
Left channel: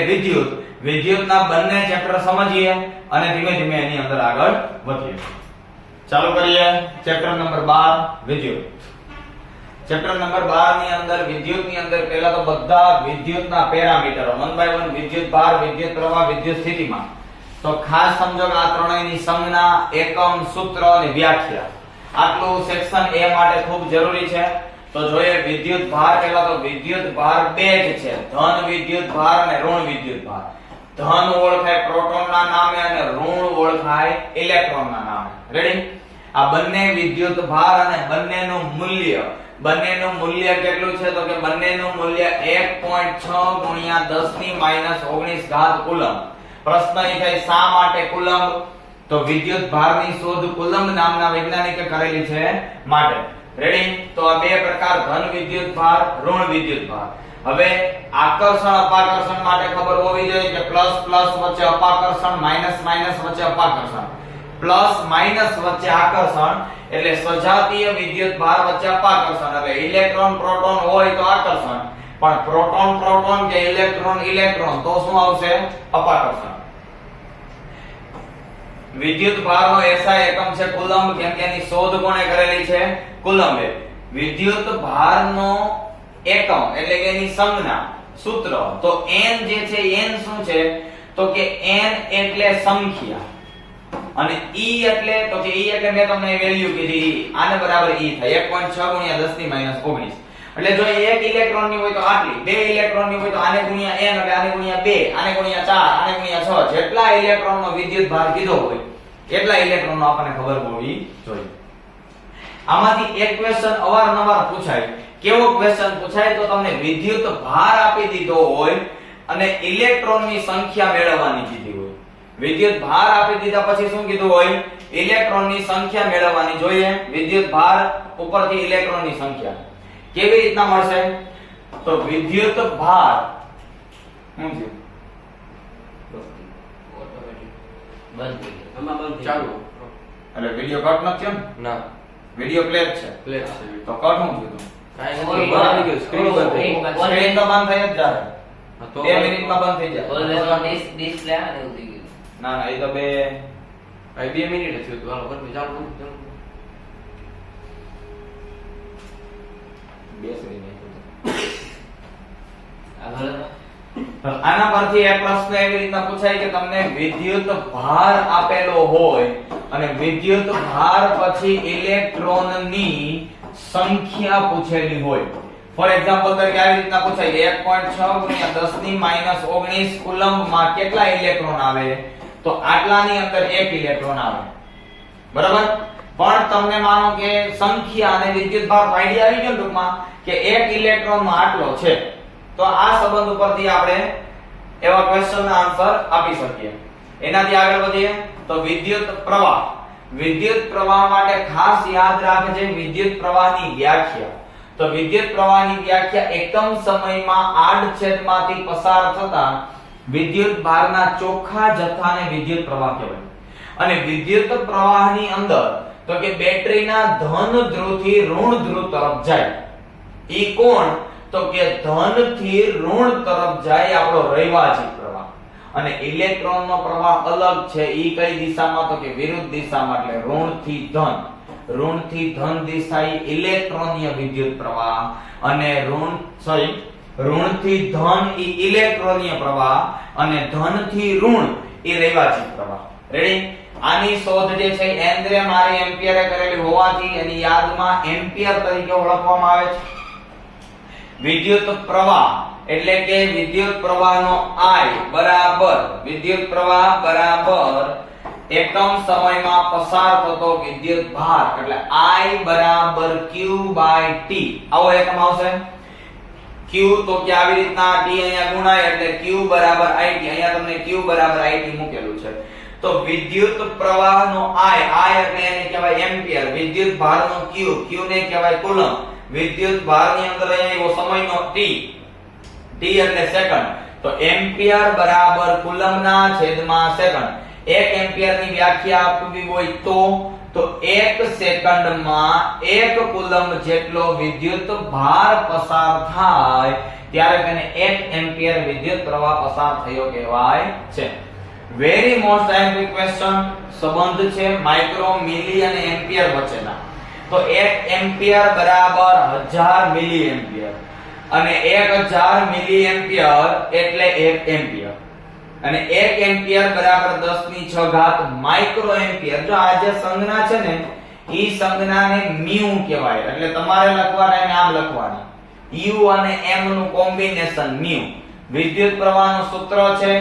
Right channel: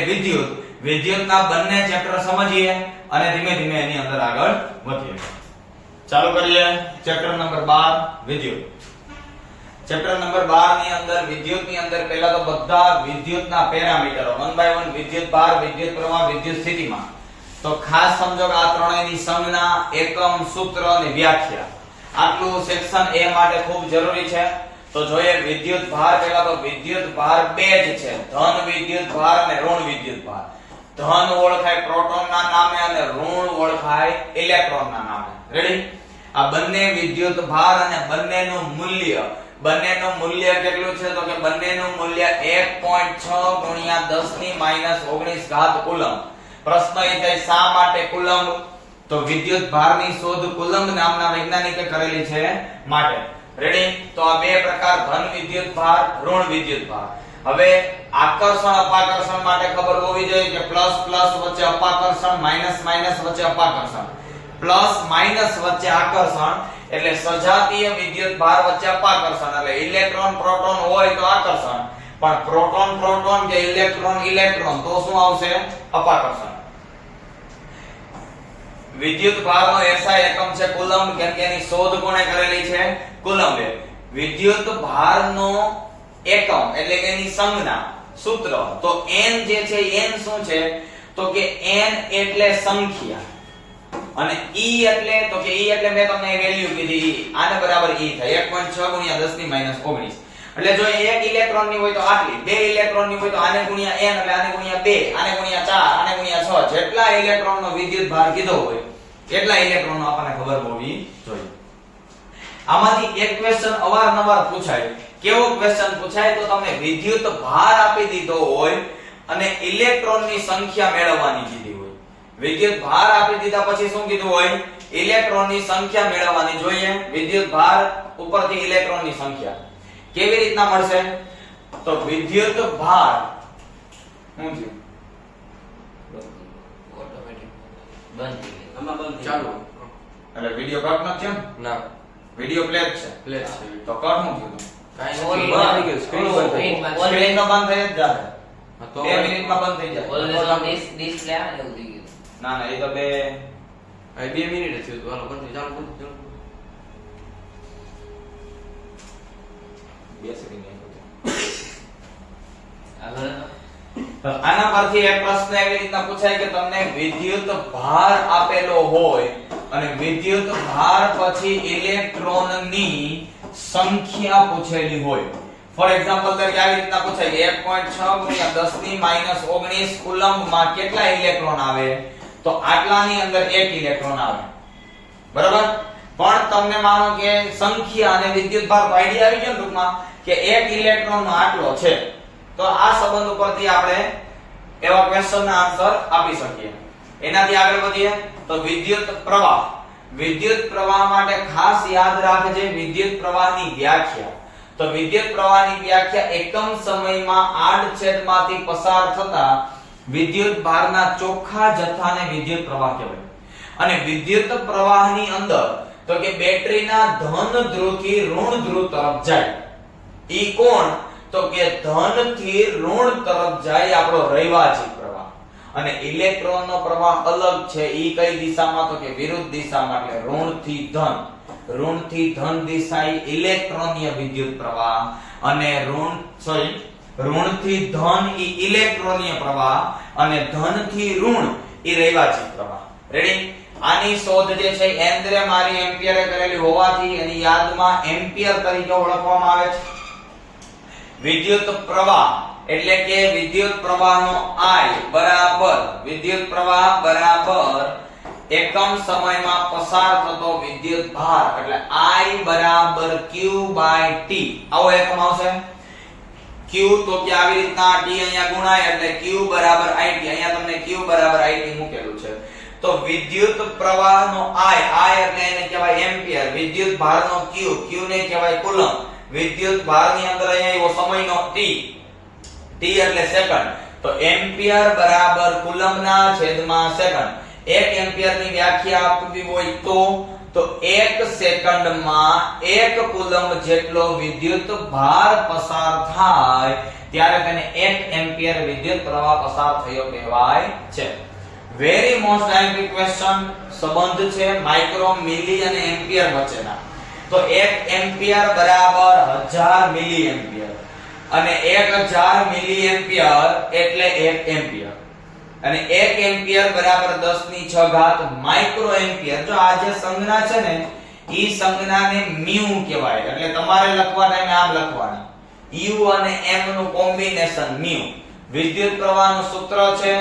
વિદ્યુતના બંને ચેપ્ટર સમજીએ અને ધીમે ધીમે એની અંદર આગળ વધીએ. ચાલુ કરીએ ચેપ્ટર નંબર 12 વિદ્યુત. ચેપ્ટર નંબર 12 ની અંદર વિદ્યુતની અંદર પહેલા તો બધા વિદ્યુતના પેરામીટરો 1 બાય 1 વિદ્યુત ભાર, વિદ્યુત પ્રવાહ, વિદ્યુત સ્થિતિમાન. તો ખાસ સમજો કે આ ત્રણેયની સંજ્ઞા, એકમ, સૂત્ર અને વ્યાખ્યા. આટલું સેક્શન એ માટે ખૂબ જરૂરી છે. તો જોઈએ વિદ્યુત ભાર. પહેલા તો વિદ્યુત ભાર બે જ છે, ધન વિદ્યુત ભાર અને ઋણ વિદ્યુત ભાર. ધન ઓળખાય પ્રોટોનના નામે અને ઋણ ઓળખાય ઇલેક્ટ્રોનના નામે. રેડી? આ બંને વિદ્યુત ભાર અને બંનેનું મૂલ્ય કેટલું છે? તો કે બંનેનું મૂલ્ય 1.6 ગુણ્યા 10 ની -19 ઘાત કુલમ્બ. પ્રશ્ન એ થાય શા માટે કુલમ્બ? તો વિદ્યુત ભારની શોધ કુલમ્બ નામના વૈજ્ઞાનિકે કરેલી છે માટે. રેડી? તો આ બે પ્રકાર, ધન વિદ્યુત ભાર, ઋણ વિદ્યુત ભાર. હવે આકર્ષણ અપાકર્ષણ માટે ખબર હોવી જોઈએ કે પ્લસ પ્લસ વચ્ચે અપાકર્ષણ, માઈનસ માઈનસ વચ્ચે અપાકર્ષણ, પ્લસ માઈનસ વચ્ચે આકર્ષણ એટલે સજાતીય વિદ્યુત ભાર વચ્ચે અપાકર્ષણ. એટલે ઇલેક્ટ્રોન પ્રોટોન હોય તો આકર્ષણ, પણ પ્રોટોન પ્રોટોન કે ઇલેક્ટ્રોન ઇલેક્ટ્રોન તો શું આવશે? અપાકર્ષણ. વિદ્યુત ભારનો એસઆઈ એકમ છે કુલમ્બ, કેમ કે એની શોધ કોણે કરેલી છે? કુલમ્બે. વિદ્યુત ભારનો એકમ એટલે કે એની સંજ્ઞા, સૂત્ર તો n જે છે, n શું છે? તો કે n એટલે સંખ્યા અને e એટલે તો કે e એટલે મેં તમને વેલ્યુ કીધી, આને બરાબર e થાય 1.6 ગુણ્યા 10 ની -19. એટલે જો એક ઇલેક્ટ્રોન ની હોય તો આટલી, બે ઇલેક્ટ્રોન ની હોય તો આને ગુણ્યા n એટલે આને ગુણ્યા 2, આને ગુણ્યા 4, આને ગુણ્યા 6. જેટલા ઇલેક્ટ્રોન નો વિદ્યુત ભાર કીધો હોય એટલા ઇલેક્ટ્રોન નો આપણને ખબર હોવી જોઈએ. આમાંથી એક ક્વેશ્ચન અવારનવાર પૂછાય. કેવો ક્વેશ્ચન પૂછાય? તો તમને વિદ્યુત ભાર આપી દીધો હોય અને ઇલેક્ટ્રોન ની સંખ્યા મેળવવાની કીધી હોય. વિદ્યુત ભાર આપી દીધા પછી શું કીધું હોય? ઇલેક્ટ્રોન ની સંખ્યા મેળવવાની. જોઈએ વિદ્યુત ભાર ઉપરથી ઇલેક્ટ્રોન ની સંખ્યા કેવી રીતના મળશે? તો વિદ્યુત ભાર શું છે? ઓટોમેટિક બંધ થઈ ગયો. આમાં બંધ થઈ ચાલુ. ગયું. એટલે વિડિયો કટ ન થયો ને? ના, વિડિયો પ્લે જ છે. પ્લે છે. તો કટ શું થયું? કાઈ ઓય, નથી. બંધ થઈ ગયું. સ્ક્રીન બંધ થઈ ગઈ. સ્ક્રીન તો બંધ થઈ જ જાય. હા, તો 2 મિનિટમાં બંધ થઈ જાય. ડિસ્પ્લે આ ને એવું થઈ ગયું. ના ના, એ તો બે આ 2 મિનિટ જ થયું હતું. હાલો બંધ ચાલુ બંધ ચાલુ. સેકન્ડ આગળ તો આના પરથી એક પ્રશ્ન એવી રીતના પૂછાય કે તમને વિદ્યુત ભાર આપેલો હોય અને વિદ્યુત ભાર પછી ઇલેક્ટ્રોનની સંખ્યા પૂછેલી હોય. ફોર એક્ઝામ્પલ તરીકે આવી રીતના પૂછાય 1.6 ગુણ્યા 10 ની -19 કુલમ્બમાં કેટલા ઇલેક્ટ્રોન આવે? તો આટલાની અંદર એક ઇલેક્ટ્રોન આવે. બરાબર? પણ તમને માનો કે સંખ્યા અને વિદ્યુત ભાર આઈડિયા આવી ગયો ટૂંકમાં કે એક ઇલેક્ટ્રોનમાં આટલો છે. તો આ સંબંધ ઉપરથી આપણે એવા ક્વેશ્ચનના આન્સર આપી શકીએ. એનાથી આગળ વધીએ તો વિદ્યુત પ્રવાહ. વિદ્યુત પ્રવાહ માટે ખાસ યાદ રાખજે વિદ્યુત પ્રવાહની વ્યાખ્યા. તો વિદ્યુત પ્રવાહની વ્યાખ્યા એકમ સમયમાં આડછેદમાંથી પસાર થતા વિદ્યુત ભારના ચોખ્ખા જથ્થાને વિદ્યુત પ્રવાહ કહેવાય. અને વિદ્યુત પ્રવાહની અંદર તો કે બેટરીના ધન ધ્રુવથી ઋણ ધ્રુવ તરફ જાય. ઈ કોણ? તો કે ધન થી ઋણ તરફ જાય આપણો રૈવાચિક પ્રવાહ. અને ઇલેક્ટ્રોનનો પ્રવાહ અલગ છે. ઈ કઈ દિશામાં? તો કે વિરુદ્ધ દિશામાં. એટલે ઋણ થી ધન. ઋણ થી ધન દિશા ઈ ઇલેક્ટ્રોનીય વિદ્યુત પ્રવાહ અને ઋણ થી ધન ઈ ઇલેક્ટ્રોનીય પ્રવાહ અને ધન થી ઋણ ઈ રૈવાચિક પ્રવાહ. રેડી? આની શોધ જે છે એન્દ્રે મારી એમ્પિયરે કરેલી હોવાથી એની યાદમાં એમ્પિયર તરીકે ઓળખવામાં આવે છે. વિદ્યુત પ્રવાહ એટલે કે વિદ્યુત પ્રવાહનો I બરાબર વિદ્યુત પ્રવાહ બરાબર એકમ સમયમાં પસાર થતો વિદ્યુત ભાર એટલે I બરાબર Q/T આવો એકમ આવશે. Q તો કે આવી રીતના T અહીંયા ગુણાય એટલે Q બરાબર IT અહીંયા તમને Q બરાબર IT મૂકેલું છે. તો વિદ્યુત પ્રવાહનો I એટલે એને કહેવાય એમ્પિયર, વિદ્યુત ભારનો Q ને કહેવાય કુલમ, વિદ્યુત ભારની અંદર અહીંયા સમયનો T એટલે સેકન્ડ. તો એમ્પિયર બરાબર કુલમના છેદમાં સેકન્ડ. 1 એમ્પિયરની વ્યાખ્યા આપવી હોય તો 1 સેકન્ડમાં 1 કુલમ જેટલો વિદ્યુત ભાર પસાર થાય ત્યારે તેને 1 એમ્પિયર વિદ્યુત પ્રવાહ પસાર થયો કહેવાય છે. વેરી મોસ્ટ આઈએમપી ક્વેશ્ચન સંબંધ છે માઇક્રો, મિલી અને એમ્પિયર વચ્ચેના. તો 1 એમ્પિયર બરાબર 1000 મિલી એમ્પિયર અને 1000 મિલી એમ્પિયર એટલે 1 એમ્પિયર અને 1 એમ્પિયર બરાબર 10⁶ માઇક્રો એમ્પિયર. જો આ જે સંજ્ઞા છે ને ઈ સંજ્ઞાને મ્યુ કહેવાય એટલે તમારે લખવાના એને આમ લખવાની u અને m નું કોમ્બિનેશન મ્યુ. વિદ્યુત પ્રવાહનું સૂત્ર છે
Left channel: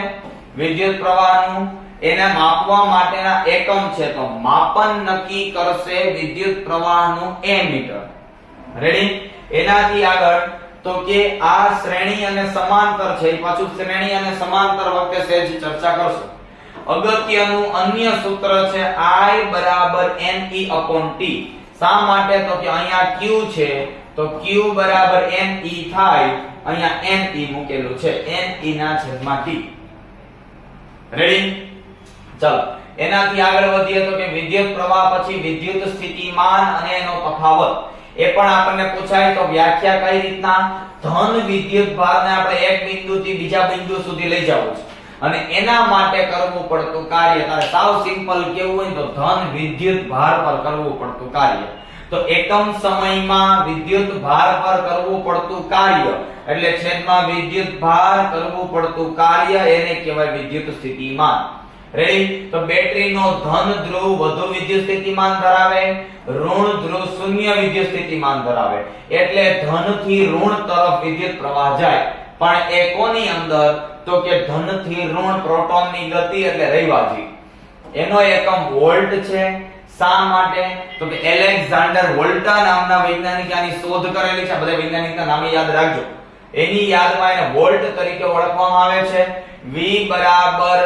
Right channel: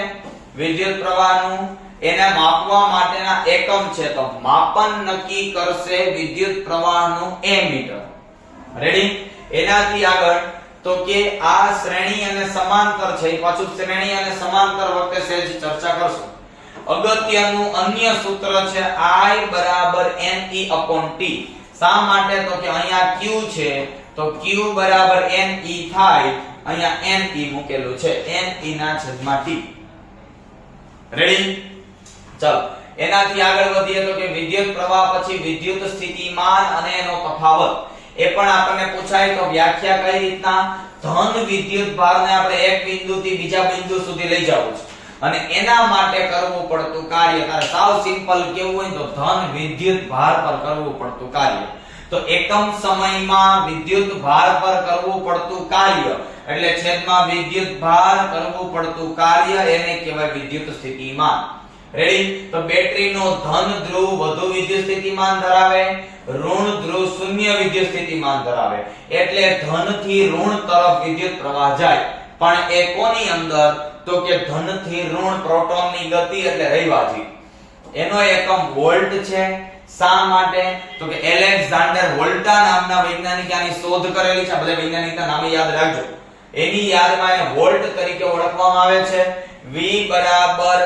વિદ્યુત પ્રવાહનું, એને માપવા માટેના એકમ છે તો માપન નક્કી કરશે વિદ્યુત પ્રવાહનું એમીટર. રેડી? એનાથી આગળ તો કે આ શ્રેણી અને સમાંતર છે પાછું શ્રેણી અને સમાંતર વખતે સહેજ ચર્ચા કરશું. અગત્યનું અન્ય સૂત્ર છે I બરાબર NE/T. શા માટે તો કે અહીંયા Q છે તો Q બરાબર NE થાય, અહીંયા NE મૂકેલું છે NE/T. રેડી? ચાલો એનાથી આગળ વધીએ તો કે વિદ્યુત પ્રવાહ પછી વિદ્યુત સ્થિતિમાન અને એનો તફાવત એ પણ આપણને પૂછાય. તો વ્યાખ્યા કઈ રીતના? ધન વિદ્યુત ભારને આપણે એક બિંદુથી બીજા બિંદુ સુધી લઈ જવું છે અને એના માટે કરવું પડતું કાર્ય, તારે સાવ સિમ્પલ કેવું હોય તો ધન વિદ્યુત ભાર પર કરવું પડતું કાર્ય. તો એકમ સમયમાં વિદ્યુત ભાર પર કરવું પડતું કાર્ય એટલે છેદમાં વિદ્યુત ભાર કરવું પડતું કાર્ય એને કહેવાય વિદ્યુત સ્થિતિમાન. રેડી? તો બેટરીનો ધન ધ્રુવ વધુ વિદ્યુત સ્થિતિમાન ધરાવે, ઋણ ધ્રુવ શૂન્ય વિદ્યુત સ્થિતિમાન ધરાવે એટલે ધન થી ઋણ તરફ વિદ્યુત પ્રવાહ જાય. પણ એ કોની અંદર? તો કે ધન થી ઋણ પ્રોટોનની ગતિ એટલે રૈવાજી. એનો એકમ વોલ્ટ છે. શા માટે? તો કે એલેક્ઝાન્ડર વોલ્ટા નામના વૈજ્ઞાનિકે આની શોધ કરેલી છે. બધા વૈજ્ઞાનિકના નામ યાદ રાખજો. એની યાદમાં એને વોલ્ટ તરીકે ઓળખવામાં આવે છે. V બરાબર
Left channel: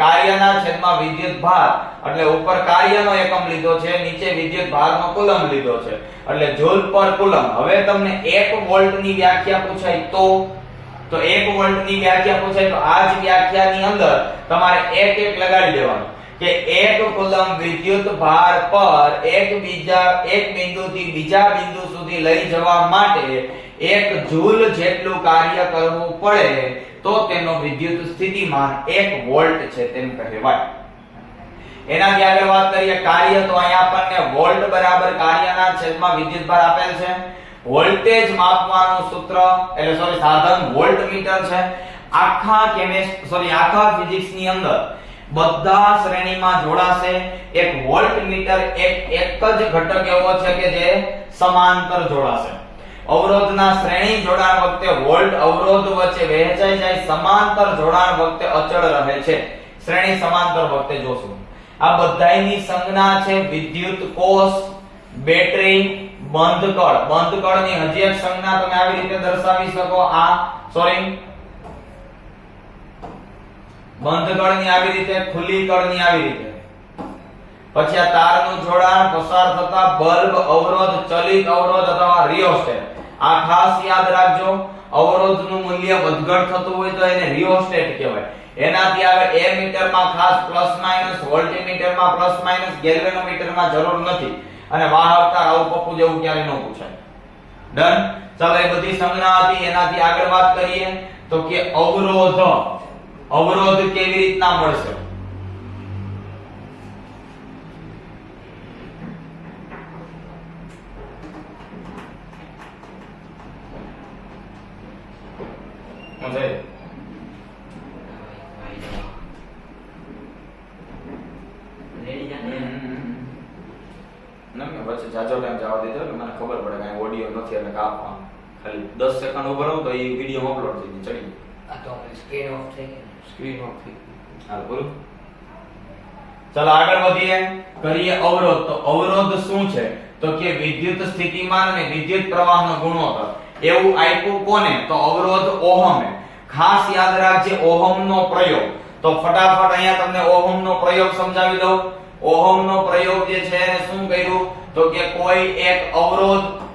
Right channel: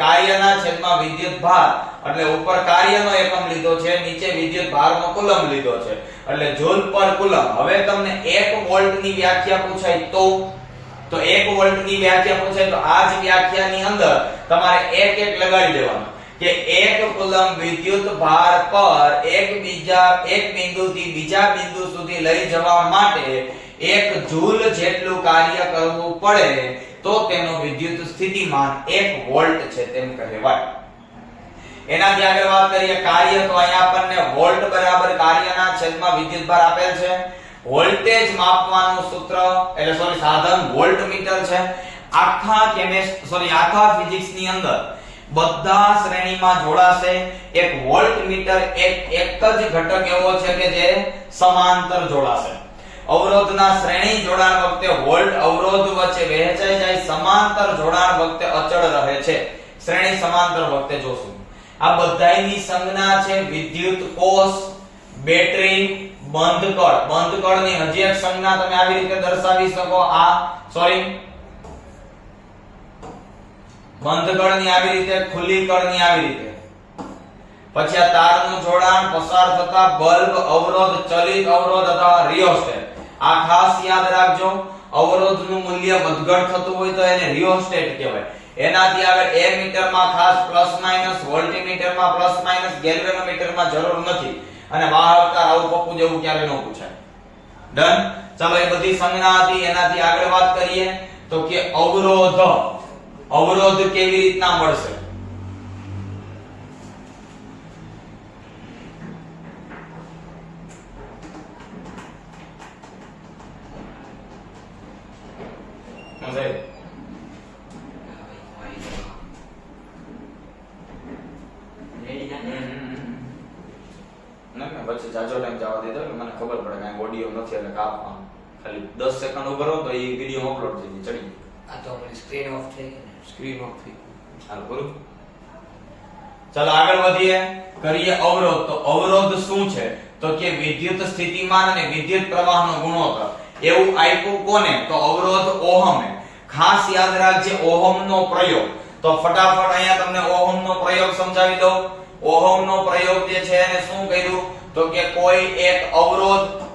કાર્યના છેદમાં વિદ્યુત ભાર એટલે ઉપર કાર્યનો એકમ લીધો છે, નીચે વિદ્યુત ભારનો કુલમ લીધો છે એટલે જૂલ પર કુલમ. હવે તમને 1 વોલ્ટની વ્યાખ્યા પૂછાય તો 1 વોલ્ટની વ્યાખ્યા પૂછાય તો આ જ વ્યાખ્યાની અંદર તમારે એક લગાડી દેવાનું કે 1 કુલમ વિદ્યુત ભાર પર એક બિંદુથી બીજા બિંદુ સુધી લઈ જવા માટે 1 જૂલ જેટલું કાર્ય કરવું પડે તો તેનો વિદ્યુત સ્થિતિમાન 1 વોલ્ટ છે તેમ કહેવાય. એનાથી આગળ વાત કરીએ કાર્ય. તો અહીંયા આપણને વોલ્ટ બરાબર કાર્યના છેદમાં વિદ્યુત ભાર આપેલ છે. વોલ્ટેજ માપવાનું સૂત્ર એટલે સાધન વોલ્ટમીટર છે. આખા ફિઝિક્સ ની અંદર બધા શ્રેણીમાં જોડાશે. એક વોલ્ટમીટર એક જ ઘટક એવો છે કે જે સમાંતર જોડાશે. અવરોધના શ્રેણી જોડાણ વખતે વોલ્ટ અવરોધ વચ્ચે વહેંચાઈ જાય, સમાંતર જોડાણ વખતે અચળ રહે છે. શ્રેણી સમાંતર વખતે જોશું. આ બધાયની સંજ્ઞા છે વિદ્યુત કોષ, બેટરી, બંધકળ. બંધકળની હજી એક સંજ્ઞા તમે આવી રીતે દર્શાવી શકો. બંધકળની આવી રીતે, ખુલ્લી કળની આવી રીતે. પછી આ તારનું જોડાણ, પસાર થતા બલ્બ, અવરોધ, ચલિત અવરોધ અથવા રિયોસ્ટેટ. આ ખાસ યાદ રાખજો. અવરોધનું મૂલ્ય વધઘટ થતું હોય તો એને રિયોસ્ટેટ કહેવાય. એનાથી આગળ એમીટરમાં ખાસ પ્લસ માઈનસ, વોલ્ટમીટરમાં પ્લસ માઈનસ, ગેલ્વેનોમીટરમાં જરૂર નથી અને વાહકતા આવું પપ્પુ જેવું ક્યારે ન પૂછાય. ડન? ચાલો એ બધી સંજ્ઞા હતી. એનાથી આગળ વાત કરીએ તો કે અવરોધ કેવી રીતના મળશે? ખબર પડે કે ઓડિયો નથી એટલે કાપવાનું. ખાલી 10 સેકન્ડ ઉભો રહો તો એ વિડિયો અપલોડ થઈ જાય ચડી. આ તો આપણી સ્ક્રીન ઓફ થઈ ગઈ ને. સ્ક્રીન ઓફ થઈ ગઈ. હાલ પૂરું. ચાલો આગળ વધીએ. કરીએ અવરોધ. તો અવરોધ શું છે? તો કે વિદ્યુત સ્થિતિમાન અને વિદ્યુત પ્રવાહનો ગુણોત્તર. એવું આપ્યું કોને? તો અવરોધ ઓહમે. ખાસ યાદ રાખજે ઓહમનો પ્રયોગ. તો ફટાફટ અહીંયા તમને ઓહમનો પ્રયોગ સમજાવી દઉં. ઓહમનો પ્રયોગ જે છે એને શું કર્યું? તો કે કોઈ એક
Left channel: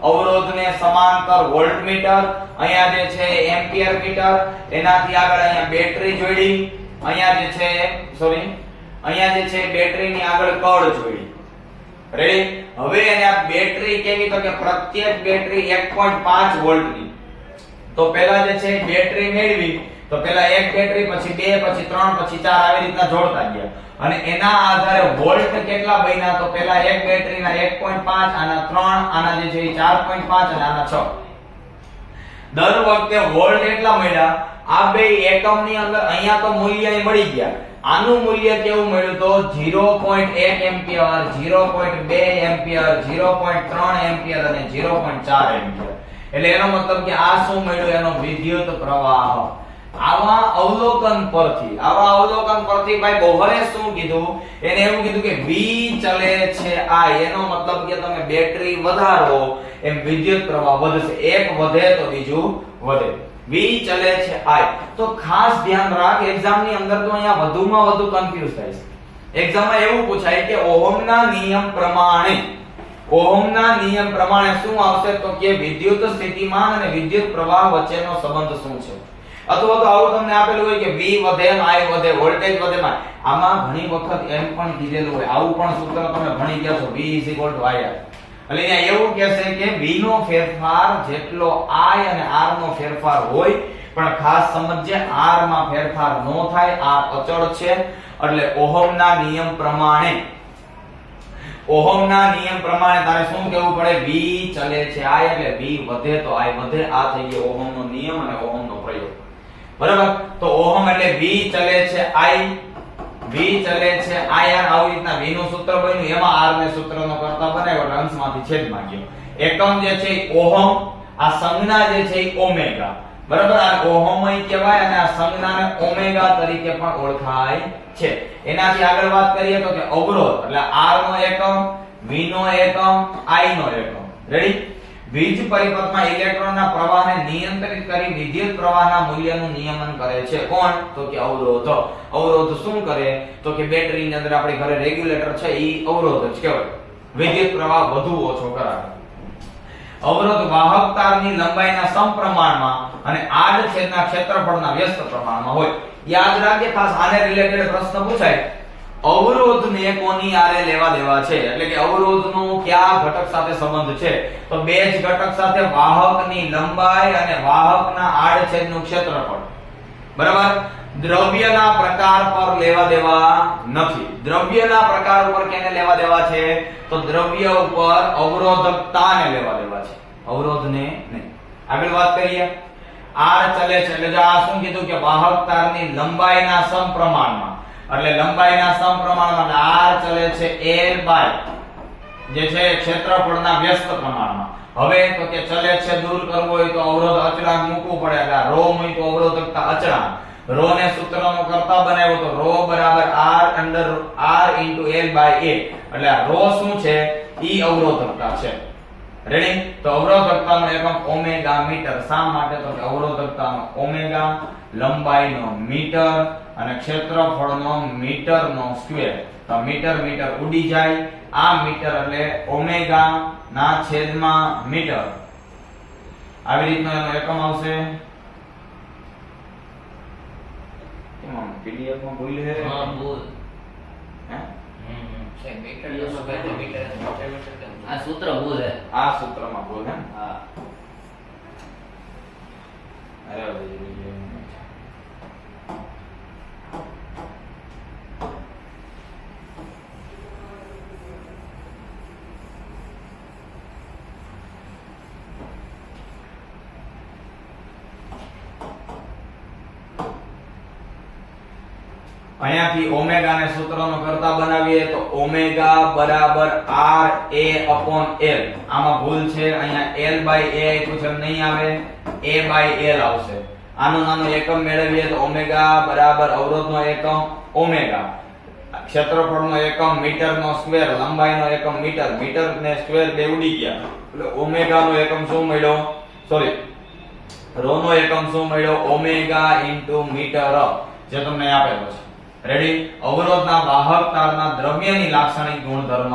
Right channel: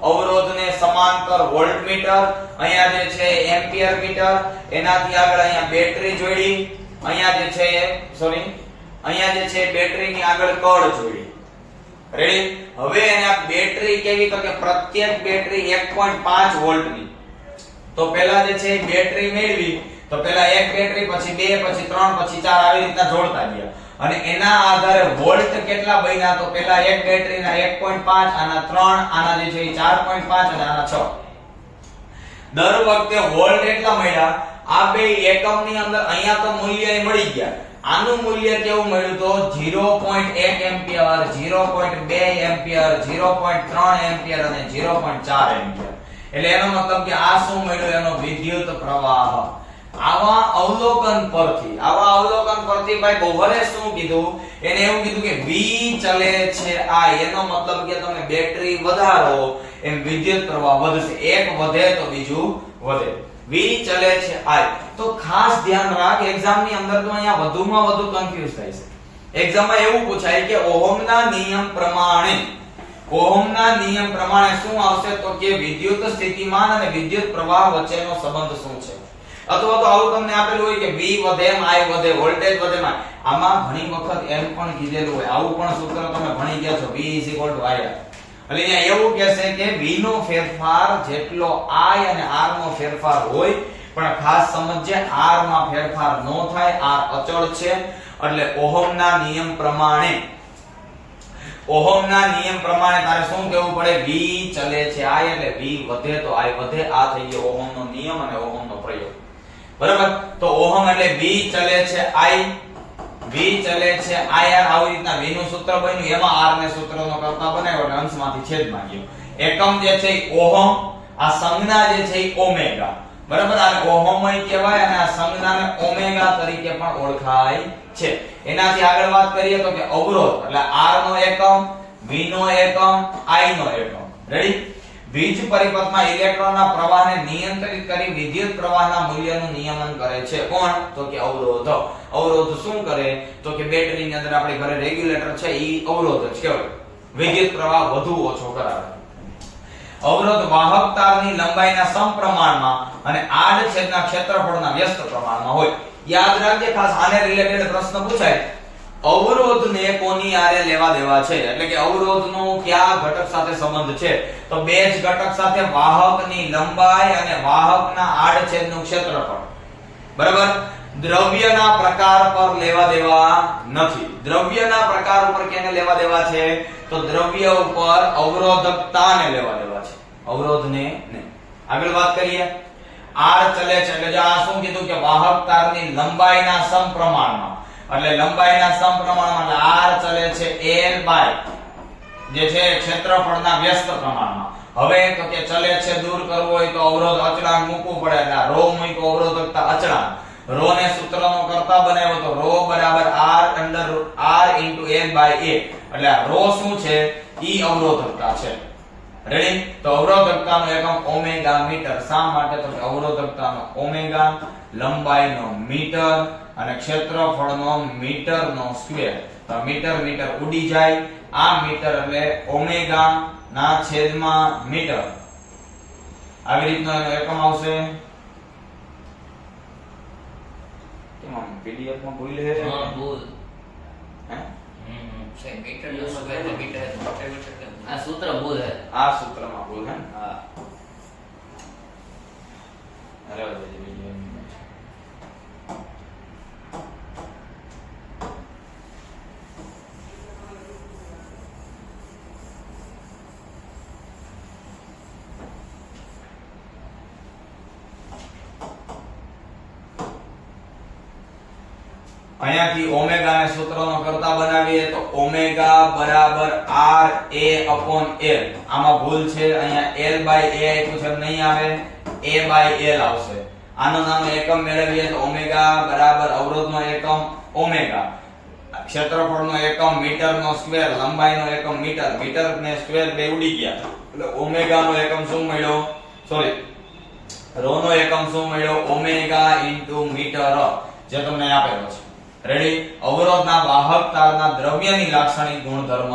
અવરોધને સમાંતર વોલ્ટમીટર, અહીંયા જે છે એમ્પિયર મીટર, એનાથી આગળ અહીંયા બેટરી જોડી, અહીંયા જે છે અહીંયા જે છે બેટરીની આગળ કળ જોડી. રેડી? હવે એને આ બેટરી કેવી? તો કે પ્રત્યેક બેટરી 1.5 વોલ્ટની. તો પહેલા જે છે બેટરી મેળવી, તો પહેલા એક બેટરી, પછી 2, પછી 3, પછી 4 આવી રીતના જોડતા ગયા અને એના આધારે વોલ્ટ કેટલા બન્યા? તો પહેલા એક બેટરીના 1.5, આના 3, આના જે છે 4.5 અને આના 6. દર વખતે વોલ્ટ એટલા મળ્યા. આ બે એકમની અંદર અહીંયા તો મૂલ્ય મળી ગયા. આનું મૂલ્ય કેવું મળ્યું? તો 0.1 એમ્પિયર, 0.2 એમ્પિયર, 0.3 એમ્પિયર અને 0.4 એમ્પિયર. એટલે એનો મતલબ કે આ શું મળ્યું? એનો વિદ્યુત પ્રવાહ. આવા અવલોકન પરથી ભાઈ બોહરે શું કીધું? એને એવું કીધું કે V ચલે છે I. એનો મતલબ કે તમે બેટરી વધારો એમ વિદ્યુત પ્રવાહ વધશે. એક વધે તો બીજું વધે. V ચલે છે I. તો ખાસ ધ્યાન રાખ, એક્ઝામ ની અંદર તો અહીંયા વધુમાં વધુ કન્ફ્યુઝ થાય છે. એક્ઝામમાં એવું પૂછાય કે ઓહમના નિયમ પ્રમાણે શું આવશે? તો કે વિદ્યુત સ્થિતિમાન અને વિદ્યુત પ્રવાહ વચ્ચેનો સંબંધ શું છે? અથવા તો આવું તમને આપેલું હોય કે V વધે એમ I વધે, વોલ્ટેજ વધે એમ I. આમાં ઘણી વખત એમ પણ કીધેલું હોય, આવું પણ સૂત્ર તમે ભણી ગયા છો, V IR. એટલે અહીંયા એવું કહેશે કે V નો ફેરફાર જેટલો I અને R નો ફેરફાર હોય, પણ ખાસ સમજજે R માં ફેરફાર ન થાય. R અચળ છે. એટલે ઓહમના નિયમ પ્રમાણે તારે શું કહેવું પડે? V ચલે છે I એટલે V વધે તો I વધે. આ થઈ ગયો ઓહમનો નિયમ અને ઓહમનો પ્રયોગ. બરાબર? તો ઓહમ એટલે V ચલે છે I, આવી રીતના V નું સૂત્ર બન્યું, એમાં R ને સૂત્રનો કરતા બનાવ્યો એટલે અંશમાંથી છેદમાં ગયો. એકમ જે છે ઓહમ, આ સંજ્ઞા જે છે ઓમેગા. બરાબર? આ ઓહમય કહેવાય અને આ સંજ્ઞાને ઓમેગા તરીકે પણ ઓળખાય છે. એનાથી આગળ વાત કરીએ તો કે અવરોધ એટલે R નો એકમ, V નો એકમ, I નો એકમ. રેડી? વીજ પરિપથમાં ઇલેક્ટ્રોનના પ્રવાહને નિયંત્રિત કરી વિદ્યુત પ્રવાહના મૂલ્યનું નિયમન કરે છે. કોણ? તો કે અવરોધ. અવરોધ શું કરે? તો કે બેટરીની અંદર આપણી ઘરે રેગ્યુલેટર છે, ઈ અવરોધ જ કહેવાય. વિદ્યુત પ્રવાહ વધુ ઓછો કરાવે. અવરોધ વાહક તારની લંબાઈના સમપ્રમાણમાં અને આડછેદના ક્ષેત્રફળના વ્યસ્ત પ્રમાણમાં હોય. યાદ રાખજે, ખાસ આને રિલેટેડ પ્રશ્ન પૂછાય. અવરોધને કોની આરે લેવા દેવા છે? એટલે કે અવરોધનો કયા ઘટક સાથે સંબંધ છે? તો બે જ ઘટક સાથે, વાહકની લંબાઈ અને વાહકના આડછેદનું ક્ષેત્રફળ. બરાબર? દ્રવ્યના પ્રકાર પર લેવા દેવા નથી. દ્રવ્યના પ્રકાર ઉપર કેને લેવા દેવા છે? તો દ્રવ્ય ઉપર અવરોધકતાને લેવા દેવા છે, અવરોધને નહીં. આગળ વાત કરીએ. R ચલે છે એટલે આ શું કીધું કે વાહક તારની લંબાઈના સમપ્રમાણમાં. એટલે લંબાઈના સમપ્રમાણમાં R ચલે છે L બાય જે છે ક્ષેત્રફળના વ્યસ્ત પ્રમાણમાં. હવે તો કે ચલે છે દૂર કરવો હોય તો અવરોધ અચળાંક મૂકવું પડે. એટલે આ ρ મૂકી તો અવરોધકતા અચળાંક. ρ ને સૂત્રનો કરતા બનાવ્યો તો ρ બરાબર R under R into L by A. એટલે આ ρ શું છે? ઈ અવરોધકતા છે. રેડી? તો અવરોધકતાનો એકમ ઓમેગા મીટર. શા માટે? તો કે અવરોધકતાનો ઓમેગા, લંબાઈનો મીટર અને ક્ષેત્રફળનો મીટરનો સ્ક્વેર. તો મીટર ઉડી જાય. આ મીટર એટલે ઓમેગા ના છેદમાં મીટર. આવી રીતનો એનો એકમ આવશે. કેમ પીડીએફ માં ભૂલ હે? હા, ભૂલ. હે? છે મીટર નો સ્ક્વેર મીટર. આ સૂત્ર ભૂલ હે. આ સૂત્રમાં ભૂલ હે? હા. અહીંયાથી ઓમેગા ને સૂત્રનો કરતા બનાવીએ તો ઓમેગા બરાબર r a upon l. આમાં ભૂલ છે, અહીંયા l by a આપ્યું છે, એમ નહીં આવે, a by l આવશે. આનો નાનો એકમ મેળવીએ તો ઓમેગા બરાબર અવરોધનો એકમ ઓમેગા, ક્ષેત્રફળનો એકમ મીટરનો સ્ક્વેર, લંબાઈનો એકમ મીટર, મીટર ને સ્ક્વેર બે ઉડી ગયા એટલે ઓમેગાનો એકમ શું મળ્યો, સોરી રો નો એકમ શું મળ્યો, ઓમેગા ઇન્ટુ મીટર, જે તમને આપેલો છે. રેડી? અવરોધના વાહક તારના દ્રવ્યની લાક્ષણિક ગુણધર્મ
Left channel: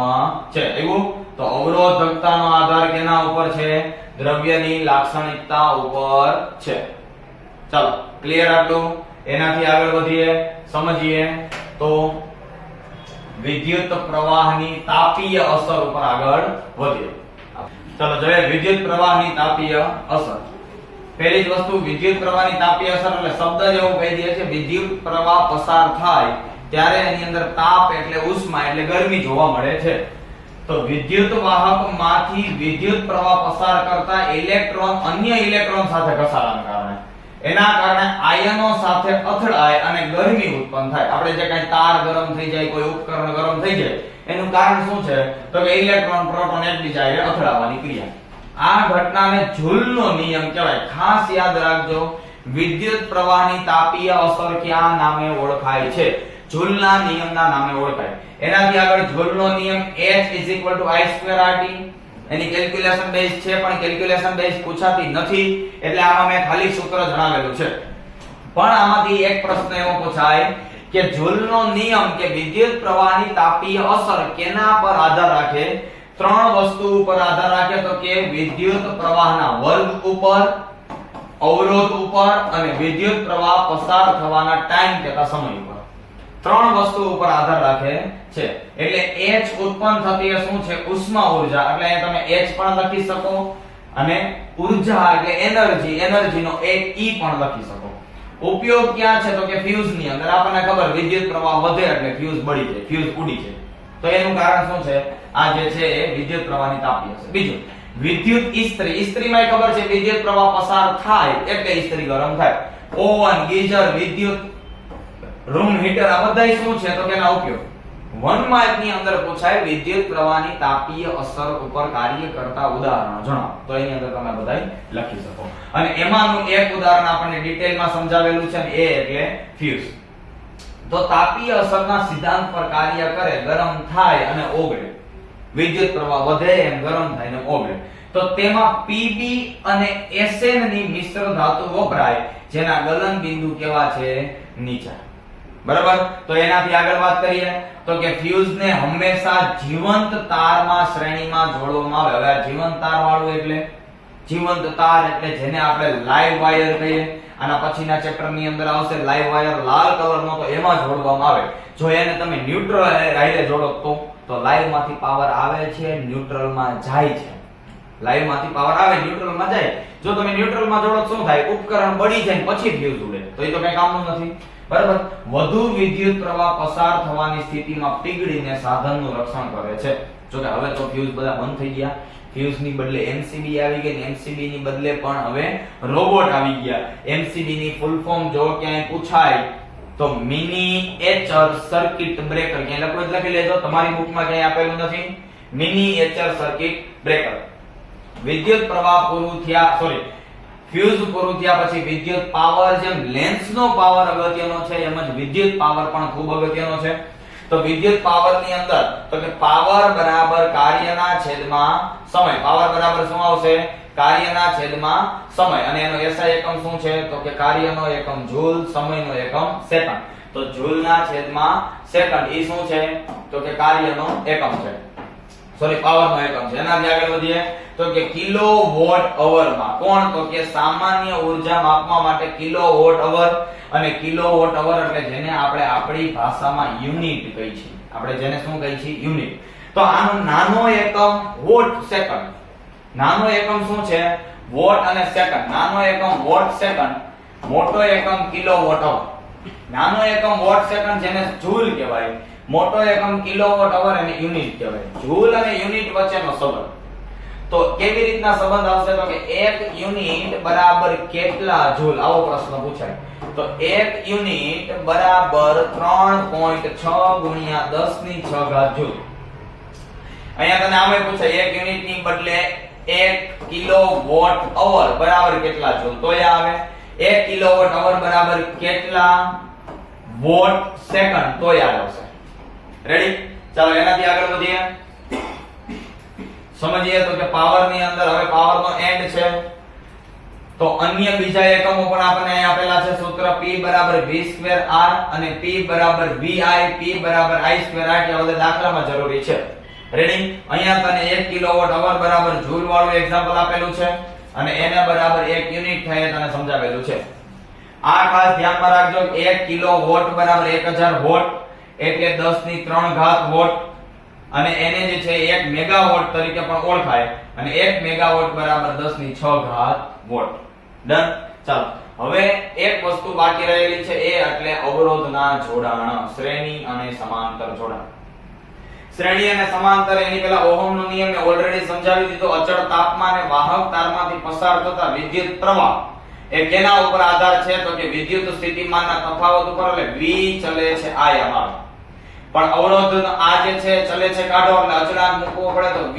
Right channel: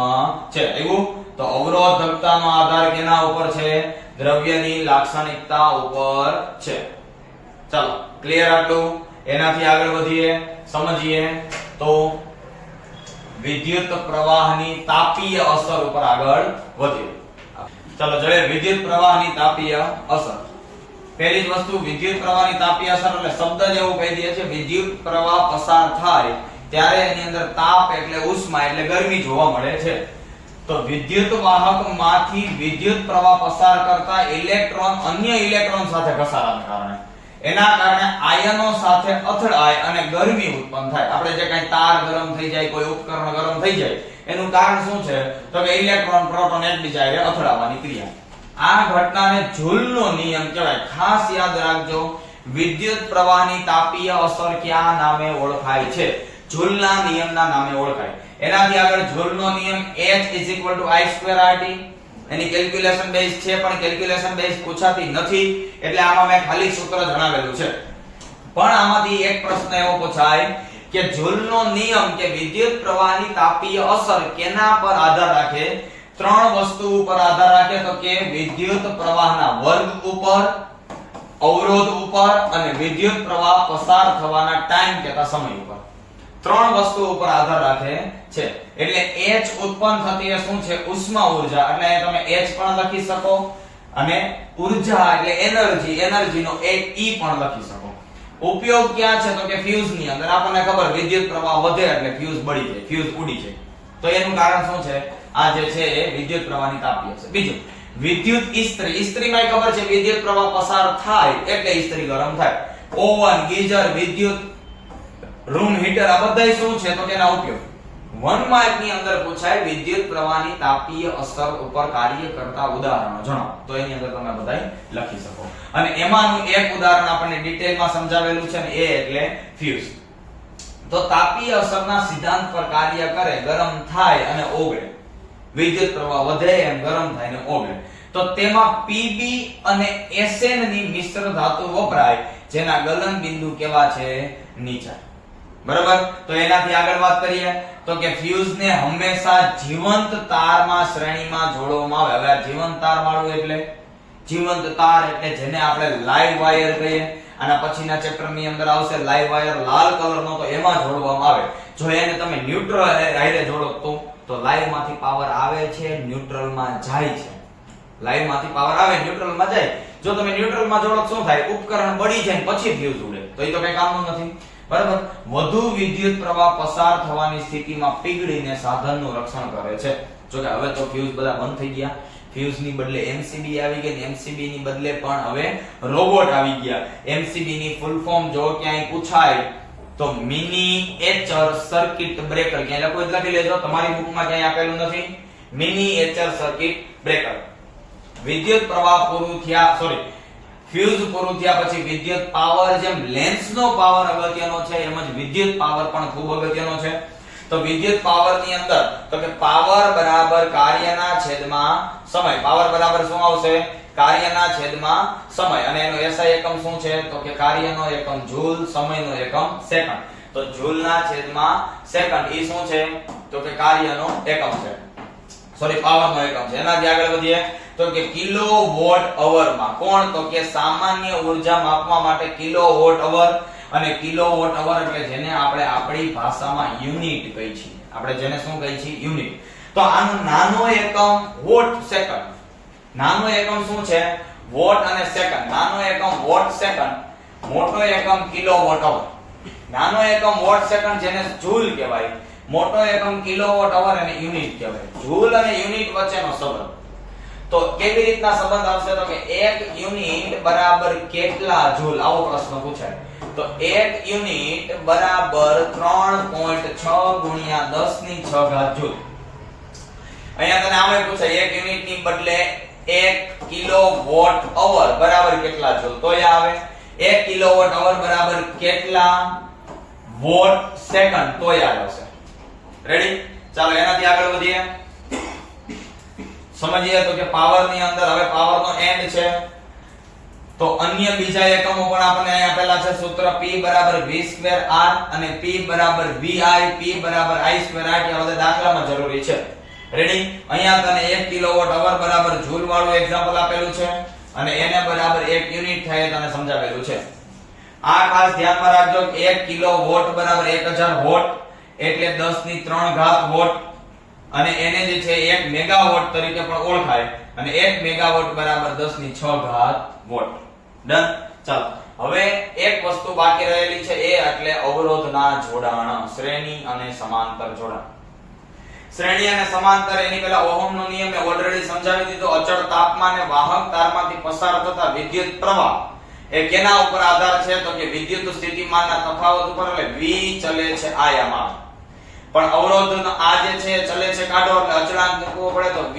છે. એવું તો અવરોધકતાનો આધાર કેના ઉપર છે? દ્રવ્યની લાક્ષણિકતા ઉપર છે. ચાલો ક્લિયર આટલું? એનાથી આગળ વધીએ, સમજીએ તો વિદ્યુત પ્રવાહની તાપીય અસર ઉપર આગળ વધીએ. ચાલો જોઈએ વિદ્યુત પ્રવાહની તાપીય અસર. પહેલી જ વસ્તુ વિદ્યુત પ્રવાહની તાપીય અસર એટલે શબ્દ જ એવું કહી દે છે, વિદ્યુત પ્રવાહ પસાર થાય ત્યારે એની અંદર તાપ એટલે ઉષ્મા એટલે ગરમી જોવા મળે છે. તો વિદ્યુત વાહકમાંથી વિદ્યુત પ્રવાહ પસાર કરતા ઇલેક્ટ્રોન અન્ય ઇલેક્ટ્રોન સાથે ઘસારાને કારણે, એના કારણે આયનો સાથે અથડાય અને ગરમી ઉત્પન્ન થાય. આપણે જે કાંઈ તાર ગરમ થઈ જાય, કોઈ ઉપકરણ ગરમ થઈ જાય, એનું કારણ શું છે? તો કે ઇલેક્ટ્રોન પ્રોટોન એકબીજા સાથે અથડાવાની ક્રિયા. આ ઘટનાને જૂલનો નિયમ કહેવાય. ખાસ યાદ રાખજો, વિદ્યુત પ્રવાહની તાપીય અસર કયા નામે ઓળખાય છે? જૂલના નિયમના નામે ઓળખાય. એનાથી આગળ જૂલનો નિયમ H I2RT. એની કેલ્ક્યુલેશન બેઝ છે, પણ કેલ્ક્યુલેશન બેઝ પૂછાતી નથી એટલે આમાં મેં ખાલી સૂત્ર જણાવેલું છે. પણ આમાંથી એક પ્રશ્ન એવો પૂછાય કે જૂલનો નિયમ કે વિદ્યુત પ્રવાહની તાપીય અસર કેના પર આધાર રાખે? ત્રણ વસ્તુ ઉપર આધાર રાખે, તો કે વિદ્યુત પ્રવાહના વર્ગ ઉપર, અવરોધ ઉપર અને વિદ્યુત પ્રવાહ પસાર થવાના ટાઈમ કહેતા સમય ઉપર. ત્રણ વસ્તુ ઉપર આધાર રાખે છે. એટલે H ઉત્પન્ન થતી એ શું છે? ઉષ્મા ઊર્જા. એટલે અહીંયા તમે H પણ લખી શકો અને ઊર્જા એટલે એનર્જી, એનર્જીનો એક E પણ લખી શકો. ઉપયોગ ક્યાં છે? તો કે ફ્યુઝ ની અંદર. આપણને ખબર વિદ્યુત પ્રવાહ વધે એટલે ફ્યુઝ બળી જાય, ફ્યુઝ ઉડી જાય. તો એનું કારણ શું છે? આ જે છે એ વિદ્યુત પ્રવાહની તાપીય છે. બીજું વિદ્યુત ઇસ્ત્રી. ઇસ્ત્રીમાં ખબર છે વિદ્યુત પ્રવાહ પસાર થાય એટલે ઇસ્ત્રી ગરમ થાય. ઓવન, ગીઝર, વિદ્યુત રૂમ હીટર આ બધાય શું છે? તો કે એના ઉપયોગ. 1 માર્ક ની અંદર પૂછાય વિદ્યુત પ્રવાહની તાપીય અસર ઉપર કાર્ય કરતા ઉદાહરણો જણાવો. તો એની અંદર તમે બધાય લખી શકો. અને એમાંનું એક ઉદાહરણ આપણને ડિટેલમાં સમજાવેલું છે ને, એ એટલે ફ્યુઝ. તો તાપીય અસરના સિદ્ધાંત પર કાર્ય કરે, ગરમ થાય અને ઓગળે. વિદ્યુત પ્રવાહ વધે એમ ગરમ થાય ને ઓગળે. તો તેમાં Pb અને Sn ની મિશ્ર ધાતુ વપરાય, જેના ગલન બિંદુ કેવા છે? નીચા. બરાબર? તો એનાથી આગળ વાત કરીએ તો કે ફ્યુઝ ને હંમેશા જીવંત તારમાં શ્રેણીમાં જોડવામાં આવે. હવે આ જીવંત તાર વાળું એટલે જીવંત તાર એટલે જેને આપણે લાઈવ વાયર કહીએ. આના પછીના ચેપ્ટર ની અંદર આવશે લાઈવ વાયર લાલ કલરનો, તો એમાં જોડવામાં આવે. જો એને તમે ન્યુટ્રલ હારે જોડો તો લાઈવ માંથી પાવર આવે છે, ન્યુટ્રલ માં જાય છે. લાઈવ માંથી પાવર આવે, ન્યુટ્રલ માં જાય. જો તમે ન્યુટ્રલ માં જોડો શું થાય? ઉપકરણ બળી જાય પછી ફ્યુઝ ઉડે. તો એ તો કઈ કામનું નથી. બરાબર? વધુ વિદ્યુત પ્રવાહ પસાર થવાની સ્થિતિમાં પીગળીને સાધનનું રક્ષણ કરે છે. જો કે હવે તો ફ્યુઝ બધા બંધ થઈ ગયા. ફ્યુઝ ની બદલે MCB આવી ગઈ, ને MCB ની બદલે પણ હવે રોબોટ આવી ગયા. MCB ની ફૂલ ફોર્મ જો ક્યાંય પૂછાય તો મિનિએચર સર્કિટ બ્રેકર. ક્યાંય લખો એટલે લખી લેજો, તમારી બુકમાં ક્યાંય આપેલું નથી. Miniature circuit breaker. વિદ્યુત પ્રવાહ પૂરું થયા, સોરી ફ્યુઝ પૂરું થયા પછી વિદ્યુત પાવર, જેમ લેન્સનો પાવર અગત્યનો છે એમ જ વિદ્યુત પાવર પણ ખૂબ અગત્યનો છે. તો વિદ્યુત પાવર ની અંદર તો કે પાવર બરાબર કાર્યના છેદમાં સમય. પાવર બરાબર શું આવશે? કાર્યના છેદમાં સમય. અને એનો SI એકમ શું છે? તો કે કાર્યનો એકમ જૂલ, સમયનો એકમ સેકન્ડ. તો જૂલના છેદમાં સેકન્ડ ઈ શું છે? તો કે કાર્યનો એકમ છે, સોરી પાવરનો એકમ છે. એનાથી આગળ વધીએ તો કે કિલોવોટ અવરમાં. કોણ? તો કે સામાન્ય ઊર્જા માપવા માટે કિલોવોટ અવર. અને કિલોવોટ અવર એટલે જેને આપણે આપણી ભાષામાં યુનિટ કહી છીએ. આપણે જેને શું કહી છીએ? યુનિટ. તો આનો નાનો એકમ વોટ સેકન્ડ. નાનો એકમ શું છે? વોટ અને સેકન્ડ. નાનો એકમ વોટ સેકન્ડ, મોટો એકમ કિલોવોટ અવર. નાનો એકમ વોટ સેકન્ડ જેને જૂલ કહેવાય, મોટો એકમ કિલોવોટ અવર અને યુનિટ કહેવાય. જૂલ અને યુનિટ વચ્ચેનો સંબંધ. તો કેવી રીતના સંબંધ આવશે? તો કે 1 યુનિટ બરાબર કેટલા જૂલ? આવો પ્રશ્ન પૂછાય. તો 1 યુનિટ બરાબર 3.6 ગુણ્યા 10 ની 6 ઘાત જૂલ. અહીંયા તને આમે પૂછાય 1 યુનિટ ની બદલે 1 કિલોવોટ અવર બરાબર કેટલા જૂલ, તો એ આવે 1 કિલોવોટ અવર બરાબર કેટલા વોટ સેકન્ડ, તો યાદ આવશે. રેડી? ચાલો એનાથી આગળ વધીએ. સમજીએ તો કે પાવર ની અંદર હવે પાવર નો એન્ડ છે તો અન્ય બીજા એકમો પણ આપણને અહીં આપેલા છે. સૂત્ર P બરાબર v2r અને P બરાબર vi, P બરાબર i2r. આ બધા દાખલામાં જરૂરી છે. રેડી? અહીંયા તને 1 કિલોવોટ અવર બરાબર જૂલ વાળું એક્ઝામ્પલ આપેલું છે અને એને બરાબર 1 યુનિટ થાય તને સમજાવેલું છે. આ ખાસ ધ્યાનમાં રાખજો 1 કિલોવોટ બરાબર 1000 વોટ એટલે 10 ની 3 ઘાત વોટ અને એને જે છે 1 મેગાવોટ તરીકે પણ ઓળખાય અને 1 મેગાવોટ બરાબર 10 ની 6 ઘાત વોટ. ડન? ચાલો હવે એક વસ્તુ બાકી રહેલી છે એ એટલે અવરોધના જોડાણ, શ્રેણી અને સમાંતર જોડાણ. શ્રેણી અને સમાંતર એની પહેલા ઓહમનો નિયમ મેં ઓલરેડી સમજાવી દીધો. અચળ તાપમાને વાહક તારમાંથી પસાર થતા વિદ્યુત પ્રવાહ એ કેના ઉપર આધાર છે તો કે વિદ્યુત સ્થિતિમાનના તફાવત ઉપર, એટલે V ચલે છે આયામાં. પણ અવરોધનો આ જે છે ચલે છે કાઢો એટલે અચળાંક મૂકવો પડે તો V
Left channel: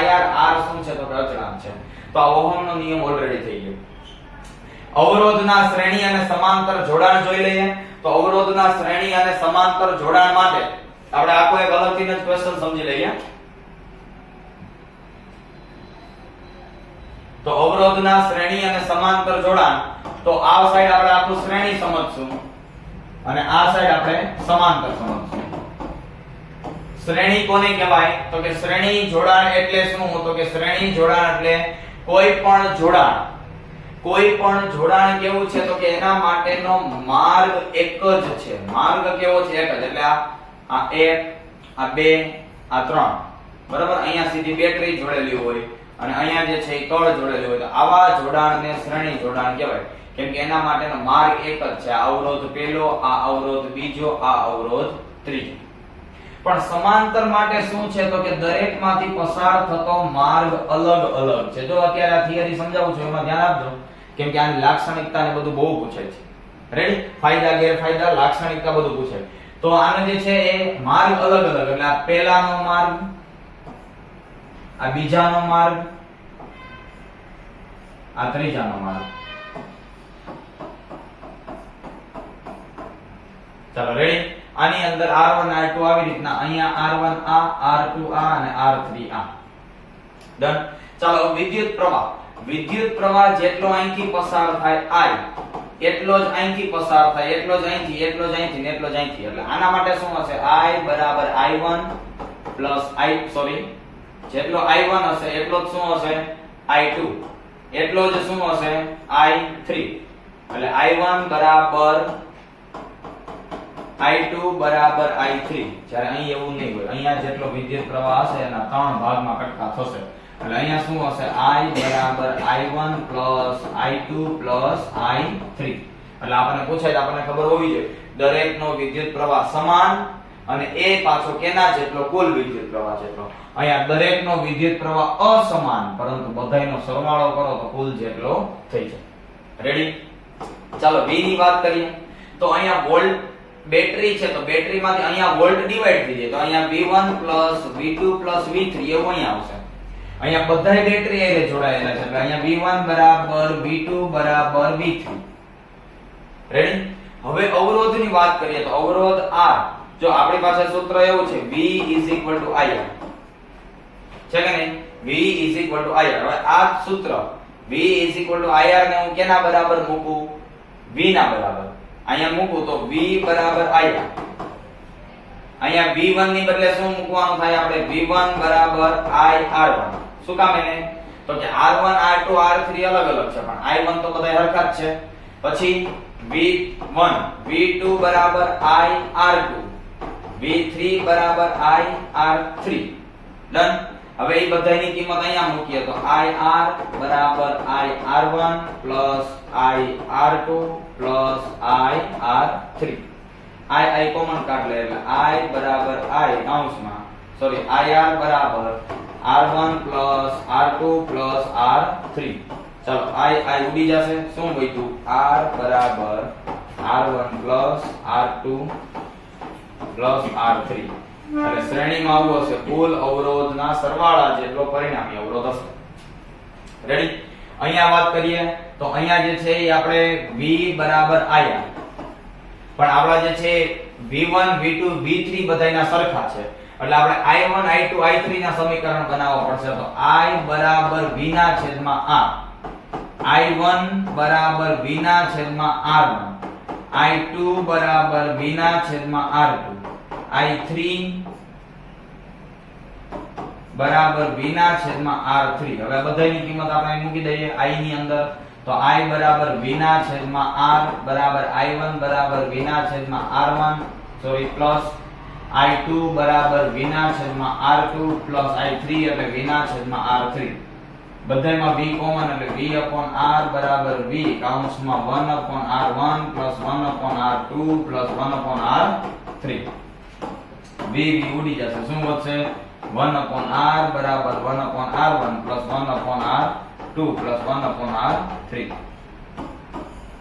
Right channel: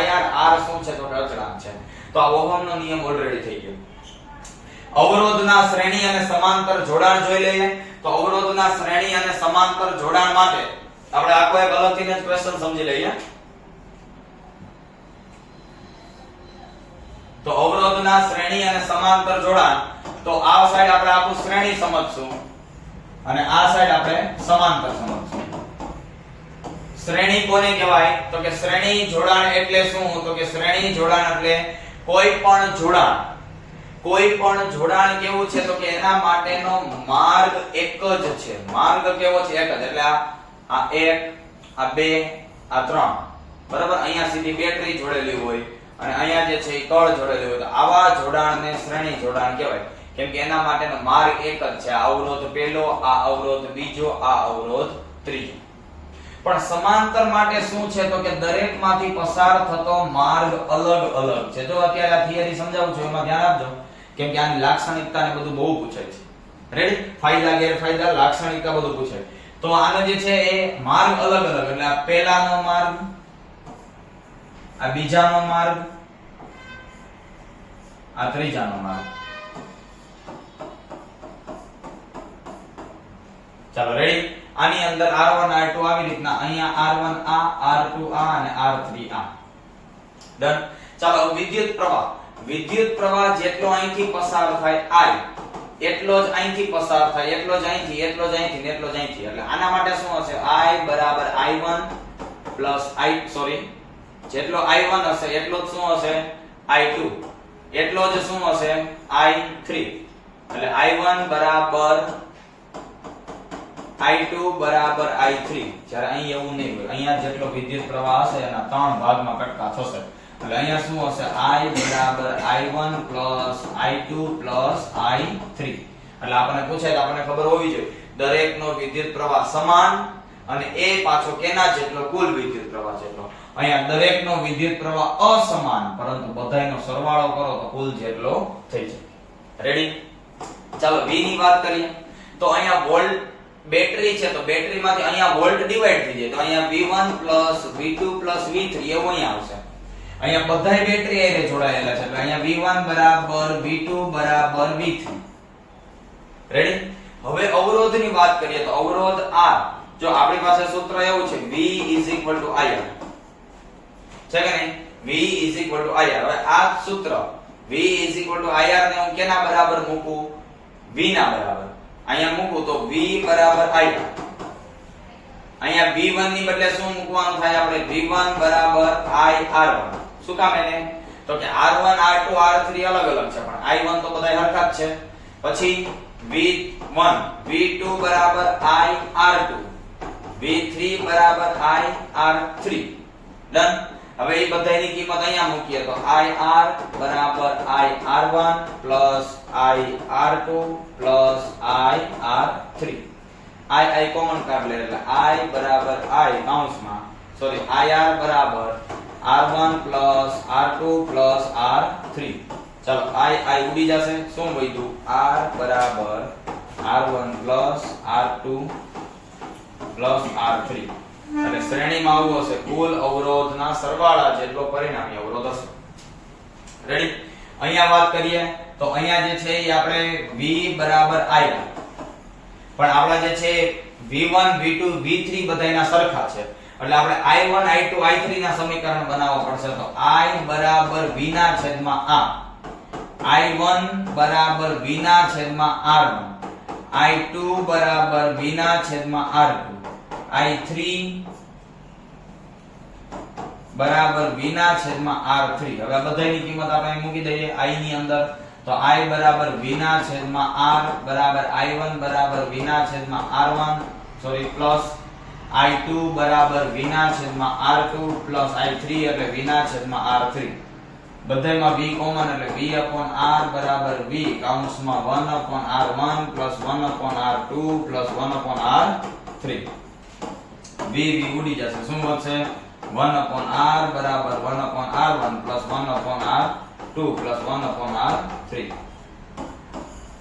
IR. R શું છે તો કે અચળાંક છે. તો આ ઓહમનો નિયમ ઓલરેડી થઈ ગયો. અવરોધના શ્રેણી અને સમાંતર જોડાણ જોઈ લઈએ. તો અવરોધના શ્રેણી અને સમાંતર જોડાણ માટે આપણે આખો એક અલગથી જ ક્વેશ્ચન સમજી લઈએ. તો અવરોધના શ્રેણી અને સમાંતર જોડાણ, તો આ સાઈડ આપણે આખું શ્રેણી સમજશું અને આ સાઈડ આપણે સમાંતર સમજશું. શ્રેણી કોને કહેવાય તો કે શ્રેણી જોડાણ એટલે શું તો કે શ્રેણી જોડાણ એટલે કોઈ પણ જોડાણ કેવું છે તો કે એના માટેનો માર્ગ એક જ છે. માર્ગ કેવો છે? એક જ. એટલે આ 1 આ 2 આ 3 બરાબર. અહીંયા સીધી બેટરી જોડેલી હોય અને અહીંયા જે છે એ કળ જોડેલી હોય તો આવા જોડાણને શ્રેણી જોડાણ કહેવાય. કેમ કે એના માટેનો માર્ગ એક જ છે. આ અવરોધ પહેલો, આ અવરોધ બીજો, આ અવરોધ ત્રીજો. પણ સમાંતર માટે શું છે તો કે દરેકમાંથી પસાર થતો માર્ગ અલગ અલગ છે. જો અત્યારે આ થિયરી સમજાવું છું એમાં ધ્યાન આપજો કેમ કે આની લાક્ષણિકતા ને બધું બહુ પૂછાય છે. રેડી? ફાયદા ગેરફાયદા લાક્ષણિકતા બધું પૂછાય. તો આનો જે છે એ માર્ગ અલગ અલગ, એટલે આ પહેલાનો માર્ગ, આ બીજાનો માર્ગ, આ ત્રીજાનો માર્ગ. ચાલો રેડી? આની અંદર R1 R2 આવી રીતના અહીંયા R1 આ, R2 આ અને R3 આ. ડન? ચાલો વિદ્યુત પ્રવાહ જેટલો અહીંથી પસાર થાય I એટલો જ અહીંથી પસાર થાય, એટલો જ અહીંથી, એટલો જ અહીંથી ને એટલો જ અહીંથી. એટલે આના માટે શું હશે? I બરાબર I1 પ્લસ જેટલો I1 હશે એટલો જ શું હશે? I2 એટલો જ શું હશે? I3. એટલે I1 બરાબર I2 બરાબર I3. જ્યારે અહીં એવું નહીં હોય. અહીંયા જેટલો વિદ્યુત પ્રવાહ હશે એના 3 ભાગમાં કટકા થશે. એટલે અહીંયા શું હશે? I બરાબર I1 plus I2 plus I3. એટલે આપણને પૂછાય તો આપણને ખબર હોવી જોઈએ દરેકનો વિદ્યુત પ્રવાહ સમાન અને એ પાછો કેના જેટલો? કુલ વિદ્યુત પ્રવાહ જેટલો. અહીંયા દરેકનો વિદ્યુત પ્રવાહ અસમાન પરંતુ બધાયનો સરવાળો કરો તો કુલ જેટલો થઈ જાય. રેડી? ચાલો V ની વાત કરીએ. તો અહીંયા વોલ્ટ બેટરી છે તો બેટરીમાંથી અહીંયા વોલ્ટ ડિવાઈડ થઈ જાય તો અહીંયા V1 V2 V3 એવું અહીંયા આવશે. અહીંયા બધાય બેટરી એને જોડાયેલા છે એટલે અહીંયા V1 બરાબર V2 બરાબર V3. રેડી? હવે અવરોધની વાત કરીએ તો અવરોધ R, જો આપણી પાસે સૂત્ર એવું છે V IR છે કે નહીં? V IR. હવે આ સૂત્ર V IR ને હું કેના બરાબર મૂકું? V ના બરાબર. અહીંયા મૂકું તો V બરાબર IR. અહીંયા V1 ની બદલે શું મૂકવાનું થાય? આપણે V1 બરાબર IR1. શું કામ એને? તો કે R1 R2 R3 અલગ અલગ છે પણ I1 તો બધા સરખા જ છે. પછી V1 V2 બરાબર IR2 V3 બરાબર IR3. ડન? હવે એ બધાની કિંમત અહીંયા મૂકીએ તો IR બરાબર IR1 plus IR2 plus IR3. I common કાઢ લે એટલે I બરાબર I કૌંસમાં IR બરાબર R1 plus R2 plus R3. ચાલો I ઉડી જશે, શું વધ્યું? R બરાબર R1 plus R2 plus R3. એટલે શ્રેણીમાં આવું હશે, કુલ અવરોધના સરવાળા જેટલો પરિણામી અવરોધ હશે. રેડી? અહીંયા વાત કરીએ તો અહીંયા જે છે એ આપણે V બરાબર I, પણ આપણા જે છે V1 V2 V3 બધાયના સરખા છે, એટલે આપણે I1 I2 I3 ના સમીકરણ બનાવવા પડશે. તો I બરાબર V ના છેદમાં R, I1 બરાબર V ના છેદમાં R1, I2 બરાબર V ના છેદમાં R2, I3 બરાબર V ના છેદમાં R3. હવે આ બધાની કિંમત આપણે મૂકી દઈએ I ની અંદર. તો I બરાબર V ના છેદમાં R બરાબર I1 બરાબર V ના છેદમાં R1 પ્લસ I2 બરાબર V ના છેદમાં R2 પ્લસ I3 એટલે V ના છેદમાં R3. બધાયમાં V કોમન એટલે V upon R બરાબર V કૌંસમાં 1 upon R1 plus 1 upon R2 plus 1 upon R3. V ઉડી જશે, શું વધશે? 1 upon R બરાબર 1 upon R1 plus 1 upon R2 plus 1 upon R3.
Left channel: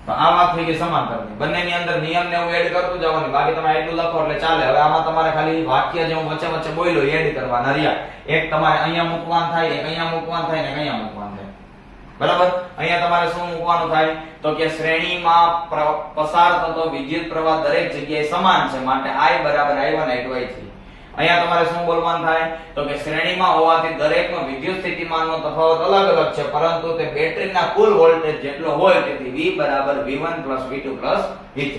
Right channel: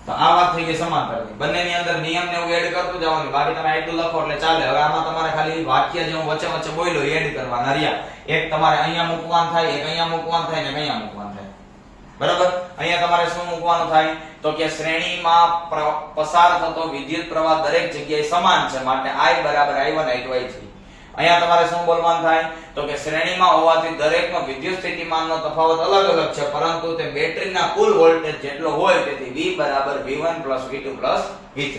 તો આ વાત થઈ ગઈ સમાંતરની. બંનેની અંદર નિયમને એવું એડ કરતું જવાનું, બાકી તમે આટલું લખો એટલે ચાલે. હવે આમાં તમારે ખાલી વાક્ય જે હું વચ્ચે વચ્ચે બોલ્યો એડ કરવાના રહ્યા. એક તમારે અહીંયા મૂકવાનું થાય, એક અહીંયા મૂકવાનું થાય ને અહીંયા મૂકવાનું થાય. બરાબર? અહીંયા તમારે શું મૂકવાનું થાય? તો કે શ્રેણીમાં પસાર થતો વિદ્યુત પ્રવાહ દરેક જગ્યાએ સમાન છે, માટે I બરાબર I1 I2 I3. અહીંયા તમારે શું બોલવાનું થાય? તો કે શ્રેણીમાં હોવાથી દરેકનો વિદ્યુત સ્થિતિમાનનો તફાવત અલગ અલગ છે, પરંતુ તે બેટરીના કુલ વોલ્ટેજ જેટલો હોય તેથી V બરાબર V1 V2 V3.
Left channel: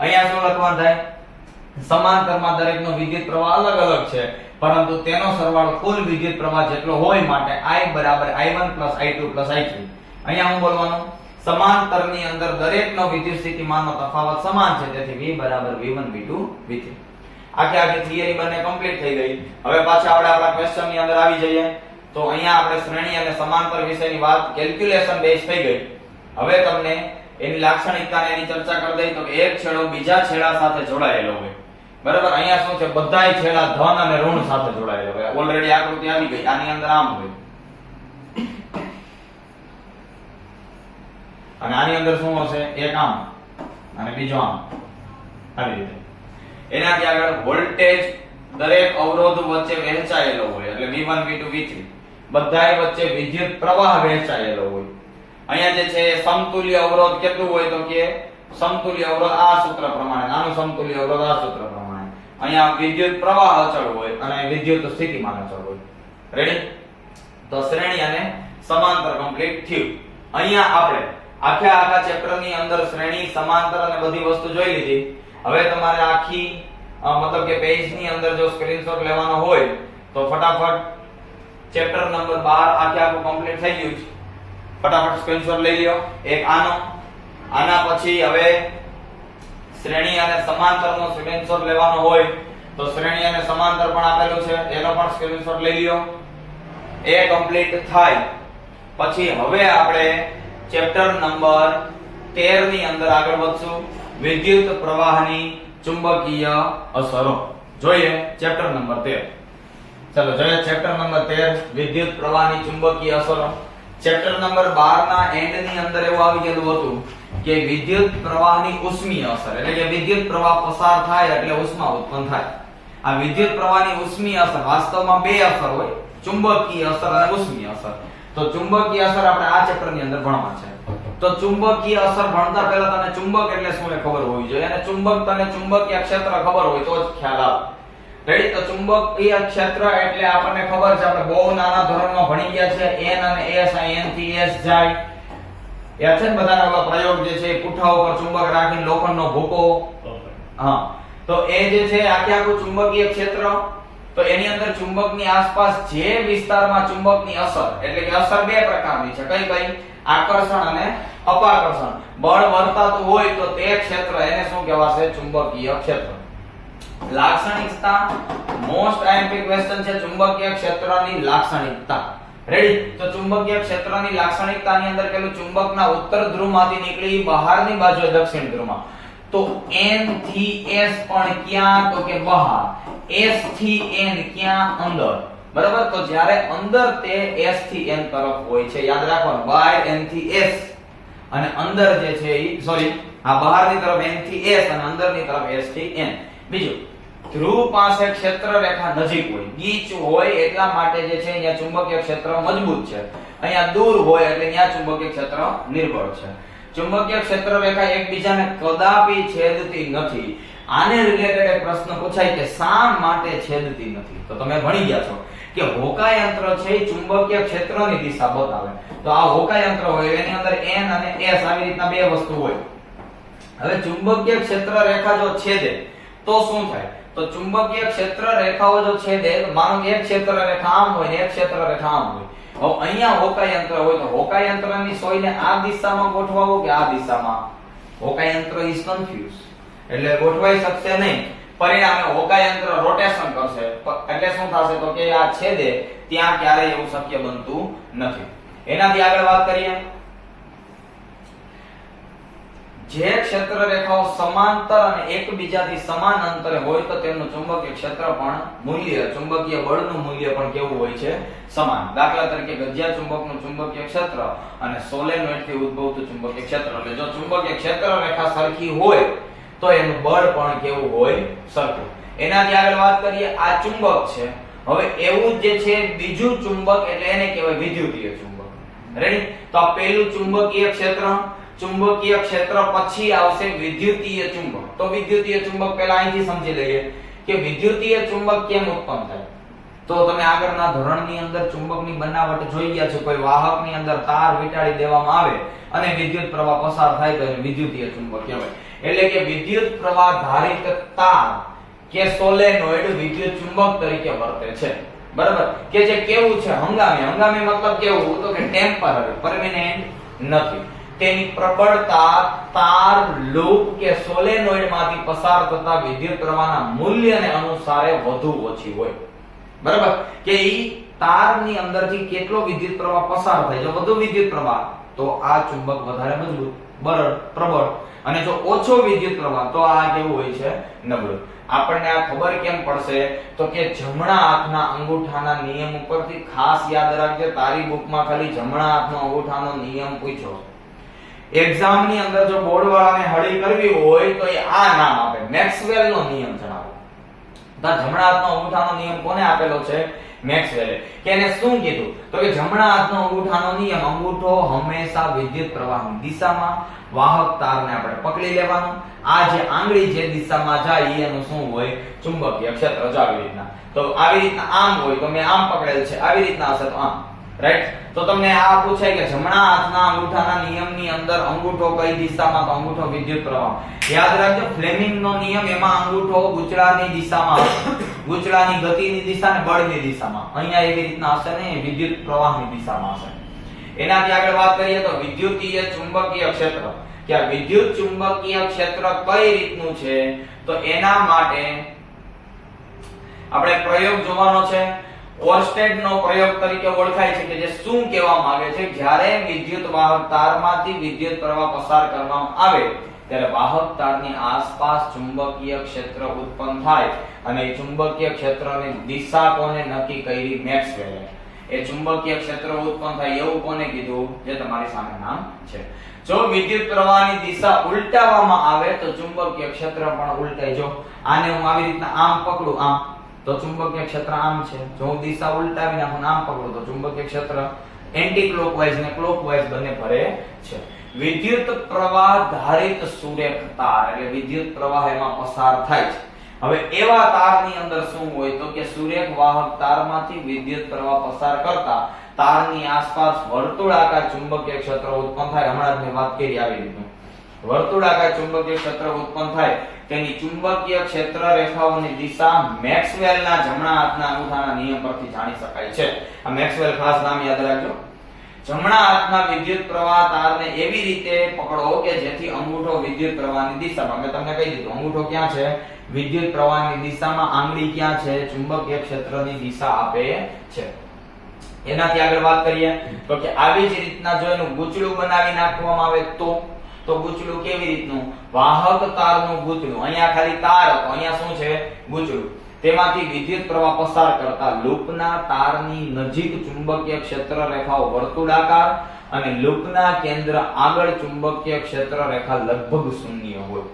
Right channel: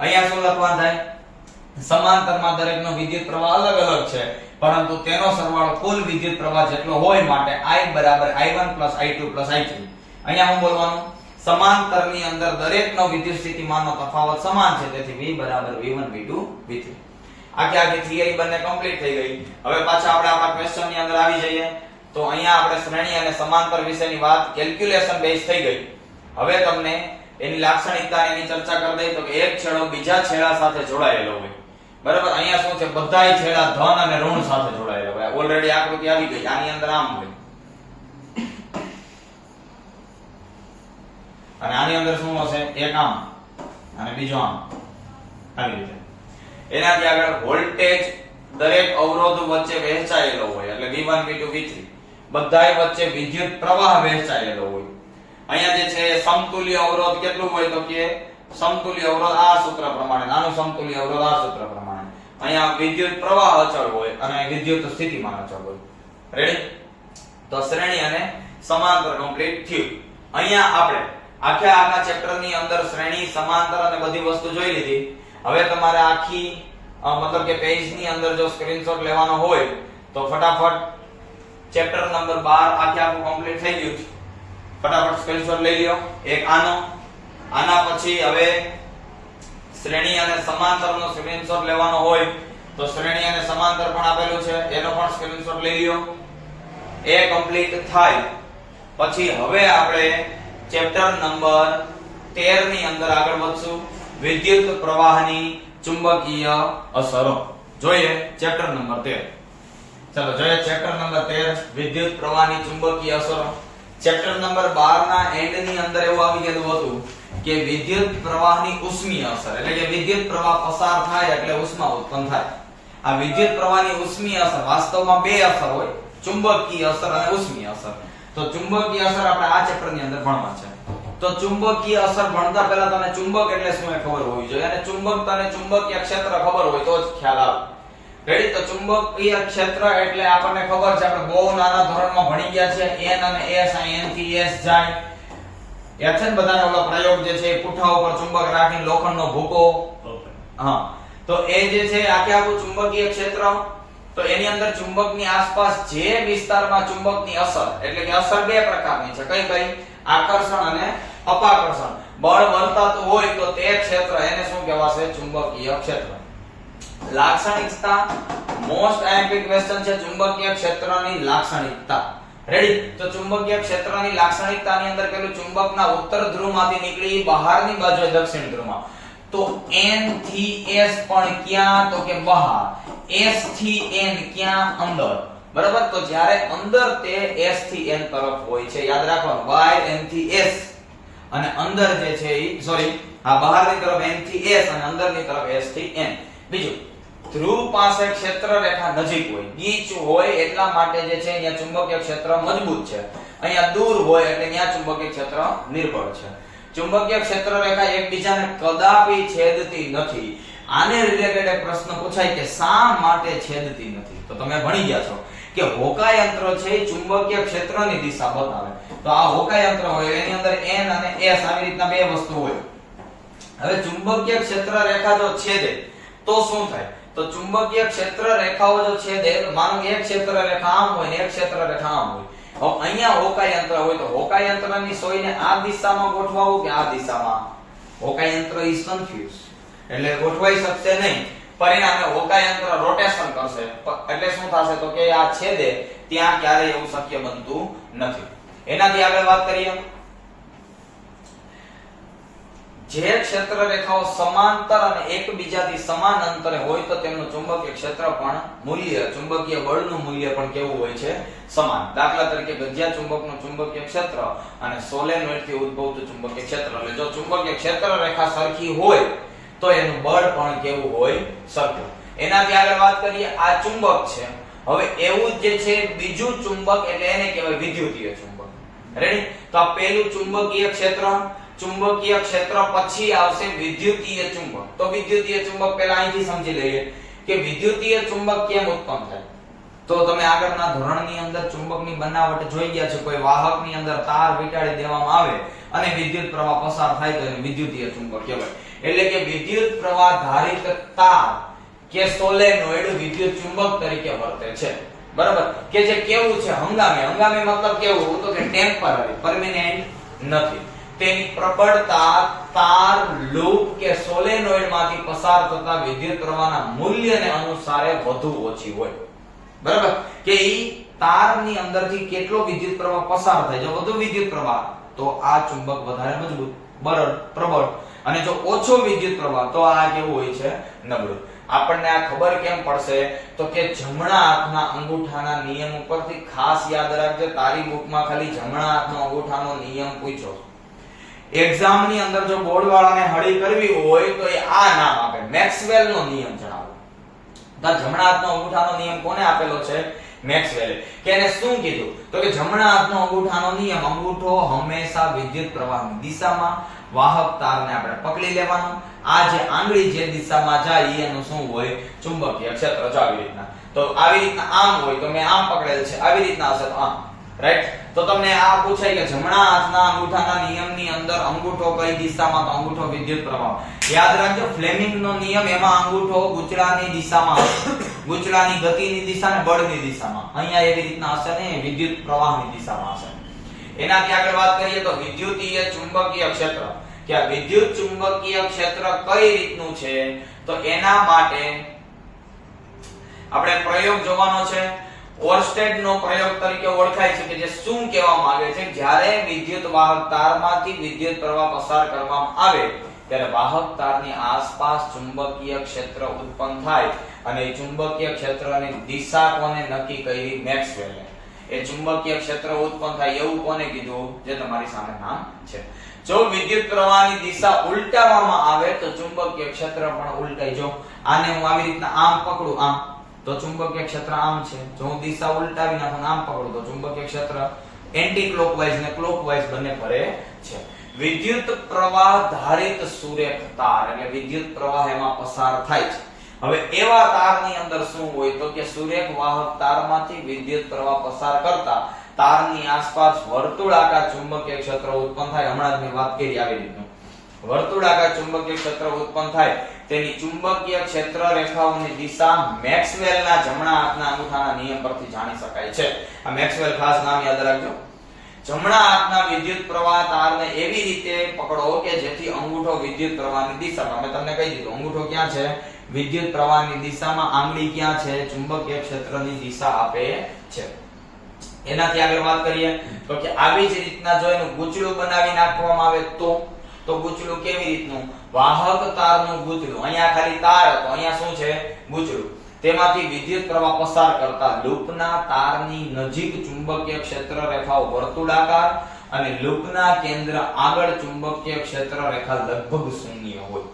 અહીંયા શું લખવાનું થાય? સમાંતરમાં દરેકનો વિદ્યુત પ્રવાહ અલગ અલગ છે, પરંતુ તેનો સરવાળો કુલ વિદ્યુત પ્રવાહ જેટલો હોય, માટે I બરાબર I1 I2 I3. અહીંયા હું બોલવાનું? સમાંતરની અંદર દરેકનો વિદ્યુત સ્થિતિમાનનો તફાવત સમાન છે, તેથી V બરાબર V1 V2 V3. આખી થિયરી બંને કમ્પ્લીટ થઈ ગઈ. હવે પાછા આપણે આપણા ક્વેશ્ચન ની અંદર આવી જઈએ. તો અહીંયા આપણે શ્રેણી અને સમાંતર વિશેની વાત કેલ્ક્યુલેશન બેઝ થઈ ગઈ. હવે તમને એની લાક્ષણિકતા અને એની ચર્ચા કરી દઈ. તો કે એક છેડો બીજા છેડા સાથે જોડાયેલો હોય. બરાબર? અહીંયા શું છે? બધાય છેડા ધન અને ઋણ સાથે જોડાયેલા હોય. ઓલરેડી આકૃતિ આવી ગઈ. આની અંદર આમ હોય અને આની અંદર શું હશે? એક આમ અને બીજો આમ, આવી રીતે. એનાથી આગળ વોલ્ટેજ દરેક અવરોધ વચ્ચે વહેંચાયેલો હોય, એટલે V1 V2 V3 બધાય વચ્ચે વિદ્યુત પ્રવાહ વહેંચાયેલો હોય. અહીંયા જે છે સમતુલ્ય અવરોધ કેટલું હોય? તો કે સમતુલ્ય અવરોધ આ સૂત્ર પ્રમાણે, નાનું સમતુલ્ય અવરોધ આ સૂત્ર પ્રમાણે. અહીંયા વિદ્યુત પ્રવાહ અચળ હોય અને વિદ્યુત સ્થિતિમાન અચળ હોય. રેડી? તો શ્રેણી અને સમાંતર કમ્પ્લીટ થયું. અહીંયા આપણે આખા ચેપ્ટરની અંદર શ્રેણી, સમાંતર અને બધી વસ્તુ જોઈ લીધી. હવે તમારે આખી મતલબ કે પેજ ની અંદર જો સ્ક્રીનશોટ લેવાનો હોય તો ફટાફટ ચેપ્ટર નંબર 12 આખું કમ્પ્લીટ થઈ ગયું છે. ફટાફટ સ્ક્રીનશોટ લઈ લ્યો. એક આના પછી હવે શ્રેણી અને સમાંતરનો સ્ક્રીનશોટ લેવાનો હોય તો શ્રેણી અને સમાંતર પણ આપેલું છે, એનો પણ સ્ક્રીનશોટ લઈ લ્યો. એ કમ્પ્લીટ થાય પછી હવે આપણે ચેપ્ટર નંબર 13 ની અંદર આગળ વધશું. વિદ્યુત પ્રવાહની ચુંબકીય અસરો જોઈએ. Chapter number 13. ચલો જોઈએ ચેપ્ટર નંબર 13 વિદ્યુત પ્રવાહની ચુંબકીય અસરો. ચેપ્ટર નંબર 12 ના એન્ડ ની અંદર એવું આવી ગયેલું હતું કે વિદ્યુત પ્રવાહની ઉષ્મીય અસર, એટલે કે વિદ્યુત પ્રવાહ પસાર થાય એટલે ઉષ્મા ઉત્પન્ન થાય. આ વિદ્યુત પ્રવાહની ઉષ્મીય અસર વાસ્તવમાં બે અસર હોય, ચુંબકીય અસર અને ઉષ્મીય અસર. તો ચુંબકીય અસર આપણે આ ચેપ્ટર ની અંદર ભણવા છે. તો ચુંબકીય અસર ભણતા પહેલા તને ચુંબક એટલે શું એ ખબર હોવી જોઈએ, અને ચુંબકીય ક્ષેત્ર ખબર હોય તો જ ખ્યાલ આવે. રેડી? તો ચુંબકીય ક્ષેત્ર એટલે આપણને ખબર છે, આપણે બહુ નાના ધોરણમાં ભણી ગયા છે. n અને s, n થી s જાય. યાદ છે ને બધાને? ઓલો પ્રયોગ જે છે પુઠ્ઠા ઉપર ચુંબક રાખીને લોખંડનો ભૂકો. હા, તો એ જે છે આખું ચુંબકીય ક્ષેત્ર. તો એની અંદર ચુંબકની આસપાસ જે વિસ્તારમાં ચુંબકની અસર, એટલે કે અસર બે પ્રકારની છે. કઈ? આકર્ષણ અને અપાકર્ષણ. બળ વર્તાતું હોય તો તે ક્ષેત્ર એને શું કહેવાશે? ચુંબકીય ક્ષેત્ર. લાક્ષણિકતા મોસ્ટ આઈએમપી ક્વેશ્ચન છે ચુંબકીય ક્ષેત્રની લાક્ષણિકતા. રેડી? તો ચુંબકીય ક્ષેત્રની લાક્ષણિકતાની અંદર પેલું ચુંબકના ઉત્તર ધ્રુવમાંથી નીકળી બહારની બાજુએ દક્ષિણ ધ્રુવમાં. તો n થી s પણ ક્યાં? તો કે બહાર. s થી n ક્યાં? અંદર. બરાબર. તો જ્યારે અંદર તે S થી N તરફ હોય છે, યાદ રાખવાનું, બહાર N થી S અને અંદર જે છે ઈ સોરી આ બહારની તરફ N થી S અને અંદરની તરફ S થી N. બીજું, ધ્રુવ પાસે ક્ષેત્ર રેખા નજીક હોય, ગીચ હોય એટલા માટે જે છે અહીંયા ચુંબકીય ક્ષેત્ર મજબૂત છે, અહીંયા દૂર હોય એટલે અહીંયા ચુંબકીય ક્ષેત્ર નિર્બળ છે. ચુંબકીય ક્ષેત્ર રેખા એકબીજાને કદાપી છેદતી નથી. આને રિલેટેડ એક પ્રશ્ન પૂછાય કે શા માટે છેદતી નથી? તો તમે ભણી ગયા છો કે હોકાયંત્ર છે એ ચુંબકીય ક્ષેત્રની દિશા બતાવે. તો આ હોકાયંત્ર હોય એની અંદર N અને S આવી રીતના બે વસ્તુ હોય. હવે ચુંબકીય ક્ષેત્ર રેખા જો છેદે તો શું થાય? તો ચુંબકીય ક્ષેત્ર રેખાઓ જો છેદે, માનો કે એક ક્ષેત્ર રેખા આમ હોય ને એક ક્ષેત્ર રેખા આમ હોય. હવે અહીંયા હોકાયંત્ર હોય તો હોકાયંત્રની સોયને આ દિશામાં ગોઠવાવું કે આ દિશામાં? હોકાયંત્ર ઇઝ કન્ફ્યુઝ, એટલે ગોઠવાઈ શકશે નહીં. પરિણામે હોકાયંત્ર રોટેશન કરશે, એટલે શું થશે? તો કે આ છેદે ત્યાં ક્યારેય એવું શક્ય બનતું નથી. એનાથી આગળ વાત કરીએ, જે ક્ષેત્ર રેખાઓ સમાંતર અને એકબીજાથી સમાન અંતરે હોય તો તેમનું ચુંબકીય ક્ષેત્ર પણ મૂલ્ય, ચુંબકીય બળનું મૂલ્ય પણ કેવું હોય છે? સમાન. દાખલા તરીકે ગજિયા ચુંબકનું ચુંબકીય ક્ષેત્ર અને સોલેનોઇડથી ઉદ્ભવતું ચુંબકીય ક્ષેત્ર, એટલે જો ચુંબકીય ક્ષેત્ર રેખા સરખી હોય તો એનું બળ પણ કેવું હોય? સરખું. એનાથી આગળ વાત કરીએ, આ ચુંબક છે. હવે એવું જ જે છે બીજું ચુંબક, એટલે એને કહેવાય વિદ્યુતીય ચુંબક. રેડી? તો આ પહેલું ચુંબકીય ક્ષેત્ર, ચુંબકીય ક્ષેત્ર પછી આવશે વિદ્યુતીય ચુંબક. તો વિદ્યુતીય ચુંબક પહેલા અહીંથી સમજી લઈએ કે વિદ્યુતીય ચુંબક કેમ ઉત્પન્ન થાય. તો તમે આગળના ધોરણની અંદર ચુંબકની બનાવટ જોઈ ગયા છો. કોઈ વાહકની અંદર તાર વીંટાળી દેવામાં આવે અને વિદ્યુત પ્રવાહ પસાર થાય તો એને વિદ્યુતીય ચુંબક કહેવાય. એટલે કે વિદ્યુત પ્રવાહ ધારિત તાર કે સોલેનોઇડ વિદ્યુત ચુંબક તરીકે વર્તે છે. બરાબર? કે જે કેવું છે? હંગામી. હંગામી મતલબ કેવું? તો કે ટેમ્પરરી, પરમેનન્ટ નથી. તેની પ્રબળતા તાર, લૂપ કે સોલેનોઇડ માંથી પસાર થતા વિદ્યુત પ્રવાહના મૂલ્યને અનુસારે વધુ ઓછી હોય. બરાબર? કે ઈ તારની અંદરથી કેટલો વિદ્યુત પ્રવાહ પસાર થાય, જો વધુ વિદ્યુત પ્રવાહ તો આ ચુંબક વધારે મજબૂત, બળ, પ્રબળ, અને જો ઓછો વિદ્યુત પ્રવાહ તો આ કેવું હોય છે? નબળું. આપણને આ ખબર કેમ પડશે? તો કે જમણા હાથના અંગૂઠાના નિયમ ઉપરથી ખાસ યાદ રાખજો. તારી બુકમાં ખાલી જમણા હાથનો અંગૂઠાનો નિયમ પૂછો. એક્ઝામ ની અંદર જો બોર્ડ વાળાને હળી કરવી હોય તો એ આ નામ આપે, મેક્સવેલ નો નિયમ જણાવો. તો જમણા હાથનો અંગૂઠાનો નિયમ કોને આપેલો છે? મેક્સવેલે. કે એને શું કીધું? તો કે જમણા હાથનો અંગૂઠાનો નિયમ, અંગૂઠો હંમેશા વિદ્યુત પ્રવાહની દિશામાં, વાહક તારને આપણે પકડી લેવાનું, આ જે આંગળી જે દિશામાં જાય એનું શું હોય? ચુંબકીય ક્ષેત્ર. જો આવી રીતના, તો આવી રીતના આમ હોય તો મેં આમ પકડેલ છે, આવી રીતના હશે તો આમ. રાઈટ? તો તમને આ પૂછાય કે જમણા હાથના અંગૂઠાના નિયમની અંદર અંગૂઠો કઈ દિશામાં? તો અંગૂઠો વિદ્યુત પ્રવાહ. યાદ રાખજો, ફ્લેમિંગનો નિયમ, એમાં અંગૂઠો ગૂંચળાની દિશામાં હશે, ગૂંચળાની ગતિની દિશા ને બળની દિશામાં. અહીંયા એવી રીતના હશે ને, વિદ્યુત પ્રવાહની દિશામાં હશે. એનાથી આગળ વાત કરીએ તો વિદ્યુતીય ચુંબકીય ક્ષેત્ર. કે આ વિદ્યુત ચુંબકીય ક્ષેત્ર કઈ રીતનું છે? તો એના માટે આપણે પ્રયોગ જોવાનો છે. ઓર્સ્ટેડનો પ્રયોગ તરીકે ઓળખાય છે, કે જે શું કહેવા માંગે છે? જ્યારે વિદ્યુત વાહક તારમાંથી વિદ્યુત પ્રવાહ પસાર કરવામાં આવે ત્યારે વાહક તારની આસપાસ ચુંબકીય ક્ષેત્ર ઉત્પન્ન થાય અને એ ચુંબકીય ક્ષેત્રની દિશા કોને નક્કી કરી? મેક્સવેલે. એ ચુંબકીય ક્ષેત્ર ઉત્પન્ન થાય એવું કોને કીધું? જે તમારી સામે નામ છે. જો વિદ્યુત પ્રવાહની દિશા ઉલટાવવામાં આવે તો ચુંબકીય ક્ષેત્ર પણ ઉલટાઈ. જો આને હું આવી રીતના આમ પકડું, આમ, તો ચુંબકીય ક્ષેત્ર આમ છે. જો હું દિશા ઉલટાવી નાખું, આમ પકડું, તો ચુંબકીય ક્ષેત્ર એન્ટી ક્લોકવાઇઝ ને ક્લોકવાઇઝ બંને ફરે છે. વિદ્યુત પ્રવાહ ધારિત સુરેખ તાર, એટલે વિદ્યુત પ્રવાહ એમાં પસાર થાય છે. હવે એવા તારની અંદર શું હોય? તો કે સુરેખ વાહક તારમાંથી વિદ્યુત પ્રવાહ પસાર કરતા તારની આસપાસ વર્તુળાકાર ચુંબકીય ક્ષેત્ર ઉત્પન્ન થાય. હમણાં જ મેં વાત કરી આવી રીતે વર્તુળાકાર ચુંબકીય ક્ષેત્ર ઉત્પન્ન થાય. તેની ચુંબકીય ક્ષેત્ર રેખાઓની દિશા મેક્સવેલના જમણા હાથના અંગૂઠાના નિયમ પરથી જાણી શકાય છે. આ મેક્સવેલ ખાસ નામ યાદ રાખજો. જમણા હાથના વિદ્યુત પ્રવાહ તારને એવી રીતે પકડો કે જેથી અંગૂઠો વિદ્યુત પ્રવાહની દિશામાં, મેં તમને કહી દીધું અંગૂઠો ક્યાં છે? વિદ્યુત પ્રવાહની દિશામાં. આંગળી ક્યાં છે? ચુંબકીય ક્ષેત્રની દિશા આપે છે. એનાથી આગળ વાત કરીએ તો કે આવી જ રીતના જો એનું ગૂંચળું બનાવી નાખવામાં આવે તો ગૂંચળું કેવી રીતનું? વાહક તારનું ગૂંચળું. અહીંયા ખાલી તાર હતો, અહીંયા શું છે? ગૂંચળું. તેમાંથી વિદ્યુત પ્રવાહ પસાર કરતા લૂપના તારની નજીક ચુંબકીય ક્ષેત્ર રેખાઓ વર્તુળાકાર અને લૂપના કેન્દ્ર આગળ ચુંબકીય ક્ષેત્ર રેખા લગભગ શૂન્ય હોય.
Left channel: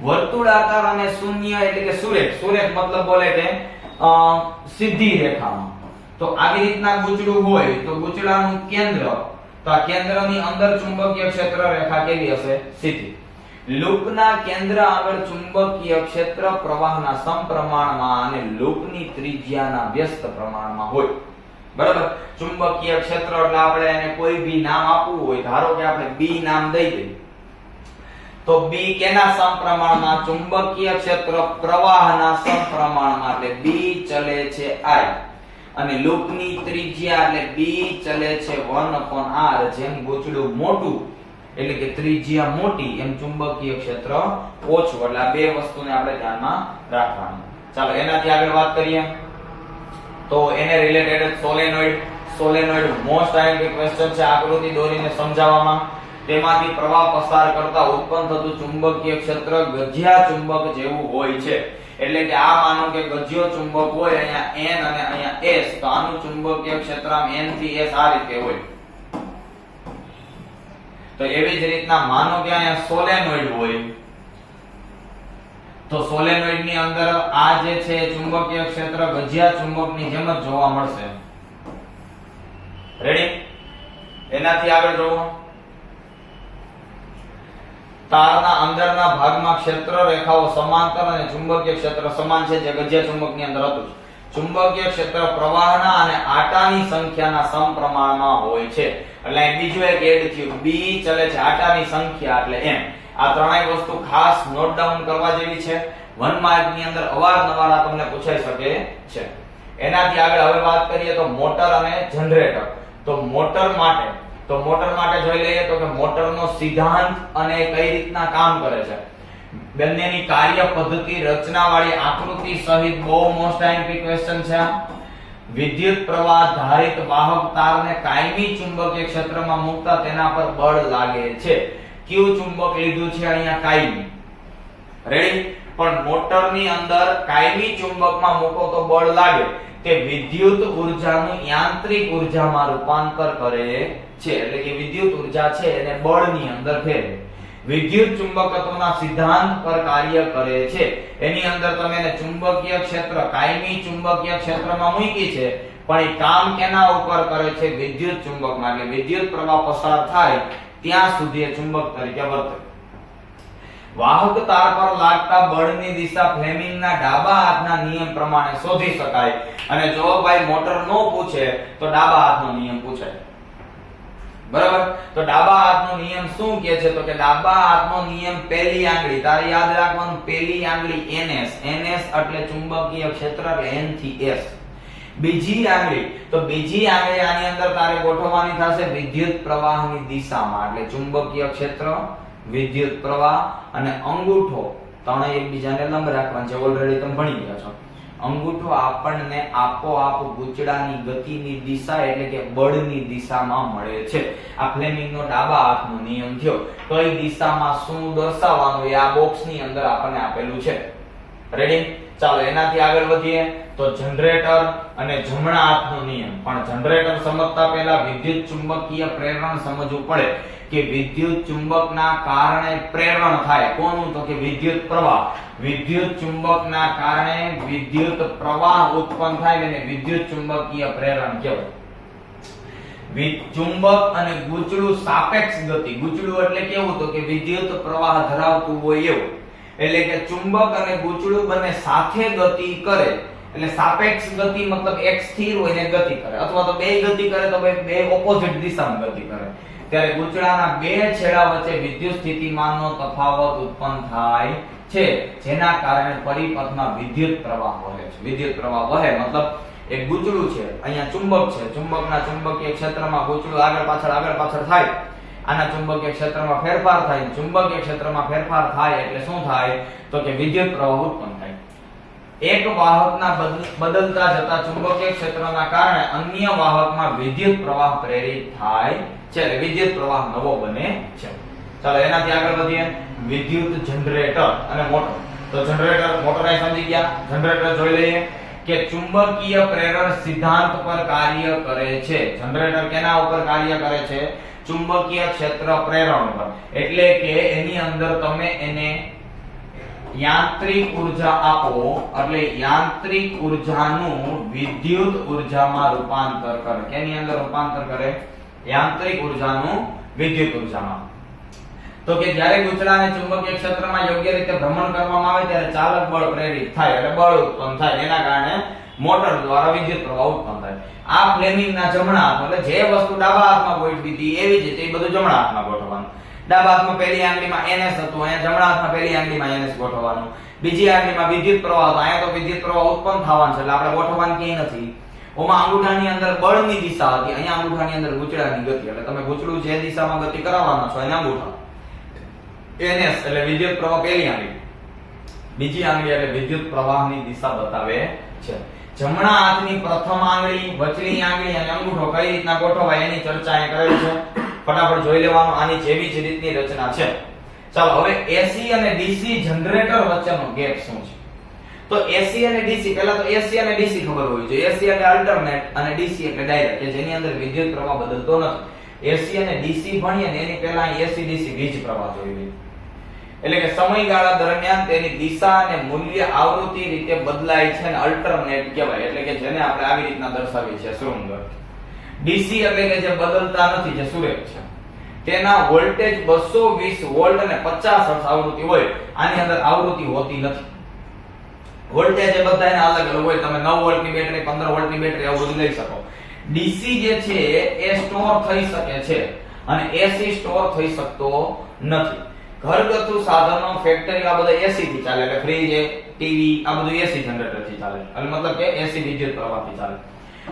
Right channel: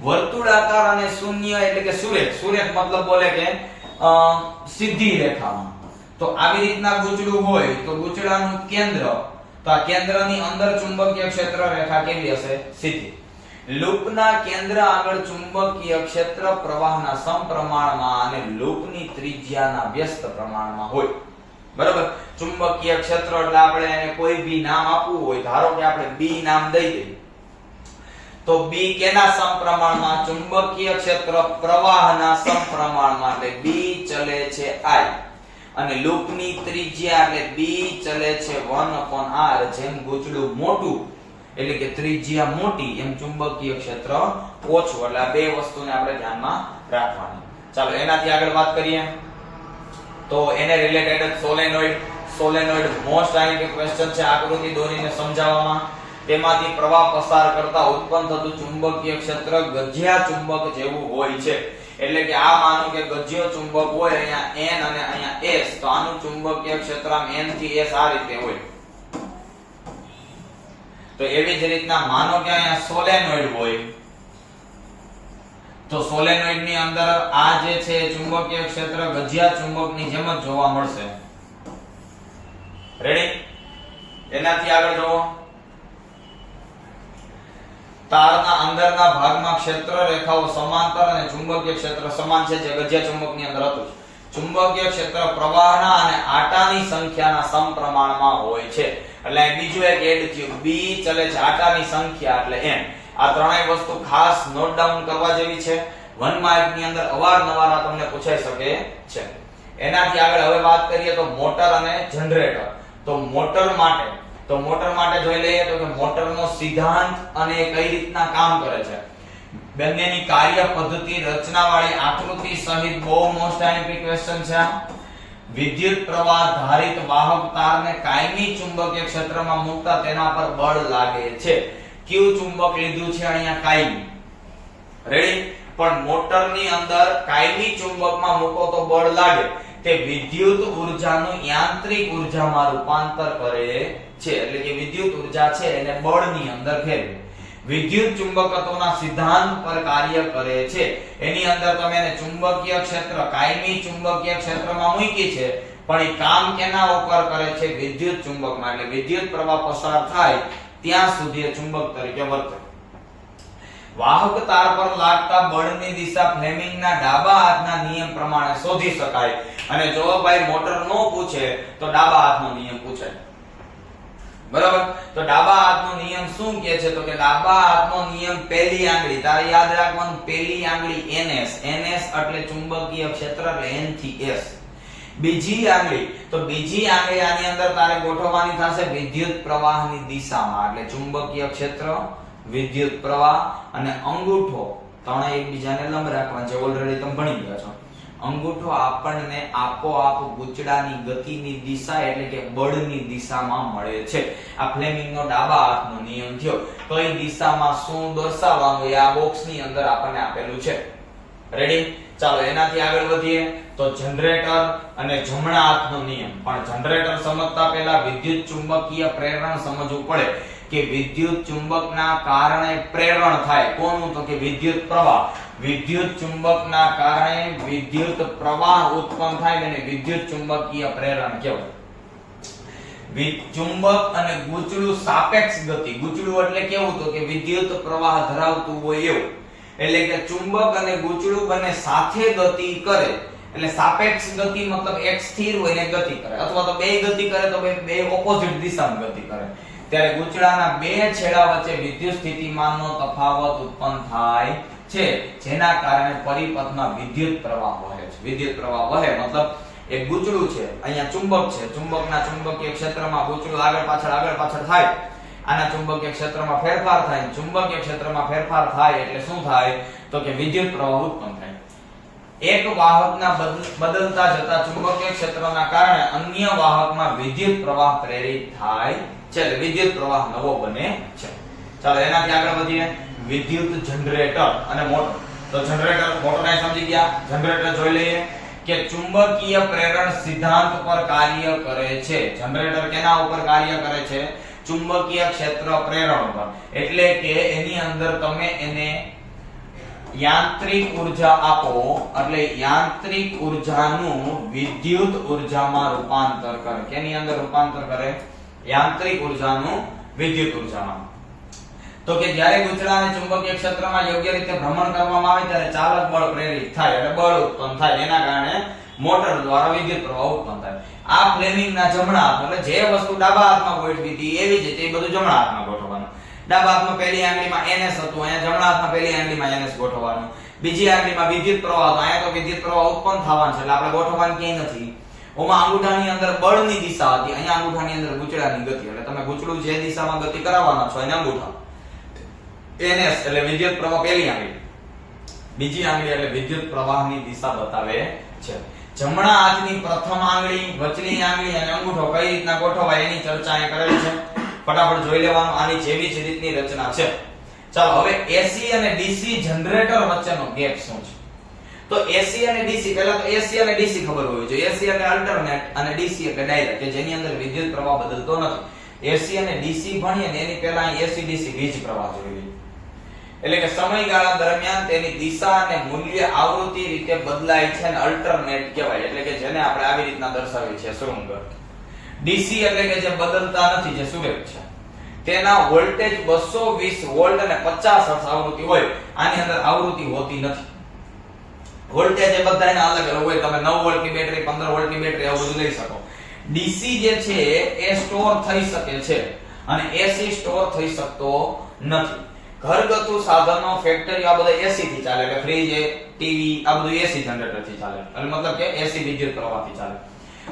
વર્તુળાકાર અને શૂન્ય એટલે કે સુરેખ. સુરેખ મતલબ બોલે કે સીધી રેખામાં. તો આવી રીતના ગૂંચળું હોય તો ગૂંચળાનું કેન્દ્ર, તો આ કેન્દ્રની અંદર ચુંબકીય ક્ષેત્ર રેખા કેવી હશે? સીધી. લૂપના કેન્દ્ર આગળ ચુંબકીય ક્ષેત્ર પ્રવાહના સમપ્રમાણમાં અને લૂપની ત્રિજ્યાના વ્યસ્ત પ્રમાણમાં હોય. બરાબર. ચુંબકીય ક્ષેત્ર એટલે આપણે એને કોઈ બી નામ આપવું હોય, ધારો કે આપણે B નામ દઈ દઈએ, તો B કેના સમપ્રમાણમાં? ચુંબકીય ક્ષેત્ર પ્રવાહના સમપ્રમાણમાં, એટલે B ચલે છે I અને લૂપની ત્રિજ્યા એટલે B ચલે છે 1/r. જેમ ગૂંચળું મોટું એટલે કે ત્રિજ્યા મોટી એમ ચુંબકીય ક્ષેત્ર ઓછું. એટલે આ બે વસ્તુને આપણે ધ્યાનમાં રાખવાની. ચાલો એનાથી આગળ વાત કરીએ તો એને related solenoid. Solenoid most IMP question છે, આકૃતિ દોરીને સમજાવવામાં. તેમાંથી પ્રવાહ પસાર કરતા ઉત્પન્ન થતું ચુંબકીય ક્ષેત્ર ગજિયા ચુંબક જેવું હોય છે. એટલે કે આ માનો કે ગજિયો ચુંબક હોય, અહીંયા N અને અહીંયા S, તો આનું ચુંબકીય ક્ષેત્ર N થી S આ રીતે હોય. તો એવી જ રીતના માનો કે અહીંયા સોલેનોઇડ હોય, તો સોલેનોઇડ ની અંદર આ જે છે ચુંબકીય ક્ષેત્ર ગજિયા ચુંબકની જેમ જ જોવા મળશે. રેડી? એનાથી આગળ જોવો. તારના અંદરના ભાગમાં ક્ષેત્ર રેખાઓ સમાંતર અને ચુંબકીય ક્ષેત્ર સમાન છે, જે ગજિયા ચુંબકની અંદર હતું. ચુંબકીય ક્ષેત્ર પ્રવાહના અને આટાની સંખ્યાના સમપ્રમાણમાં હોય છે. એટલે બીજું એક એડ થયું, B ચલે છે આટાની સંખ્યા એટલે M. આ ત્રણેય વસ્તુ ખાસ નોટ ડાઉન કરવા જેવી છે. 1 માર્ક ની અંદર અવારનવાર આ તમને પૂછાઈ શકે છે. એનાથી આગળ હવે વાત કરીએ તો મોટર અને જનરેટર. તો મોટર માટે જોઈ લઈએ તો કે મોટરનો સિદ્ધાંત અને કઈ રીતના કામ કરે છે. બંનેની કાર્ય પદ્ધતિ, રચનાવાળી આકૃતિ સહિત બહુ મોસ્ટ આઈએમપી ક્વેશ્ચન છે. વિદ્યુત પ્રવાહ ધારિત વાહક તારને કાયમી ચુંબકીય ક્ષેત્રમાં મૂકતા તેના પર બળ લાગે છે. કયું ચુંબક લીધું છે અહીંયા? કાયમી. રેડી? પણ મોટરની અંદર કાયમી ચુંબકમાં મૂકો તો બળ લાગે. તે વિદ્યુત ઉર્જાનું યાંત્રિક ઉર્જામાં રૂપાંતર કરે છે. એટલે કે વિદ્યુત ઉર્જા છે એને બળની અંદર ફેરવે. વિદ્યુત ચુંબકત્વના સિદ્ધાંત પર કાર્ય કરે છે. એની અંદર તમે એને ચુંબકીય ક્ષેત્ર કાયમી ચુંબકીય ક્ષેત્રમાં મૂકી છે, પણ એ કામ કેના ઉપર કરે છે? વિદ્યુત ચુંબકમાં. એટલે વિદ્યુત પ્રવાહ પસાર થાય ત્યાં સુધી એ ચુંબક તરીકે વર્તે. વાહક તાર પર લાગતા બળની દિશા ફ્લેમિંગના ડાબા હાથના નિયમ પ્રમાણે શોધી શકાય. અને જો ભાઈ મોટર નો પૂછે તો ડાબા હાથનો નિયમ પૂછે. બરાબર? તો ડાબા હાથનો નિયમ શું કહે છે? તો કે ડાબા હાથનો નિયમ પહેલી આંગળી, તારે યાદ રાખવાનું, પહેલી આંગળી NS. NS એટલે ચુંબકીય ક્ષેત્ર એટલે N થી S. બીજી આંગળી, તો બીજી આંગળી આની અંદર તારે ગોઠવવાની થશે વિદ્યુત પ્રવાહની દિશામાં. એટલે ચુંબકીય ક્ષેત્ર, વિદ્યુત પ્રવાહ અને અંગૂઠો ત્રણેય એકબીજાને લંબ રાખવાના છે. ઓલરેડી તમે ભણી ગયા છો. અંગૂઠો આપણને આપોઆપ ગૂંચળાની ગતિની દિશા એટલે કે બળની દિશામાં મળે છે. આ ફ્લેમિંગનો ડાબા હાથનો નિયમ થયો. કઈ દિશામાં શું દર્શાવવાનું એ આ બોક્સની અંદર આપણને આપેલું છે. રેડી? ચાલો એનાથી આગળ વધીએ તો જનરેટર અને જમણા હાથનો નિયમ. પણ જનરેટર સમજતા પહેલા વિદ્યુત ચુંબકીય પ્રેરણ સમજવું પડે કે વિદ્યુત ચુંબકના કારણે પ્રેરણ થાય. કોનું? તો કે વિદ્યુત પ્રવાહ. વિદ્યુત ચુંબકના કારણે વિદ્યુત પ્રવાહ ઉત્પન્ન થાય અને વિદ્યુત ચુંબકીય પ્રેરણ કહેવાય. ચુંબક અને ગૂંચળું સાપેક્ષ ગતિ. ગૂંચળું એટલે કેવું? તો કે વિદ્યુત પ્રવાહ ધરાવતું હોય એવું. એટલે કે ચુંબક અને ગૂંચળું બંને સાથે ગતિ કરે. એટલે સાપેક્ષ ગતિ મતલબ એક સ્થિર હોય ને ગતિ કરે, અથવા તો બે ગતિ કરે તો બે ઓપોઝિટ દિશામાં ગતિ કરે. ત્યારે ગૂંચળાના બે છેડા વચ્ચે વિદ્યુત સ્થિતિમાનનો તફાવત ઉત્પન્ન થાય છે, જેના કારણે પરિપથમાં વિદ્યુત પ્રવાહ વહે છે. વિદ્યુત પ્રવાહ વહે મતલબ એક ગૂંચળું છે, અહીંયા ચુંબક છે, ચુંબકના ચુંબકીય ક્ષેત્રમાં ગૂંચળું આગળ પાછળ થાય. આના ચુંબકીય ક્ષેત્રમાં ફેરફાર થાય. ચુંબકીય ક્ષેત્રમાં ફેરફાર થાય એટલે શું થાય? તો કે વિદ્યુત પ્રવાહ ઉત્પન્ન થાય. એક વાહકના બદલતા જતા ચુંબકીય ક્ષેત્રના કારણે અન્ય વાહકમાં વિદ્યુત પ્રવાહ પ્રેરિત થાય છે. એટલે વિદ્યુત પ્રવાહ નવો બને છે. ચાલો એનાથી આગળ વધીએ. વિદ્યુત જનરેટર અને મોટર. તો જનરેટર મોટરાઈ સમજી ગયા. જનરેટર જોઈ લઈએ કે ચુંબકીય પ્રેરણ સિદ્ધાંત પર કાર્ય કરે છે. જનરેટર કેના ઉપર કાર્ય કરે છે? ચુંબકીય ક્ષેત્ર પ્રેરણ પર. એટલે કે એની અંદર તમે એને યાંત્રિક ઉર્જા આપો એટલે યાંત્રિક ઉર્જાનું વિદ્યુત ઉર્જામાં રૂપાંતર કરે. કેની અંદર રૂપાંતર કરે? યાંત્રિક ઉર્જાનું વિદ્યુત ઉર્જામાં. તો કે જ્યારે ગુંચળાને ચુંબકીય ક્ષેત્રમાં યોગ્ય રીતે ભ્રમણ કરવામાં આવે ત્યારે ચાલક બળ પ્રેરિત થાય એટલે બળ ઉત્પન્ન થાય. એના કારણે મોટર દ્વારા વિદ્યુત પ્રવાહ ઉત્પન્ન થાય. આ ફ્લેમિંગના જમણા હાથ એટલે જે વસ્તુ ડાબા હાથમાં ગોઠવી હતી એવી જ રીતે એ બધું જમણા હાથમાં ગોઠવવાનું. ડાબા હાથમાં પહેલી આંગળીમાં NS હતું, અહીંયા જમણા હાથમાં પહેલી આંગળીમાં NS ગોઠવવાનું. બીજી આંગળીમાં વિદ્યુત પ્રવાહ હતો, અહીંયા તો વિદ્યુત પ્રવાહ ઉત્પન્ન થવાનો છે એટલે આપણે ગોઠવવાનું ક્યાંય નથી. ઓમાં અંગૂઠાની અંદર બળની દિશા હતી, અહીંયા અંગૂઠાની અંદર ગુંચળાની ગતિ. એટલે તમે ગુંચળું જે દિશામાં ગતિ કરાવવાના છો એને અંગૂઠા. NS એટલે વિદ્યુત પ્રવાહ પહેલી આંગળી, બીજી આંગળી એટલે વિદ્યુત પ્રવાહની દિશા બતાવે છે. જમણા હાથની પ્રથમ આંગળી, વચલી આંગળી અને અંગૂઠો કઈ રીતના ગોઠવાય એની ચર્ચા અહીં કરેલી છે. ફટાફટ જોઈ લેવાનું. આની જેવી જ રીતની રચના છે. ચાલો હવે AC અને DC જનરેટર વચ્ચેનો ગેપ શું છે? તો AC અને DC પહેલા તો AC અને DC ખબર હોવી જોઈએ. AC એટલે અલ્ટરનેટ અને DC એટલે ડાયરેક્ટ કે જેની અંદર વિદ્યુત પ્રવાહ બદલતો નથી. AC અને DC ભણીએ ને એની પહેલા AC DC વીજ પ્રવાહ જોઈ લઈએ. એટલે કે સમયગાળા દરમિયાન તેની દિશા અને મૂલ્ય આવૃત્તિ રીતે બદલાય છે અને અલ્ટરનેટ કહેવાય. એટલે કે જેને આપણે આવી રીતના દર્શાવી છે શૃંગ. DC એટલે કે જે બદલતા નથી, જે સુરેખ છે. તેના વોલ્ટેજ 220 વોલ્ટ અને 50 હર્ટ્ઝ આવૃત્તિ હોય. આની અંદર આવૃત્તિ હોતી નથી. વોલ્ટેજ એ બધાયના અલગ અલગ હોય. તમે 9 વોલ્ટની બેટરી, 15 વોલ્ટની બેટરી આવું બધું લઈ શકો. DC જે છે એ સ્ટોર થઈ શકે છે અને AC સ્ટોર થઈ શકતો નથી. ઘરગથ્થુ સાધનો, ફેક્ટરી આ બધા AC થી ચાલે. એટલે ફ્રીજ, ટીવી આ બધું AC જનરેટર થી ચાલે. એટલે મતલબ કે AC વિદ્યુત પ્રવાહથી ચાલે.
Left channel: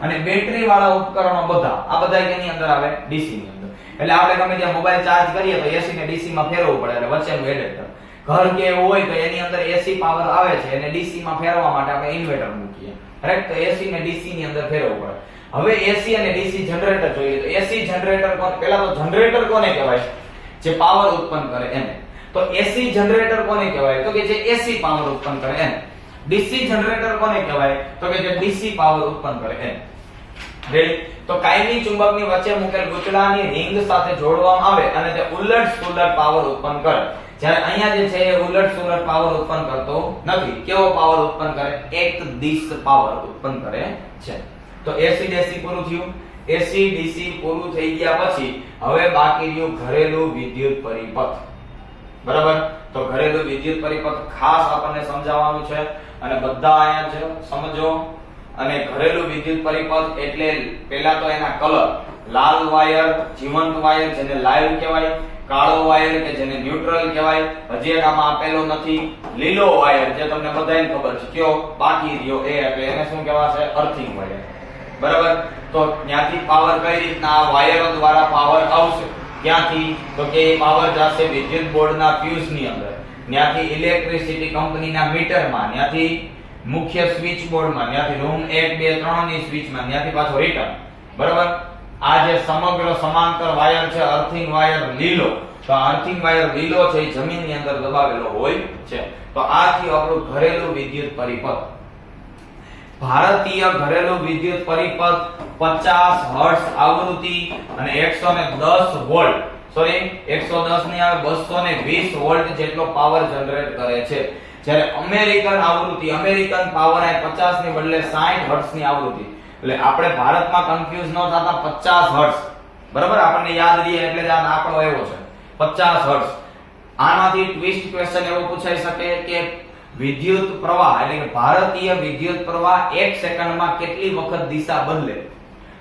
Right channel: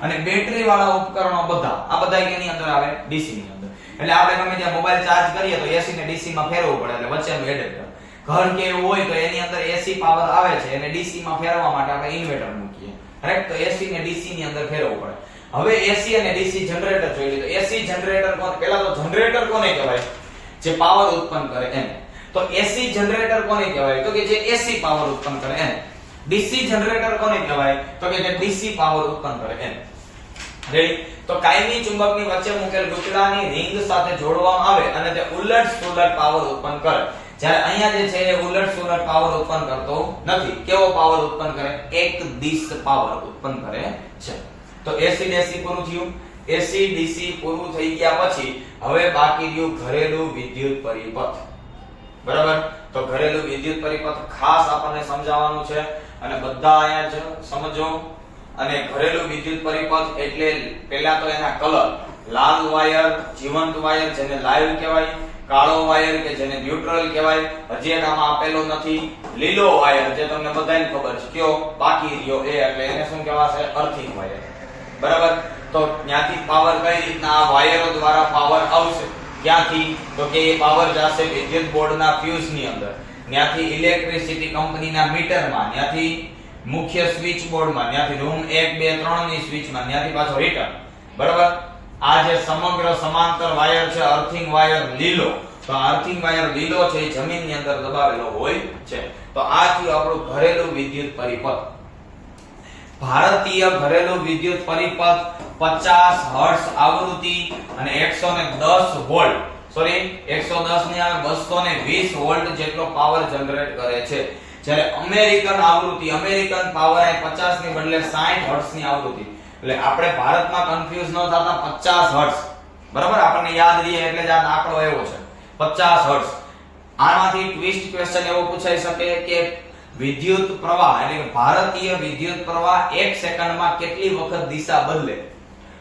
અને બેટરી વાળા ઉપકરણો બધા આ બધા કેની અંદર આવે? DC ની અંદર. એટલે આપણે ગમે ત્યાં મોબાઈલ ચાર્જ કરીએ તો AC ને DC માં ફેરવવું પડે. એટલે વચ્ચેનું એડેપ્ટર. ઘર કે એવું હોય તો એની અંદર AC પાવર આવે છે અને DC માં ફેરવવા માટે આપણે ઇન્વર્ટર મૂકીએ. રાઈટ? તો AC ને DC ની અંદર ફેરવવું પડે. હવે AC અને DC જનરેટર જોઈ લો. તો AC જનરેટર કોને? પહેલા તો જનરેટર કોને કહેવાય? જે પાવર ઉત્પન્ન કરે એને. તો AC જનરેટર કોને કહેવાય? તો કે જે AC પાવર ઉત્પન્ન કરે એને. DC જનરેટર કોને કહેવાય? તો કે જે DC પાવર ઉત્પન્ન કરે એને. રેડી? તો કાયમી ચુંબકની વચ્ચે મુકેલ ગુંચળાની રિંગ સાથે જોડવામાં આવે અને તે ઉલટ-સુલટ પાવર ઉત્પન્ન કરે. જ્યારે અહીંયા જે છે એ ઉલટ-સુલટ પાવર ઉત્પન્ન કરતો નથી. કેવો પાવર ઉત્પન્ન કરે? એક દિશ પાવર ઉત્પન્ન કરે છે. તો AC DC પૂરું થયું. AC DC પૂરું થઈ ગયા પછી હવે બાકી રહ્યું ઘરેલું વિદ્યુત પરિપથ. બરાબર? તો ઘરેલું વિદ્યુત પરિપથ ખાસ આપણને સમજાવવાનું છે અને બધા અહીંયા છે સમજો. અને ઘરેલું વિદ્યુત પરિપથ એટલે પહેલા તો એના કલર. લાલ વાયર, જીવંત વાયર જેને લાઈવ કહેવાય, કાળો વાયર કે જેને ન્યુટ્રલ કહેવાય. હજી એક આમાં આપેલો નથી. લીલો વાયર જે તમને બધાને ખબર છે કયો બાકી રહ્યો એ એટલે એને શું કહેવાશે? Earthing wire. બરાબર? તો ત્યાંથી પાવર કઈ રીતના આ વાયરો દ્વારા પાવર આવશે? ક્યાંથી? તો કે એ પાવર જશે વિદ્યુત બોર્ડના ફ્યુઝ ની અંદર, ત્યાંથી ઇલેક્ટ્રિસિટી કંપનીના મીટરમાં, ત્યાંથી મુખ્ય સ્વિચ બોર્ડમાં, ત્યાંથી રૂમ 1 2 3 ની સ્વિચમાં, ત્યાંથી પાછો રિટર્ન. બરાબર? આ જે સમગ્ર સમાંતર વાયર છે અર્થિંગ વાયર લીલો. તો અર્થિંગ વાયર લીલો છે એ જમીનની અંદર દબાવેલો હોય છે. તો આ થયું આપણું ઘરેલું વિદ્યુત પરિપથ. ભારતીય ઘરેલું વિદ્યુત પરિપથ 50 હર્ટ્ઝ આવૃત્તિ અને 110 વોલ્ટ, સોરી 110 ની આ 220 વોલ્ટ જેટલો પાવર જનરેટ કરે છે. જ્યારે અમેરિકન આવૃત્તિ, અમેરિકન પાવર આ 50 ની બદલે 60 હર્ટ્ઝ ની આવૃત્તિ. એટલે આપણે ભારતમાં કન્ફ્યુઝ ન થતા 50 હર્ટ્ઝ. બરાબર? આપણને યાદ રહે એટલે જ આ આંકડો આવ્યો છે 50 હર્ટ્ઝ. આમાંથી ટ્વિસ્ટ ક્વેશ્ચન એવો પૂછાઈ શકે કે વિદ્યુત પ્રવાહ એટલે કે ભારતીય વિદ્યુત પ્રવાહ 1 સેકન્ડમાં કેટલી વખત દિશા બદલે?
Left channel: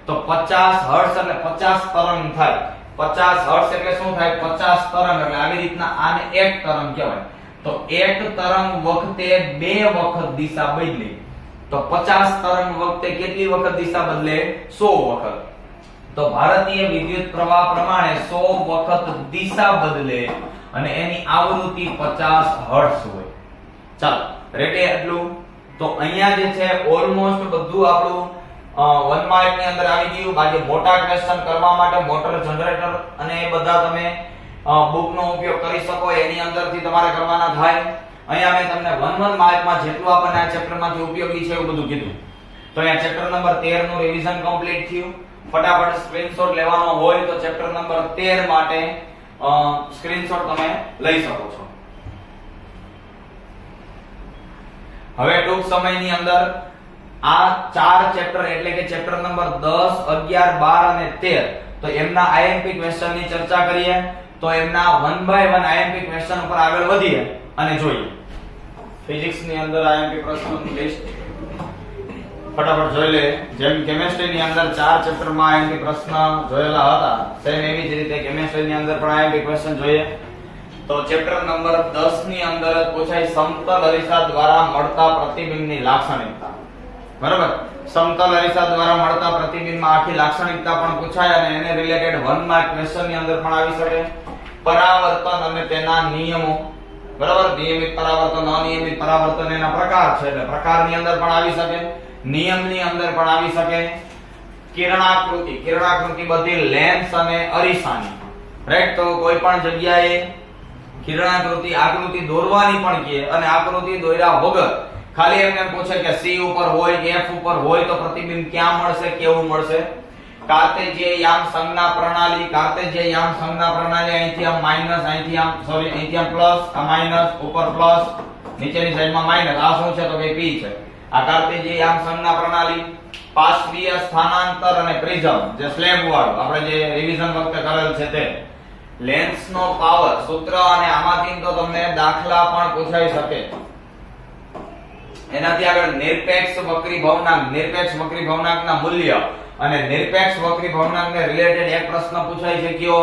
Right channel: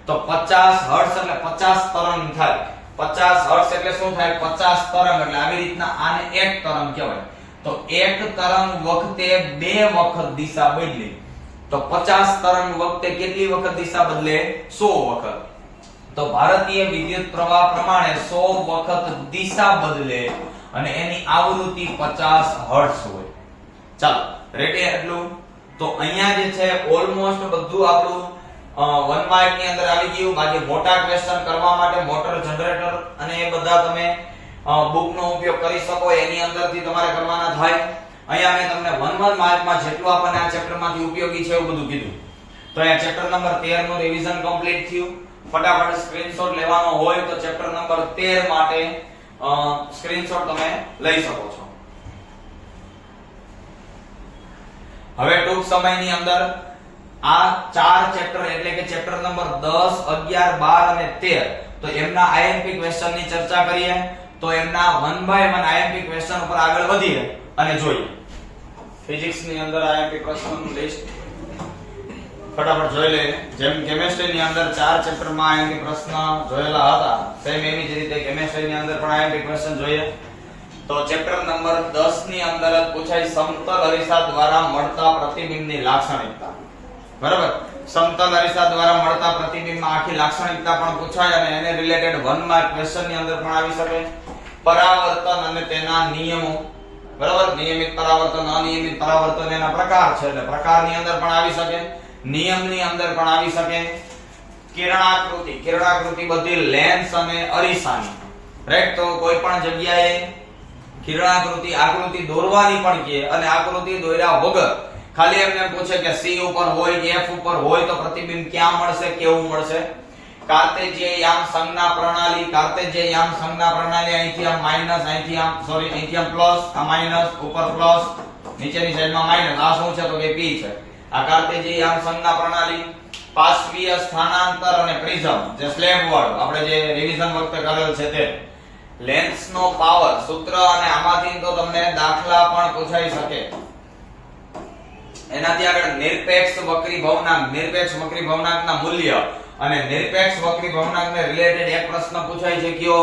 તો 50 હર્ટ્ઝ એટલે 50 તરંગ થાય. 50 હર્ટ્ઝ એટલે શું થાય? 50 તરંગ. એટલે આવી રીતના આને એક તરંગ કહેવાય. તો એક તરંગ વખતે 2 વખત દિશા બદલે. તો 50 તરંગ વખતે કેટલી વખત દિશા બદલે? 100 વખત. તો ભારતીય વિદ્યુત પ્રવાહ પ્રમાણે 100 વખત દિશા બદલે અને એની આવૃત્તિ 50 હર્ટ્ઝ હોય. ચાલો રેડી એટલું. તો અહીંયા જે છે ઓલમોસ્ટ બધું આપણું 1 માર્ક ની અંદર આવી ગયું. બાકી મોટા ક્વેશ્ચન કરવા માટે મોટર, જનરેટર અને એ બધા તમે બુક નો ઉપયોગ કરી શકો. એની અંદરથી તમારે કરવાના થાય. અહીંયા મેં તમને 1 માર્કમાં જેટલું આપણને આ ચેપ્ટરમાંથી ઉપયોગી છે એવું બધું કીધું. તો અહીંયા ચેપ્ટર નંબર 13 નું રિવિઝન કમ્પ્લીટ થયું. ફટાફટ સ્ક્રીનશોટ લેવાનો હોય તો ચેપ્ટર નંબર 13 માટે સ્ક્રીનશોટ તમે લઈ શકો છો. હવે ટૂંક સમયની અંદર આ ચાર ચેપ્ટર એટલે કે ચેપ્ટર નંબર 10, 11, 12 અને 13 તો એમના આઈએમપી ક્વેશ્ચન ની ચર્ચા કરીએ. તો એમના 1 બાય 1 આઈએમપી ક્વેશ્ચન ઉપર આગળ વધીએ અને જોઈએ. ફિઝિક્સ ની અંદર આઈએમપી પ્રશ્નોનું લિસ્ટ ફટાફટ જોઈ લે. જેમ કેમિસ્ટ્રી ની અંદર 4 ચેપ્ટર માં આઈએમપી પ્રશ્ન જોયેલા હતા સેમ એવી જ રીતે કેમિસ્ટ્રી ની અંદર પણ આઈએમપી ક્વેશ્ચન જોઈએ. તો ચેપ્ટર નંબર 10 ની અંદર પૂછાય સમતલ અરીસા દ્વારા મળતા પ્રતિબિંબની લાક્ષણિકતા. બરાબર, સમતલ અરીસા દ્વારા મળતા પ્રતિબિંબમાં આખી લાક્ષણિકતા પણ પૂછાય અને એને રિલેટેડ 1 માર્ક ક્વેશ્ચન ની અંદર પણ આવી શકે. પરાવર્તન અને તેના નિયમો, બરાબર, નિયમિત પરાવર્તન, અનિયમિત પરાવર્તન એના પ્રકાર છે એટલે પ્રકારની અંદર પણ આવી શકે, નિયમની અંદર પણ આવી શકે. કિરણાકૃતિ બધી લેન્સ અને અરીસાની, રાઈટ. તો કોઈ પણ જગ્યાએ કિરણાકૃતિ આકૃતિ દોરવાની પણ કહે અને આકૃતિ દોર્યા વગર ખાલી એમને પૂછે કે C ઉપર હોય કે F ઉપર હોય તો પ્રતિબિંબ ક્યાં મળશે, કેવું મળશે. કાર્તેજીય યામ સંજ્ઞા પ્રણાલી, અહીંથી આમ માઈનસ, અહીંથી આમ પ્લસ, આ માઈનસ, ઉપર પ્લસ, નીચેની સાઈડમાં માઈનસ. આ શું છે તો કે P છે. આ કાર્તેજીય યામ સંજ્ઞા પ્રણાલી. પાર્શ્વીય સ્થાનાંતર અને પ્રિઝમ, જે સ્લેબ વાળું આપણે જે રિવિઝન વખતે કરેલ છે તે. લેન્સનો પાવર સૂત્ર અને આમાંથી તો તમને દાખલા પણ પૂછાઈ શકે. એનાથી આગળ નિરપેક્ષ વક્રી ભવનાંકના મૂલ્ય અને નિરપેક્ષ વક્રી ભવનાંકને રિલેટેડ એક પ્રશ્ન પૂછાય છે કયો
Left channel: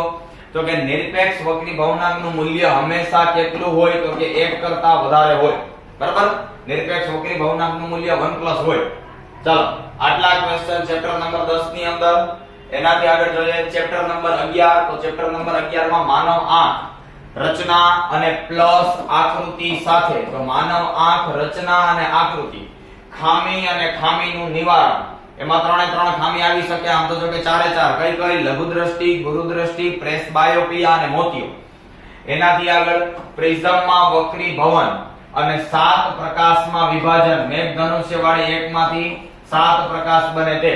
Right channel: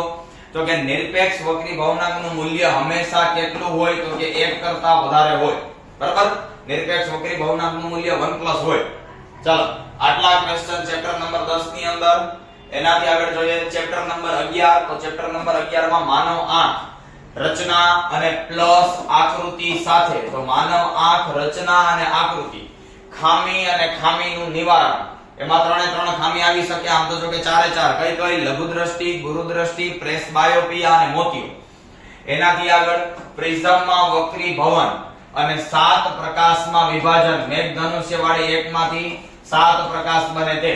તો કે નિરપેક્ષ વક્રી ભવનાંકનું મૂલ્ય હંમેશા કેટલું હોય તો કે 1 કરતા વધારે હોય. બરાબર, નિરપેક્ષ વક્રી ભવનાંકનું મૂલ્ય 1+ હોય. ચાલો, આટલા ક્વેશ્ચન ચેપ્ટર નંબર 10 ની અંદર. એનાથી આગળ જોઈએ ચેપ્ટર નંબર 11. તો ચેપ્ટર નંબર 11 માં માનવ આંખ રચના અને પ્લસ આકૃતિ સાથે. તો માનવ આંખ રચના અને આકૃતિ, ખામી અને ખામીનું નિવારણ. એમાં 3 ખામી આવી શકે. આમ તો જો કે 4 કઈ લઘુ દ્રષ્ટિ, ગુરુ દ્રષ્ટિ, પ્રેસબાયોપિયા અને મોતિયો. એનાથી આગળ પ્રિઝમમાં વક્રી ભવન અને 7 પ્રકાશમાં વિભાજન. મેઘધનુષ્ય વાળી એકમાંથી 7 પ્રકાશ બને તે.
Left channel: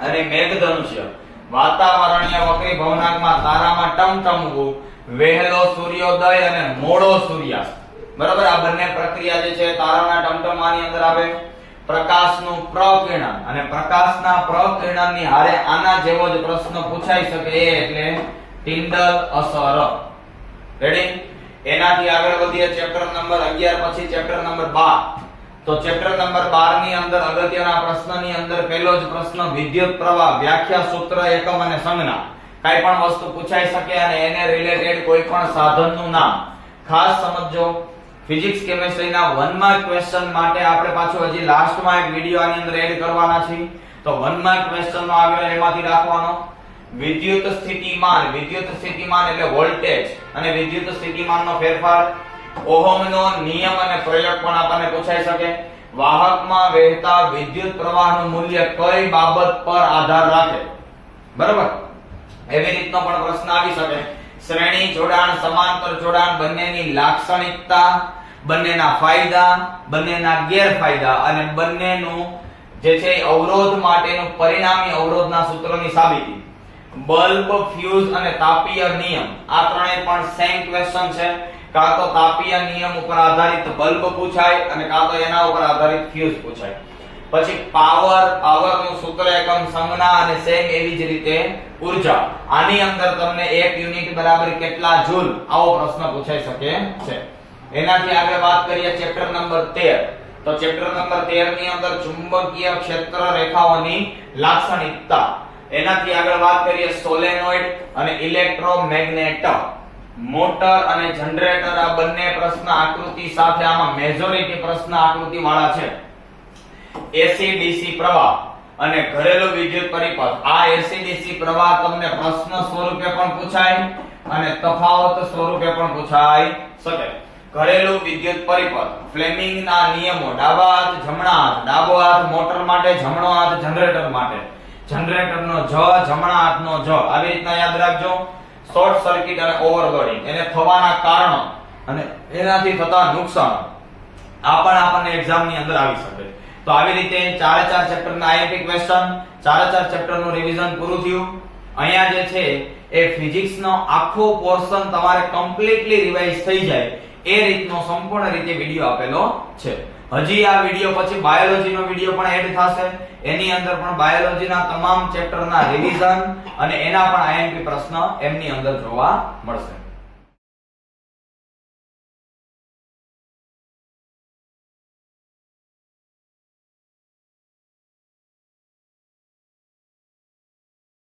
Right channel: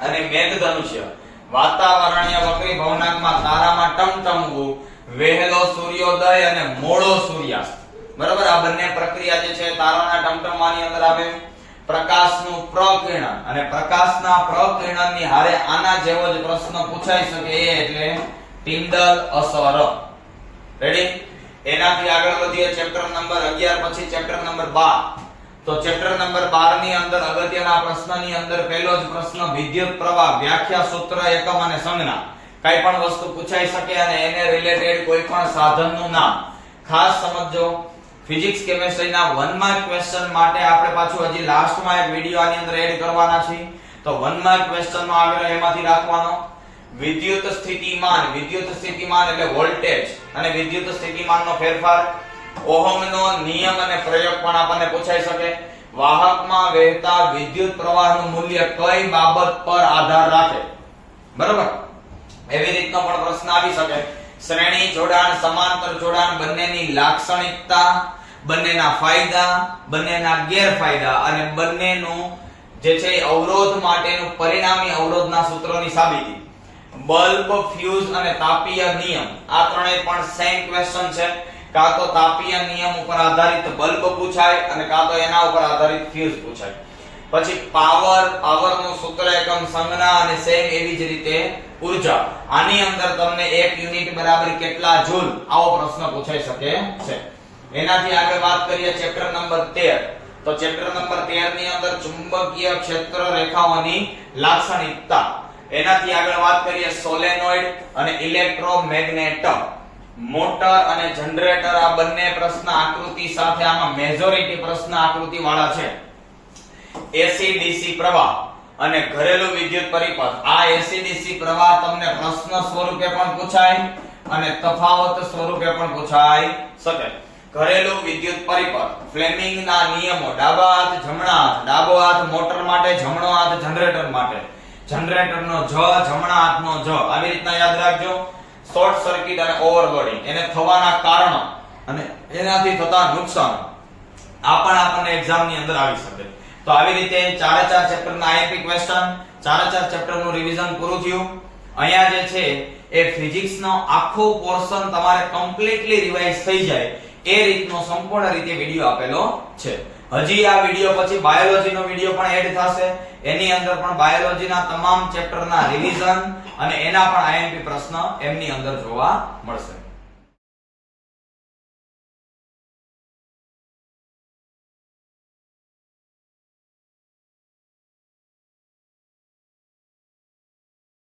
અને મેઘધનુષ્ય વાતાવરણીય વક્રી ભવનાંકમાં તારામાં ટમટમવું, વહેલો સૂર્યોદય અને મોડો સૂર્યાસ્ત. બરાબર, આ બંને પ્રક્રિયા જે છે તારાના ટમટમવાની અંદર આવે. પ્રકાશનું પ્રકિરણન અને પ્રકાશના પ્રકિરણનની હારે આના જેવો જ પ્રશ્ન પૂછાઈ શકે એટલે ટિન્ડલ અસર. રેડી? એનાથી આગળ વધીએ ચેપ્ટર નંબર 11 પછી ચેપ્ટર નંબર 12. તો ચેપ્ટર નંબર 12 ની અંદર અગત્યના પ્રશ્નની અંદર પહેલો જ પ્રશ્ન વિદ્યુત પ્રવાહ, વ્યાખ્યા, સૂત્ર, એકમ અને સંજ્ઞા. કઈ પણ વસ્તુ પૂછાઈ શકે અને એને રિલેટેડ કોઈ પણ સાધનનું નામ. ખાસ સમજો, ફિઝિક્સ કેમિસ્ટ્રીના 1 માર્ક ક્વેશ્ચન માટે આપણે પાછું હજી લાસ્ટમાં એક વિડિયો આની અંદર એડ કરવાના છે. તો 1 માર્ક ક્વેશ્ચનનો આગ્રહ એમાંથી રાખવાનો. વિદ્યુત સ્થિતિમાન એટલે વોલ્ટેજ અને વિદ્યુત સ્થિતિમાનનો ફેરફાર. ઓહમનો નિયમ અને પ્રયોગ પણ આપણને પૂછાઈ શકે. વાહકમાં વહેતા વિદ્યુત પ્રવાહનું મૂલ્ય કઈ બાબત પર આધાર રાખે. બરાબર, એવી રીતનો પણ પ્રશ્ન આવી શકે. શ્રેણી જોડાણ, સમાંતર જોડાણ, બંનેની લાક્ષણિકતા, બંનેના ફાયદા, બંનેના ગેરફાયદા અને બંનેનું જે છે અવરોધ માટેનું પરિણામી અવરોધના સૂત્રોની સાબિતી. બલ્બ, ફ્યુઝ અને તાપીય નિયમ, આ ત્રણેય પણ સેમ ક્વેશ્ચન છે. કાં તો તાપીય નિયમ ઉપર આધારિત બલ્બ પૂછાય અને કાં તો એના ઉપર આધારિત ફ્યુઝ પૂછાય. પછી પાવરનું સૂત્ર, એકમ, સંજ્ઞા અને સેમ એવી જ રીતે ઊર્જા. આની અંદર તમને 1 યુનિટ બરાબર કેટલા જૂલ, આવો પ્રશ્ન પૂછાઈ શકે છે. એનાથી આગળ વાત કરીએ ચેપ્ટર નંબર 13. તો ચેપ્ટર નંબર 13 ની અંદર ચુંબકીય ક્ષેત્ર રેખાઓની લાક્ષણિકતા. એનાથી આગળ વાત કરીએ સોલેનોઇડ અને ઇલેક્ટ્રોમેગ્નેટ. મોટર અને જનરેટર, આ બંને પ્રશ્ન આકૃતિ સાથે, આમાં મેજોરિટી પ્રશ્ન આકૃતિ વાળા છે. એસી ડીસી પ્રવાહ અને ઘરેલું વિદ્યુત પરિપથ. આ એસી ડીસી પ્રવાહ તમને પ્રશ્ન સ્વરૂપે પણ પૂછાય અને તફાવત સ્વરૂપે પણ પૂછાઈ શકે. ઘરેલું વિદ્યુત પરિપથ, ફ્લેમિંગના નિયમો, ડાબા હાથ, જમણા હાથ. ડાબો હાથ મોટર માટે, જમણો હાથ જનરેટર માટે. જનરેટરનો જ, જમણા હાથનો જ. આવી રીતના યાદ રાખજો. શોર્ટ સર્કિટ અને ઓવરલોડિંગ, એને થવાના કારણો. અને એનાથી થતા નુકસાન આ પણ આપણને એક્ઝામ ની અંદર આવી શકે. તો આવી રીતે ચારે ચાર ચેપ્ટર ના આઈએમપી ક્વેશ્ચન, ચારે ચાર ચેપ્ટર નું રિવિઝન પૂરું થયું. અહીંયા જે છે એ ફિઝિક્સ નો આખો પોર્શન તમારે કમ્પ્લીટલી રિવાઇઝ થઈ જાય એ રીતનો સંપૂર્ણ રીતે વિડિયો આપેલો છે. હજી આ વિડિયો પછી બાયોલોજી નો વિડિયો પણ એડ થશે. એની અંદર પણ બાયોલોજી ના તમામ ચેપ્ટર ના રિવિઝન અને એના પણ આઈએમપી પ્રશ્ન એમની અંદર જોવા મળશે.